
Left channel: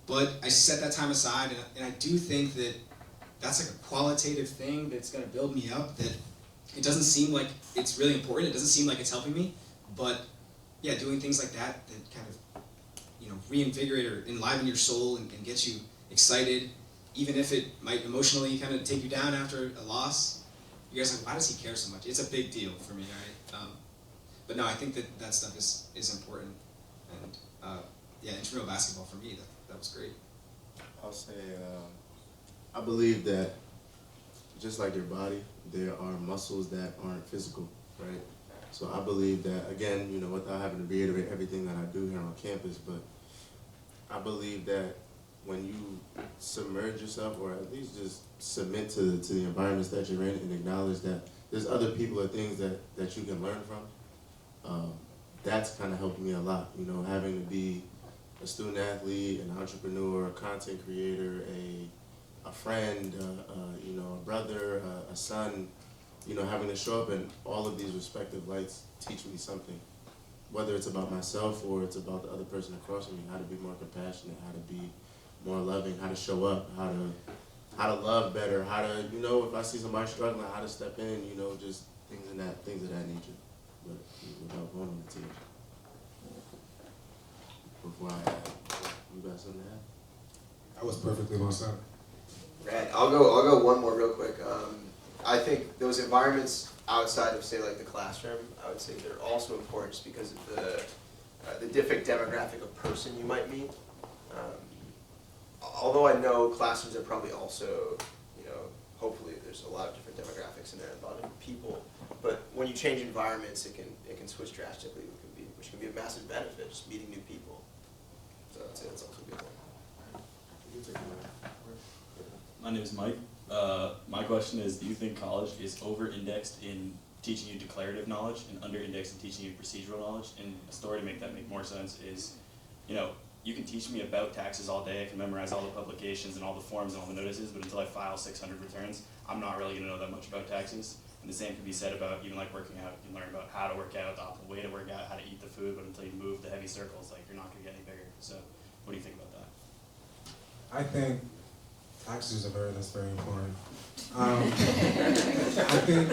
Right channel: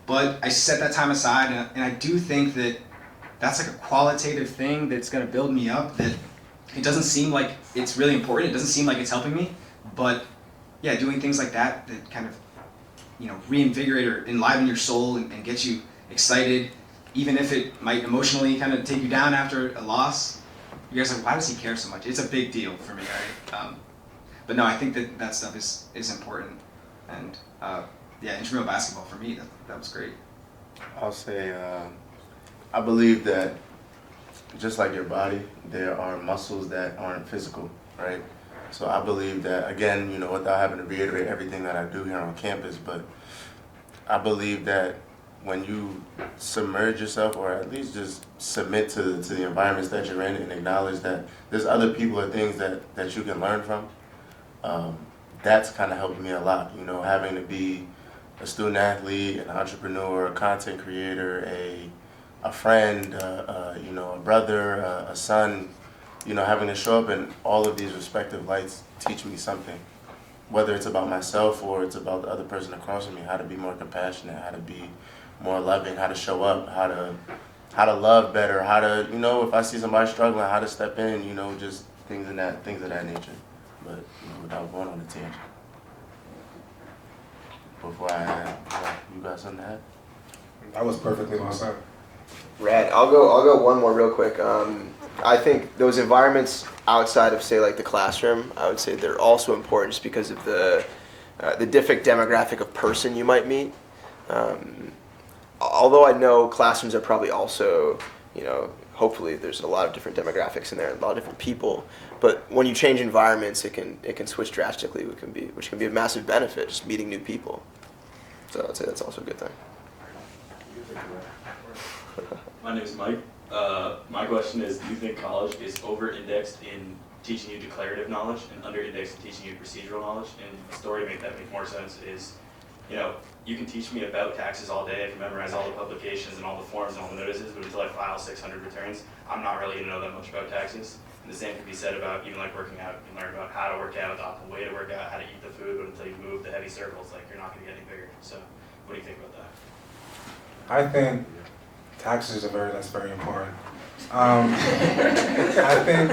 but I set that time aside, and I do think that that's like a qualitative thing that's gonna build me up. That it doesn't seem like it's really important. It doesn't seem like it's helping me, but yeah, doing things like that that kind of, you know, reinvigorate or enliven your soul and get you excited, even if it might emotionally kind of take you down after a loss. You guys are like, why does he care so much? It's a big deal for me, right? But no, I think that stuff is important, and yeah, intramural basketball for me, that was great. I'll say, I believe that just like your body, there are muscles that aren't physical, right? So I believe that, again, you know, without having to reiterate everything that I do here on campus, but I believe that when you submerge yourself, or at least just submit to the environments that you're in, and acknowledge that there's other people or things that you can learn from, that's kind of helped me a lot. You know, having to be a student athlete, an entrepreneur, a content creator, a friend, you know, a brother, a son, you know, having to show up in all of these respective lights teach me something. Whether it's about myself or it's about the other person across from me, how to be more compassionate, how to be more loving, how to show up, how to love better, how to, you know, if I see somebody struggling, how to step in, you know, just things of that nature. But you know, without going on a tangent. Before you got something to add? That was perfectly well said. Rad. I'll go one more real quick. I think those environments outside of, say, like the classroom, I would say they're also important just because of the different demographic of person you might meet. Although I know classrooms are probably also, you know, hopefully there's a lot of different demographics in there, a lot of different people. But when you change environments, it can switch drastically, which can be a massive benefit, just meeting new people. So I'd say that's also a good thing. My name is Mike. My question is, do you think college is over-indexed in teaching you declarative knowledge and under-indexed in teaching you procedural knowledge? And the story to make that make more sense is, you know, you can teach me about taxes all day, I can memorize all the publications and all the forms and all the notices, but until I file 600 returns, I'm not really going to know that much about taxes. And the same can be said about even like working out. You can learn about how to work out, the optimal way to work out, how to eat the food, but until you move the heavy circles, like you're not going to get any bigger. So what do you think about that? I think taxes that's very important. I think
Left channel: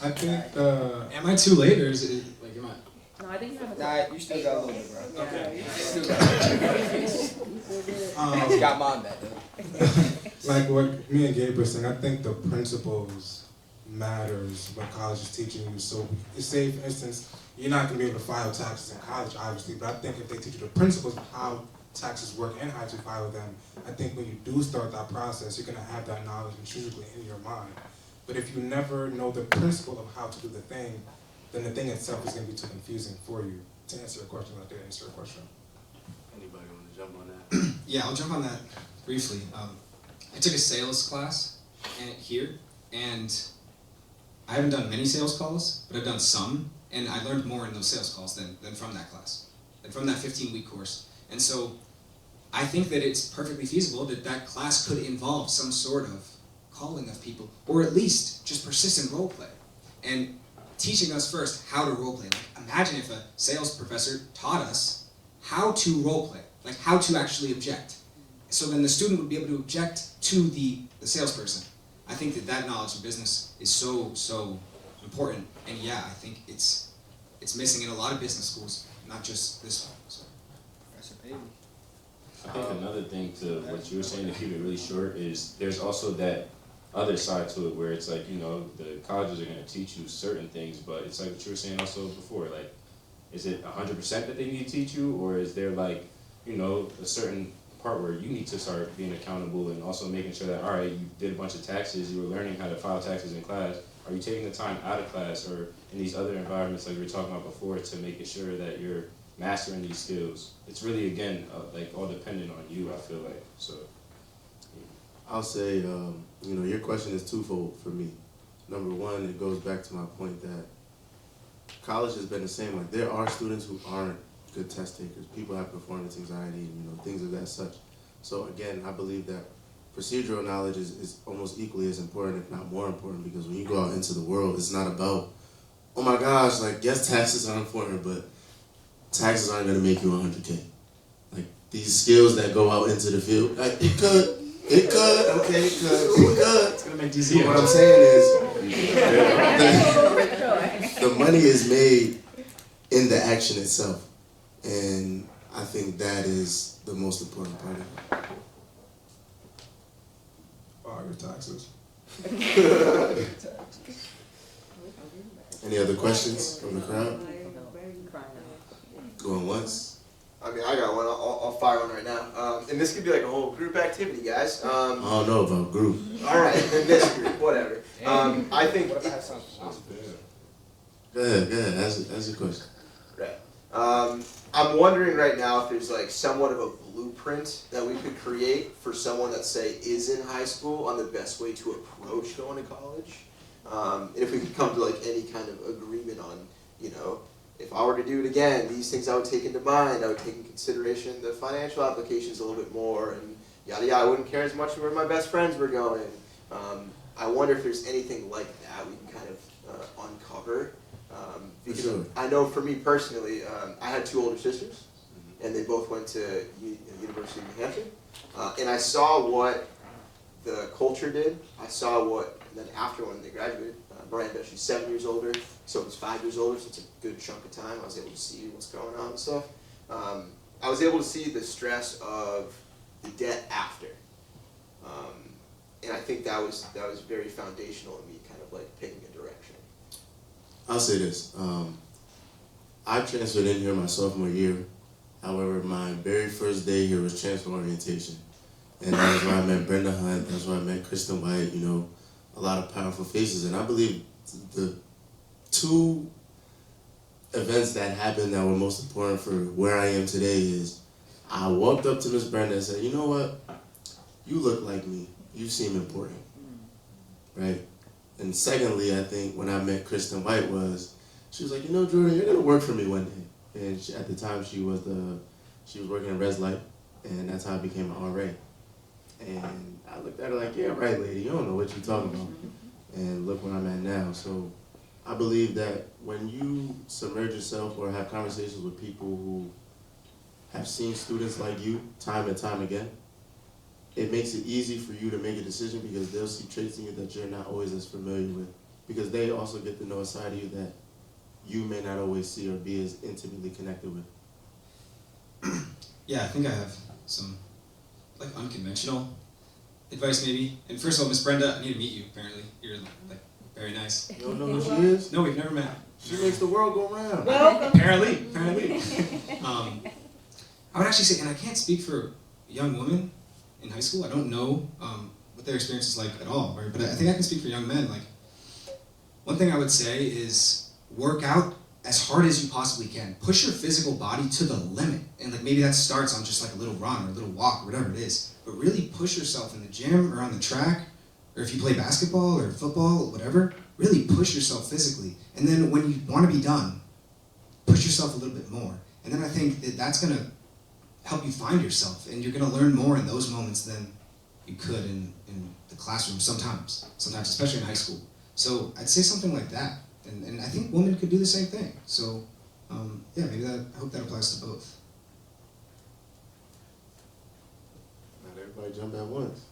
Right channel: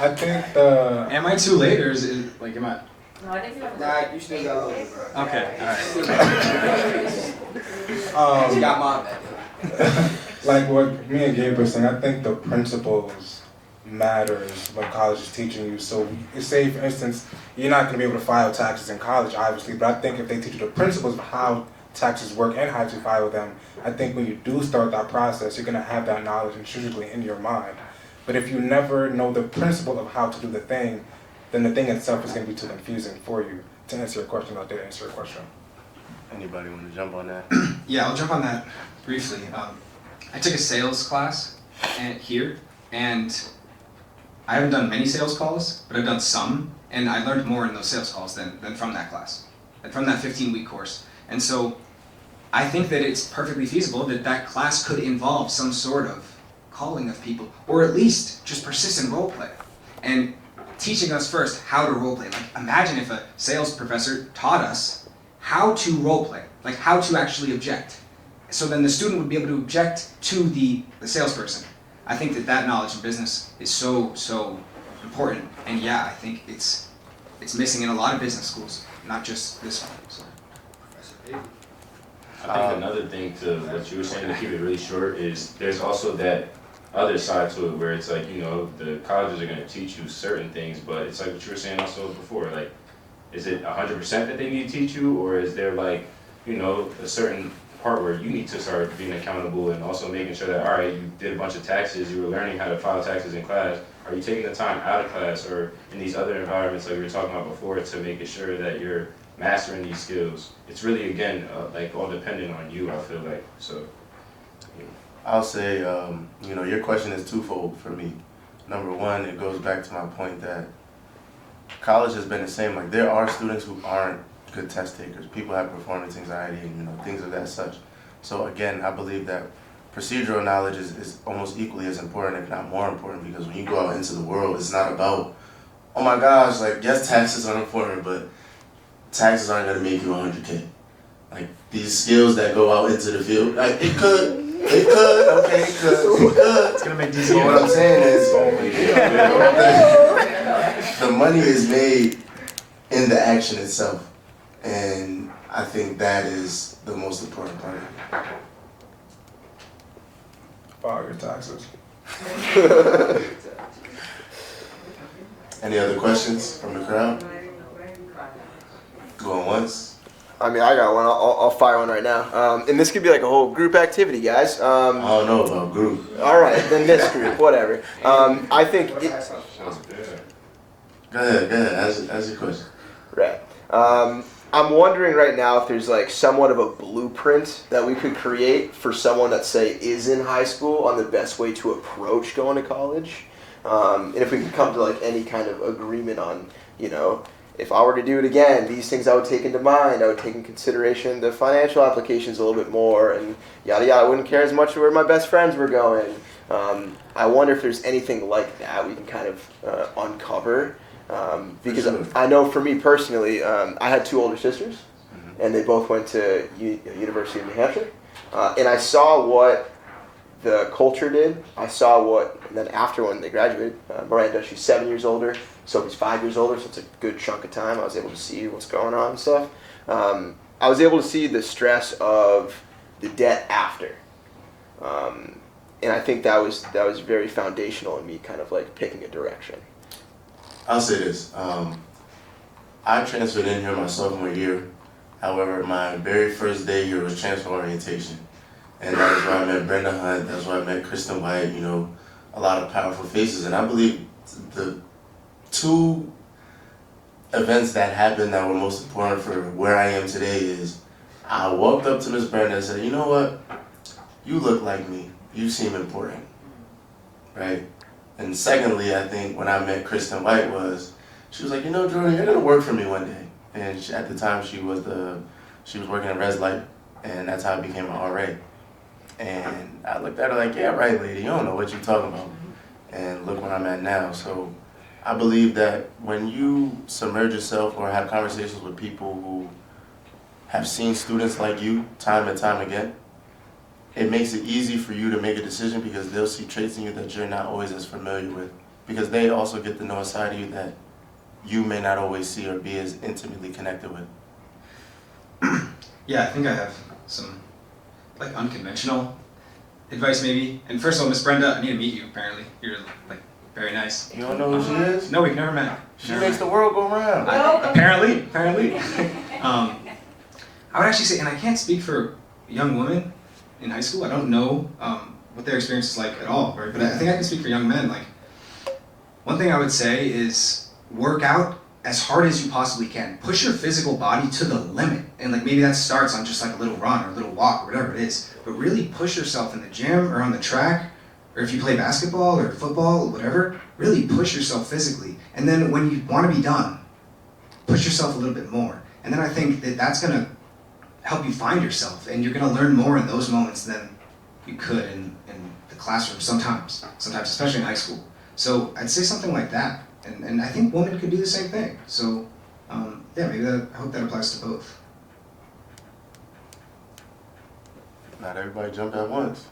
I think the. Am I too late, or is it like, am I? Nah, you still got a little bit, bro. Okay, all right. You got mom. Like what me and Gabe were saying, I think the principles matters what college is teaching you. So say, for instance, you're not going to be able to file taxes in college, obviously, but I think if they teach you the principles of how taxes work and how to file them, I think when you do start that process, you're going to have that knowledge intrinsically in your mind. But if you never know the principle of how to do the thing, then the thing itself is going to be too confusing for you. To answer your question, I did answer your question. Anybody want to jump on that? Yeah, I'll jump on that briefly. I took a sales class here, and I haven't done many sales calls, but I've done some, and I learned more in those sales calls than from that class, and from that 15-week course. And so I think that it's perfectly feasible that class could involve some sort of calling of people, or at least just persistent role play, and teaching us first how to role play. Like, imagine if a sales professor taught us how to role play, like how to actually object. So then the student would be able to object to the salesperson. I think that knowledge in business is so important. And yeah, I think it's missing in a lot of business schools, not just this one. So. I think another thing to what you were saying, to keep it really short, is there's also that other side to it where it's like, you know, the colleges are going to teach you certain things, but it's like what you were saying also before, like, is it 100% that they need to teach you, or is there like, you know, a certain part where you need to start being accountable and also making sure that, all right, you did a bunch of taxes, you were learning how to file taxes in class, are you taking the time out of class or in these other environments like we were talking about before to make sure that you're mastering these skills? It's really, again, like all dependent on you, I feel like, so. I'll say, your question is twofold for me. Number one, it goes back to my point that college has been the same. Like, there are students who aren't good test takers. People have performance anxiety and, things of that such. So again, I believe that procedural knowledge is almost equally as important, if not more important, because when you go out into the world, it's not about, oh my gosh, like, yes, taxes are important, but taxes aren't gonna make you 100K. Like, these skills that go out into the field, like, it could, okay, it could. It's gonna make DC. So what I'm saying is, the money is made in the action itself. And I think that is the most important part of it. File your taxes. Any other questions from the crowd? Going once? I mean, I got one. I'll fire one right now. And this could be like a whole group activity, guys. I don't know about group. All right, then this group, whatever. I think Go ahead, ask your question. right. I'm wondering right now if there's like somewhat of a blueprint that we could create for someone that say is in high school on the best way to approach going to college. And if we could come to like any kind of agreement on, if I were to do it again, these things I would take into mind. I would take into consideration the financial applications a little bit more and yada yada. I wouldn't care as much where my best friends were going. I wonder if there's anything like that we can kind of uncover. Because sure. I know for me personally, I had two older sisters, and they both went to University of New Hampshire. And I saw what the culture did. I saw and then after when they graduated, Miranda, she's 7 years older, Sophie's 5 years older, so it's a good chunk of time. I was able to see what's going on and stuff. I was able to see the stress of the debt after. And I think that was very foundational in me kind of like picking a direction. I'll say this. I transferred in here my sophomore year. However, my very first day here was transfer orientation. And that was where I met Brenda Hunt. That's where I met Kristen White, a lot of powerful faces. And I believe the two events that happened that were most important for where I am today is I walked up to Miss Brenda and said, you know what? You look like me. You seem important, right? And secondly, I think when I met Kristen White she was like, Jordan, you're gonna work for me one day. And at the time she was working at Res Light, and that's how I became an RA. And I looked at her like, yeah, right, lady, you don't know what you're talking about. And look where I'm at now. So I believe that when you submerge yourself or have conversations with people who have seen students like you time and time again, it makes it easy for you to make a decision because they'll see traits in you that you're not always as familiar with. Because they also get to know a side of you that you may not always see or be as intimately connected with. Yeah, I think I have some like unconventional advice maybe. And first of all, Miss Brenda, I need to meet you apparently. You're like very nice. You don't know who she is? No, we've never met. She makes the world go round. Apparently. I would actually say, and I can't speak for young women in high school. I don't know what their experience is like at all, right? But I think I can speak for young men. Like, one thing I would say is work out as hard as you possibly can. Push your physical body to the limit. And like maybe that starts on just like a little run or a little walk or whatever it is. But really push yourself in the gym or on the track, or if you play basketball or football or whatever, really push yourself physically. And then when you want to be done, push yourself a little bit more. And then I think that that's going to help you find yourself, and you're going to learn more in those moments than you could in the classroom sometimes, especially in high school. So I'd say something like that, and I think women could do the same thing. So yeah, maybe I hope that applies to both. Not everybody jump at once.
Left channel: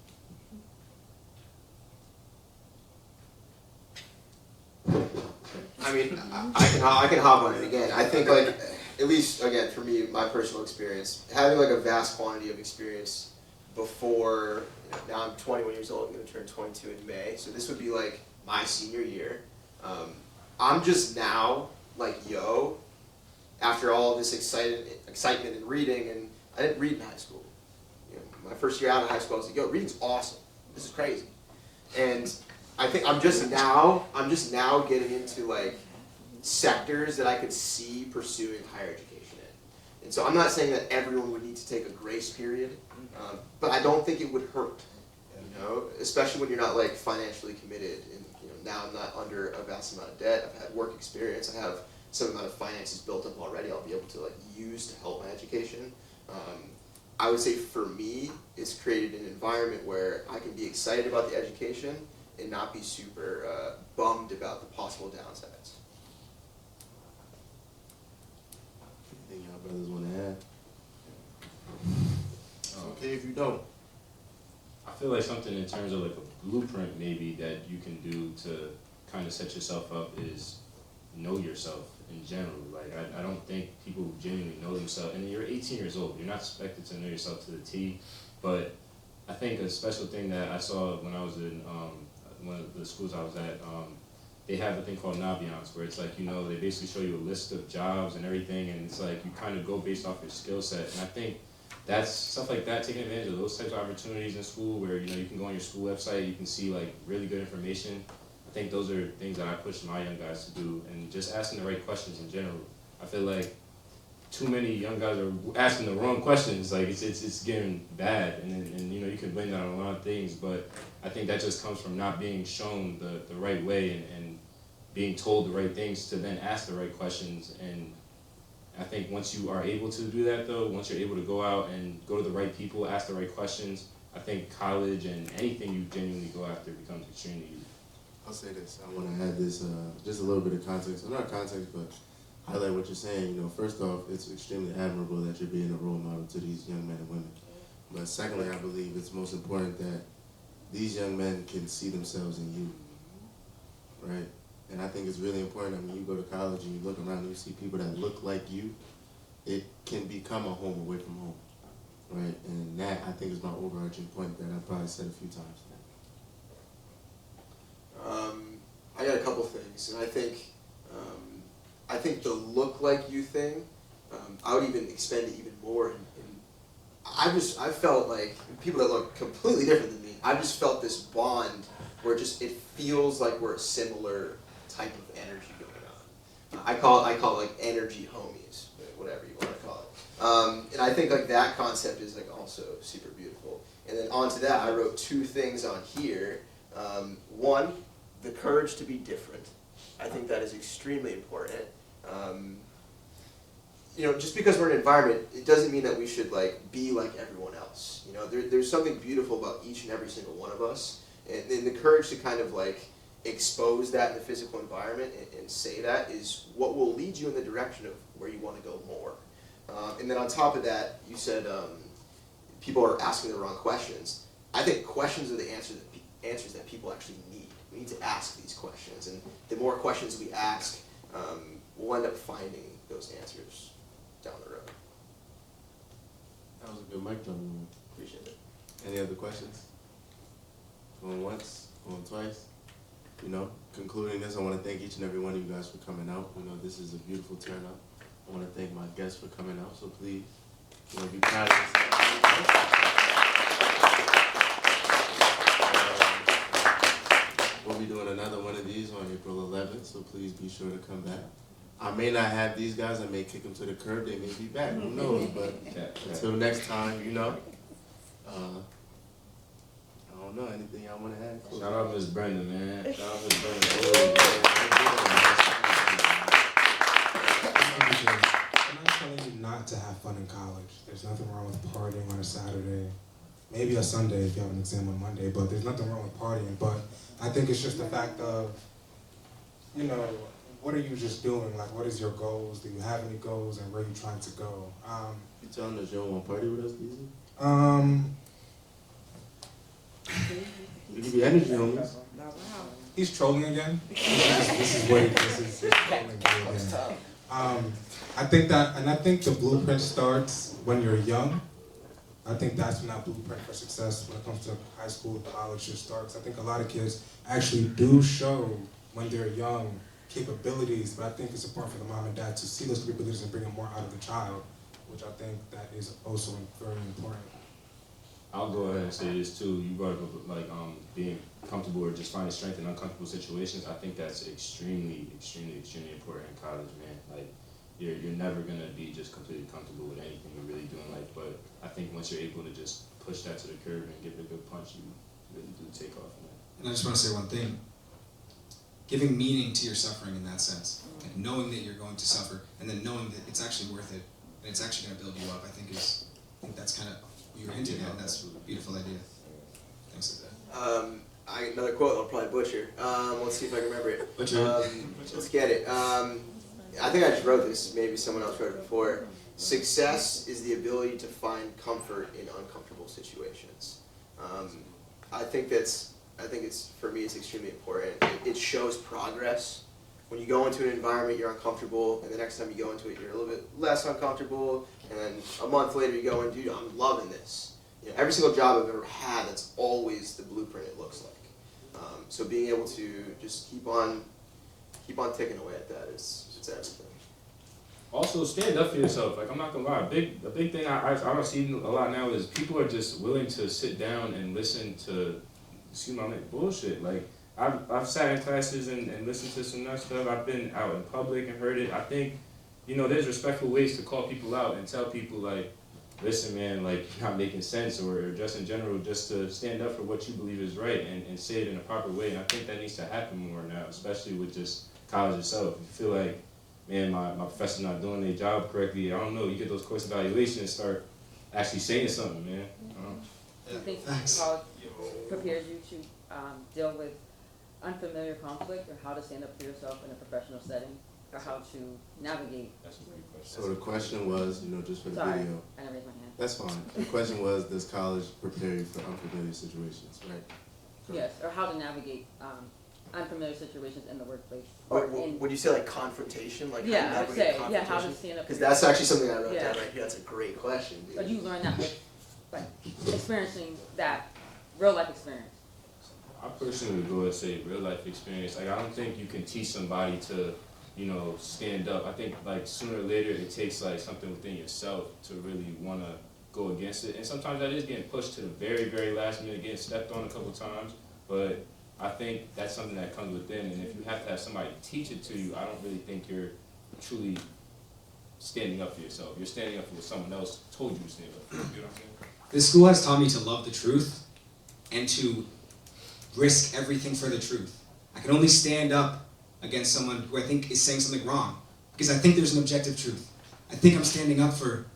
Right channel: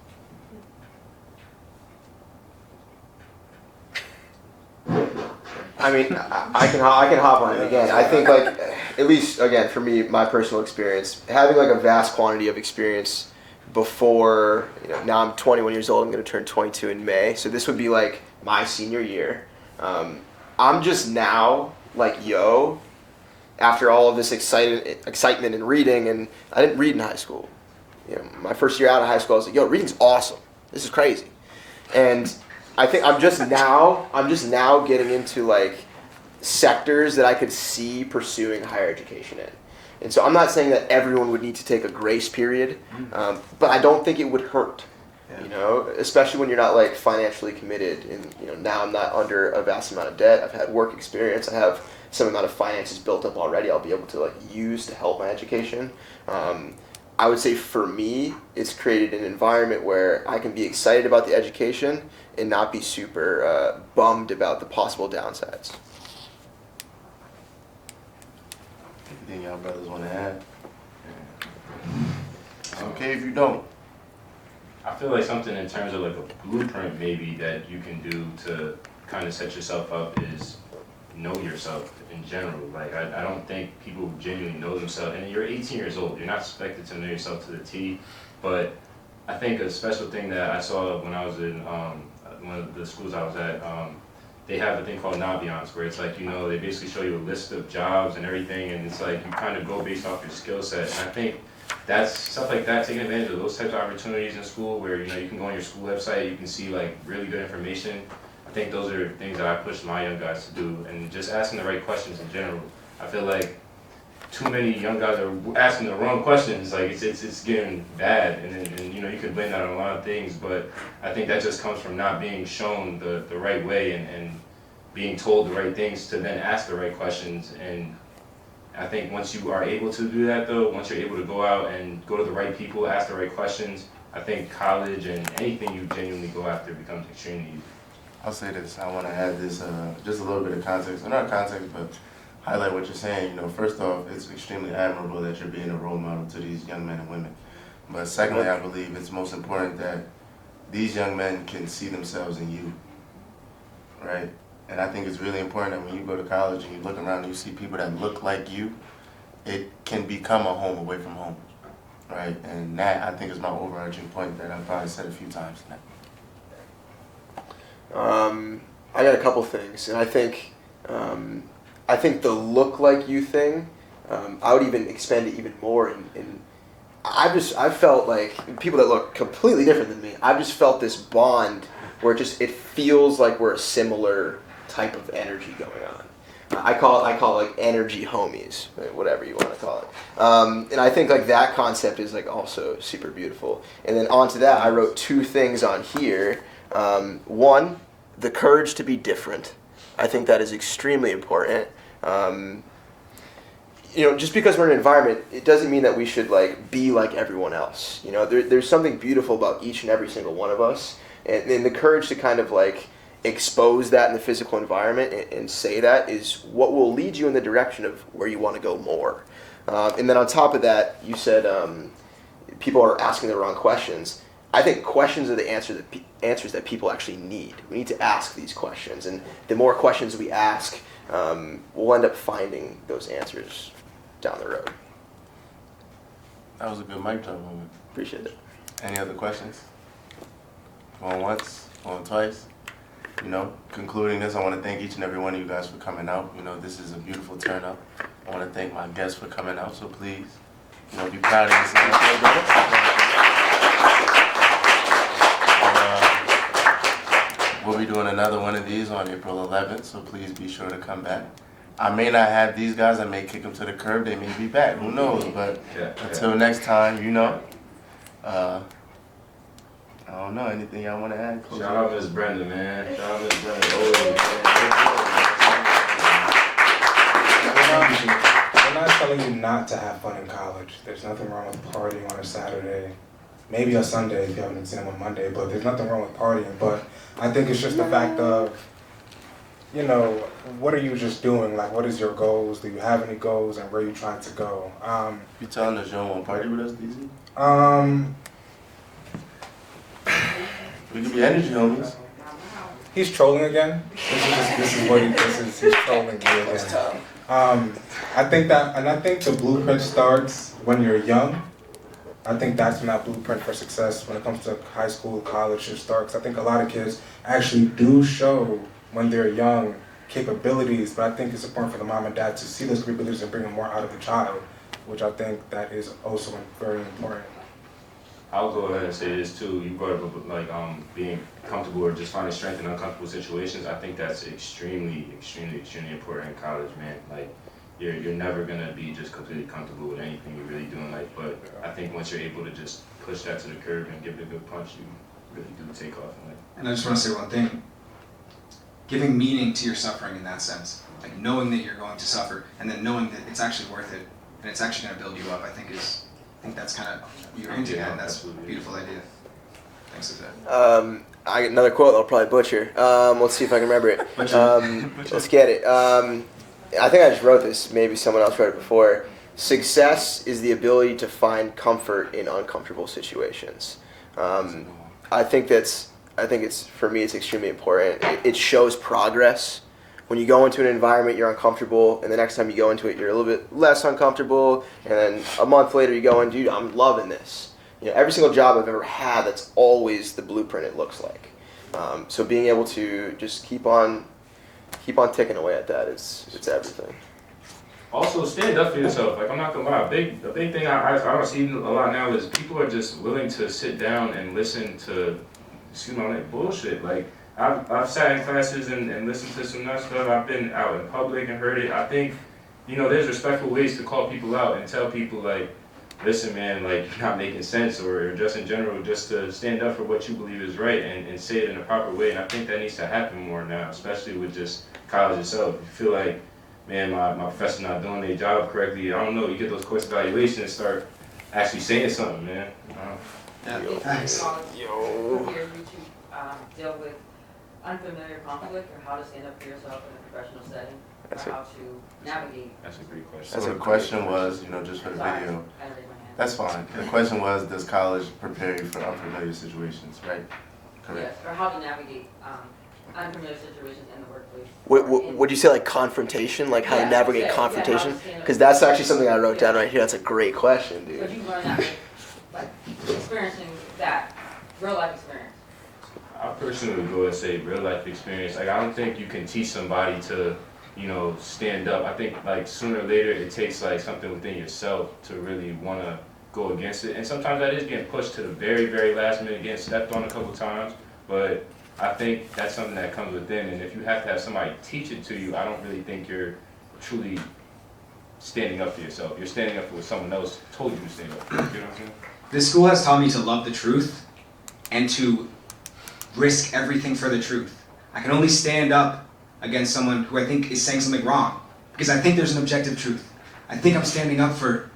I mean, I can hop on it again. I think like, at least again for me, my personal experience, having like a vast quantity of experience before, now I'm 21 years old, I'm gonna turn 22 in May, so this would be like my senior year. I'm just now like, after all of this excitement and reading, and I didn't read in high school. My first year out of high school, I was like, reading's awesome. This is crazy. And I think I'm just now getting into like sectors that I could see pursuing higher education in. And so I'm not saying that everyone would need to take a grace period, but I don't think it would hurt. Yeah. You know, especially when you're not like financially committed, and you know now I'm not under a vast amount of debt. I've had work experience. I have some amount of finances built up already. I'll be able to like use to help my education. I would say for me, it's created an environment where I can be excited about the education and not be super bummed about the possible downsides. Anything y'all brothers want to add? It's okay if you don't. I feel like something in terms of like a blueprint maybe that you can do to kind of set yourself up is know yourself in general. Like I don't think people genuinely know themselves, and you're 18 years old, you're not expected to know yourself to the T, but I think a special thing that I saw when I was in one of the schools I was at, they have a thing called Naviance, where it's like, you know, they basically show you a list of jobs and everything, and it's like you kind of go based off your skill set. And I think that's stuff like that, taking advantage of those types of opportunities in school, where you know you can go on your school website, you can see like really good information. I think those are things that I push my young guys to do, and just asking the right questions in general. I feel like too many young guys are asking the wrong questions. Like it's getting bad, and you know you could blame that on a lot of things, but I think that just comes from not being shown the right way and being told the right things to then ask the right questions. And I think once you are able to do that though, once you're able to go out and go to the right people, ask the right questions, I think college and anything you genuinely go after becomes extremely easy. I'll say this. I want to add this, just a little bit of context, or not context, but highlight what you're saying. You know, first off, it's extremely admirable that you're being a role model to these young men and women. But secondly, I believe it's most important that these young men can see themselves in you, right? And I think it's really important that when you go to college and you look around and you see people that look like you, it can become a home away from home, right? And that, I think, is my overarching point that I've probably said a few times tonight. I got a couple things, and I think the look like you thing, I would even expand it even more. And I've felt like people that look completely different than me, I've just felt this bond where it feels like we're a similar type of energy going on. I call it like energy homies, whatever you want to call it. And I think like that concept is like also super beautiful. And then onto that, I wrote two things on here. One, the courage to be different. I think that is extremely important. You know, just because we're in an environment, it doesn't mean that we should like be like everyone else. You know, there's something beautiful about each and every single one of us, and the courage to kind of like expose that in the physical environment and say that is what will lead you in the direction of where you want to go more. And then on top of that, you said people are asking the wrong questions. I think questions are the answers that people actually need. We need to ask these questions, and the more questions we ask, we'll end up finding those answers down the road. That was a good mic drop moment. Appreciate it. Any other questions? Going once, going twice. You know, concluding this, I want to thank each and every one of you guys for coming out. You know, this is a beautiful turn up. I want to thank my guests for coming out, so please, you know, be proud of yourself. We'll be doing another one of these on April 11th, so please be sure to come back. I may not have these guys, I may kick them to the curb, they may be back, who knows, but until next time, you know. I don't know, anything y'all want to add? Shout out Miss Brenda, man. Shout out Miss Brenda. We're not telling you not to have fun in college. There's nothing wrong with partying on a Saturday. Maybe a Sunday if you have an exam on Monday, but there's nothing wrong with partying. But I think it's just the fact of, you know, what are you just doing? Like, what is your goals? Do you have any goals, and where are you trying to go? You telling us you don't want to party with us, DZ? We can be energy homies. He's trolling again. This is he's trolling me again. I think the blueprint starts when you're young. I think that's when that blueprint for success when it comes to high school, college should start. 'Cause I think a lot of kids actually do show when they're young capabilities, but I think it's important for the mom and dad to see those capabilities and bring them more out of the child, which I think that is also very important. I'll go ahead and say this too. You brought up like being comfortable or just finding strength in uncomfortable situations. I think that's extremely important in college, man. Like you're never gonna be just completely comfortable with anything you're really doing. Like, but I think once you're able to just push that to the curb and give it a good punch, you really do take off. And I just want to say one thing. Giving meaning to your suffering in that sense, like knowing that you're going to suffer, and then knowing that it's actually worth it, and it's actually going to build you up. I think that's kind of what you're into, and that's a beautiful idea. Thanks for that. I another quote I'll probably butcher. Let's see if I can remember it. Let's get it. I think I just wrote this. Maybe someone else wrote it before. Success is the ability to find comfort in uncomfortable situations. I think it's for me. It's extremely important. It shows progress. When you go into an environment, you're uncomfortable, and the next time you go into it, you're a little bit less uncomfortable, and then a month later you go in, dude, I'm loving this. You know, every single job I've ever had, that's always the blueprint it looks like. So being able to just keep on ticking away at that, it's everything. Also, stand up for yourself. Like, I'm not gonna lie, a big thing I don't see a lot now is people are just willing to sit down and listen to, like bullshit. Like, I've sat in classes and listened to some nuts stuff. I've been out in public and heard it. I think, there's respectful ways to call people out and tell people, like, listen, man, like, you're not making sense, or just in general, just to stand up for what you believe is right and say it in a proper way. And I think that needs to happen more now, especially with just college itself. If you feel like, man, my professor's not doing their job correctly, I don't know, you get those course evaluations and start actually saying something, man. Yeah, thanks. Prepares you to deal with unfamiliar conflict, or how to stand up for yourself in a professional setting, or how to navigate. That's a great question. So the question was, just for the Sorry, video, I raised my hand. that's fine. The question was, does college prepare you for unfamiliar situations, right? Yes, or how to navigate unfamiliar situations in the workplace. Would you say like confrontation, like how to navigate confrontation? Yeah, Because that's actually something I wrote down right here. That's a great question, So dude. you learn that, like experiencing that real life experience. I personally would go and say real life experience. Like, I don't think you can teach somebody to, stand up. I think like sooner or later it takes like something within yourself to really want to go against it. And sometimes that is getting pushed to the very, very last minute, getting stepped on a couple times. But I think that's something that comes within. And if you have to have somebody teach it to you, I don't really think you're truly standing up for yourself. You're standing up for what someone else told you to stand up for. You know what I'm saying? This school has taught me to love the truth and to risk everything for the truth. I can only stand up against someone who I think is saying something wrong because I think there's an objective truth. I think I'm standing up for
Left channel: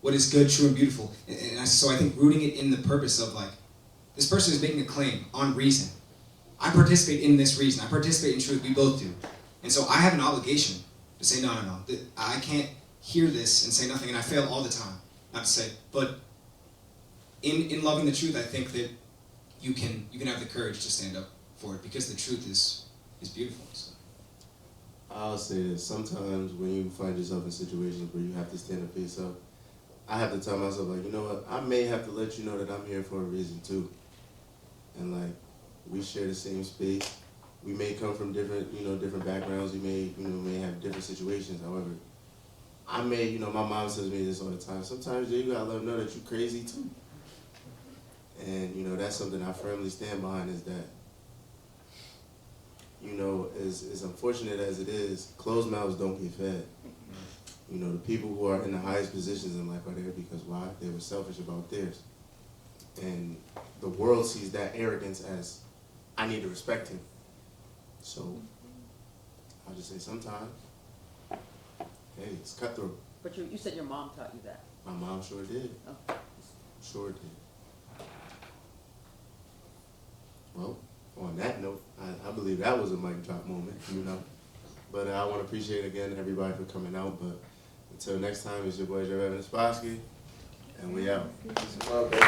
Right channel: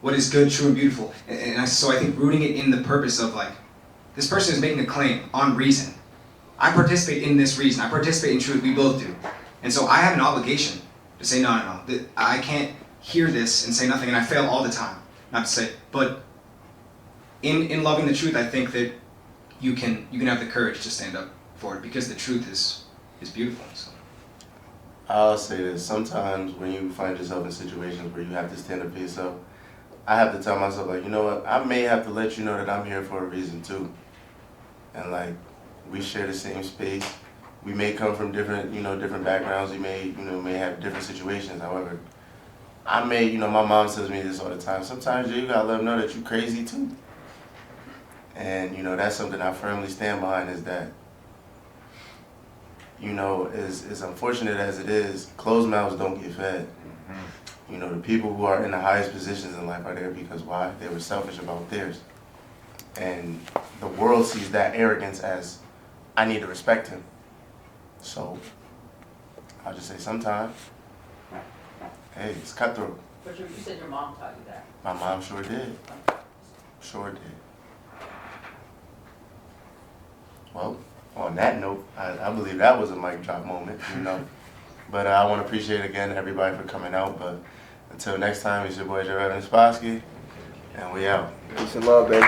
what is good, true, and beautiful. So I think rooting it in the purpose of like, this person is making a claim on reason. I participate in this reason. I participate in truth. We both do. And so I have an obligation to say, no. I can't hear this and say nothing, and I fail all the time. Not to say, but in loving the truth, I think that you can have the courage to stand up for it because the truth is beautiful. So. I'll say this, sometimes when you find yourself in situations where you have to stand up for yourself, I have to tell myself, like, you know what, I may have to let you know that I'm here for a reason too. And like, we share the same space. We may come from different, different backgrounds. We may have different situations. However, my mom tells me this all the time. Sometimes you gotta let them know that you're crazy too. And that's something I firmly stand behind. Is that, as unfortunate as it is, closed mouths don't get fed. The people who are in the highest positions in life are there because why? They were selfish about theirs. And the world sees that arrogance as, I need to respect him. So, I'll just say sometimes, hey, it's cutthroat. But you said your mom taught you that. My mom sure did. Sure did. Well, on that note, I believe that was a mic drop moment, But I want to appreciate again everybody for coming out. But until next time, it's your boy Jared Spassky, and we out. Peace and love, baby.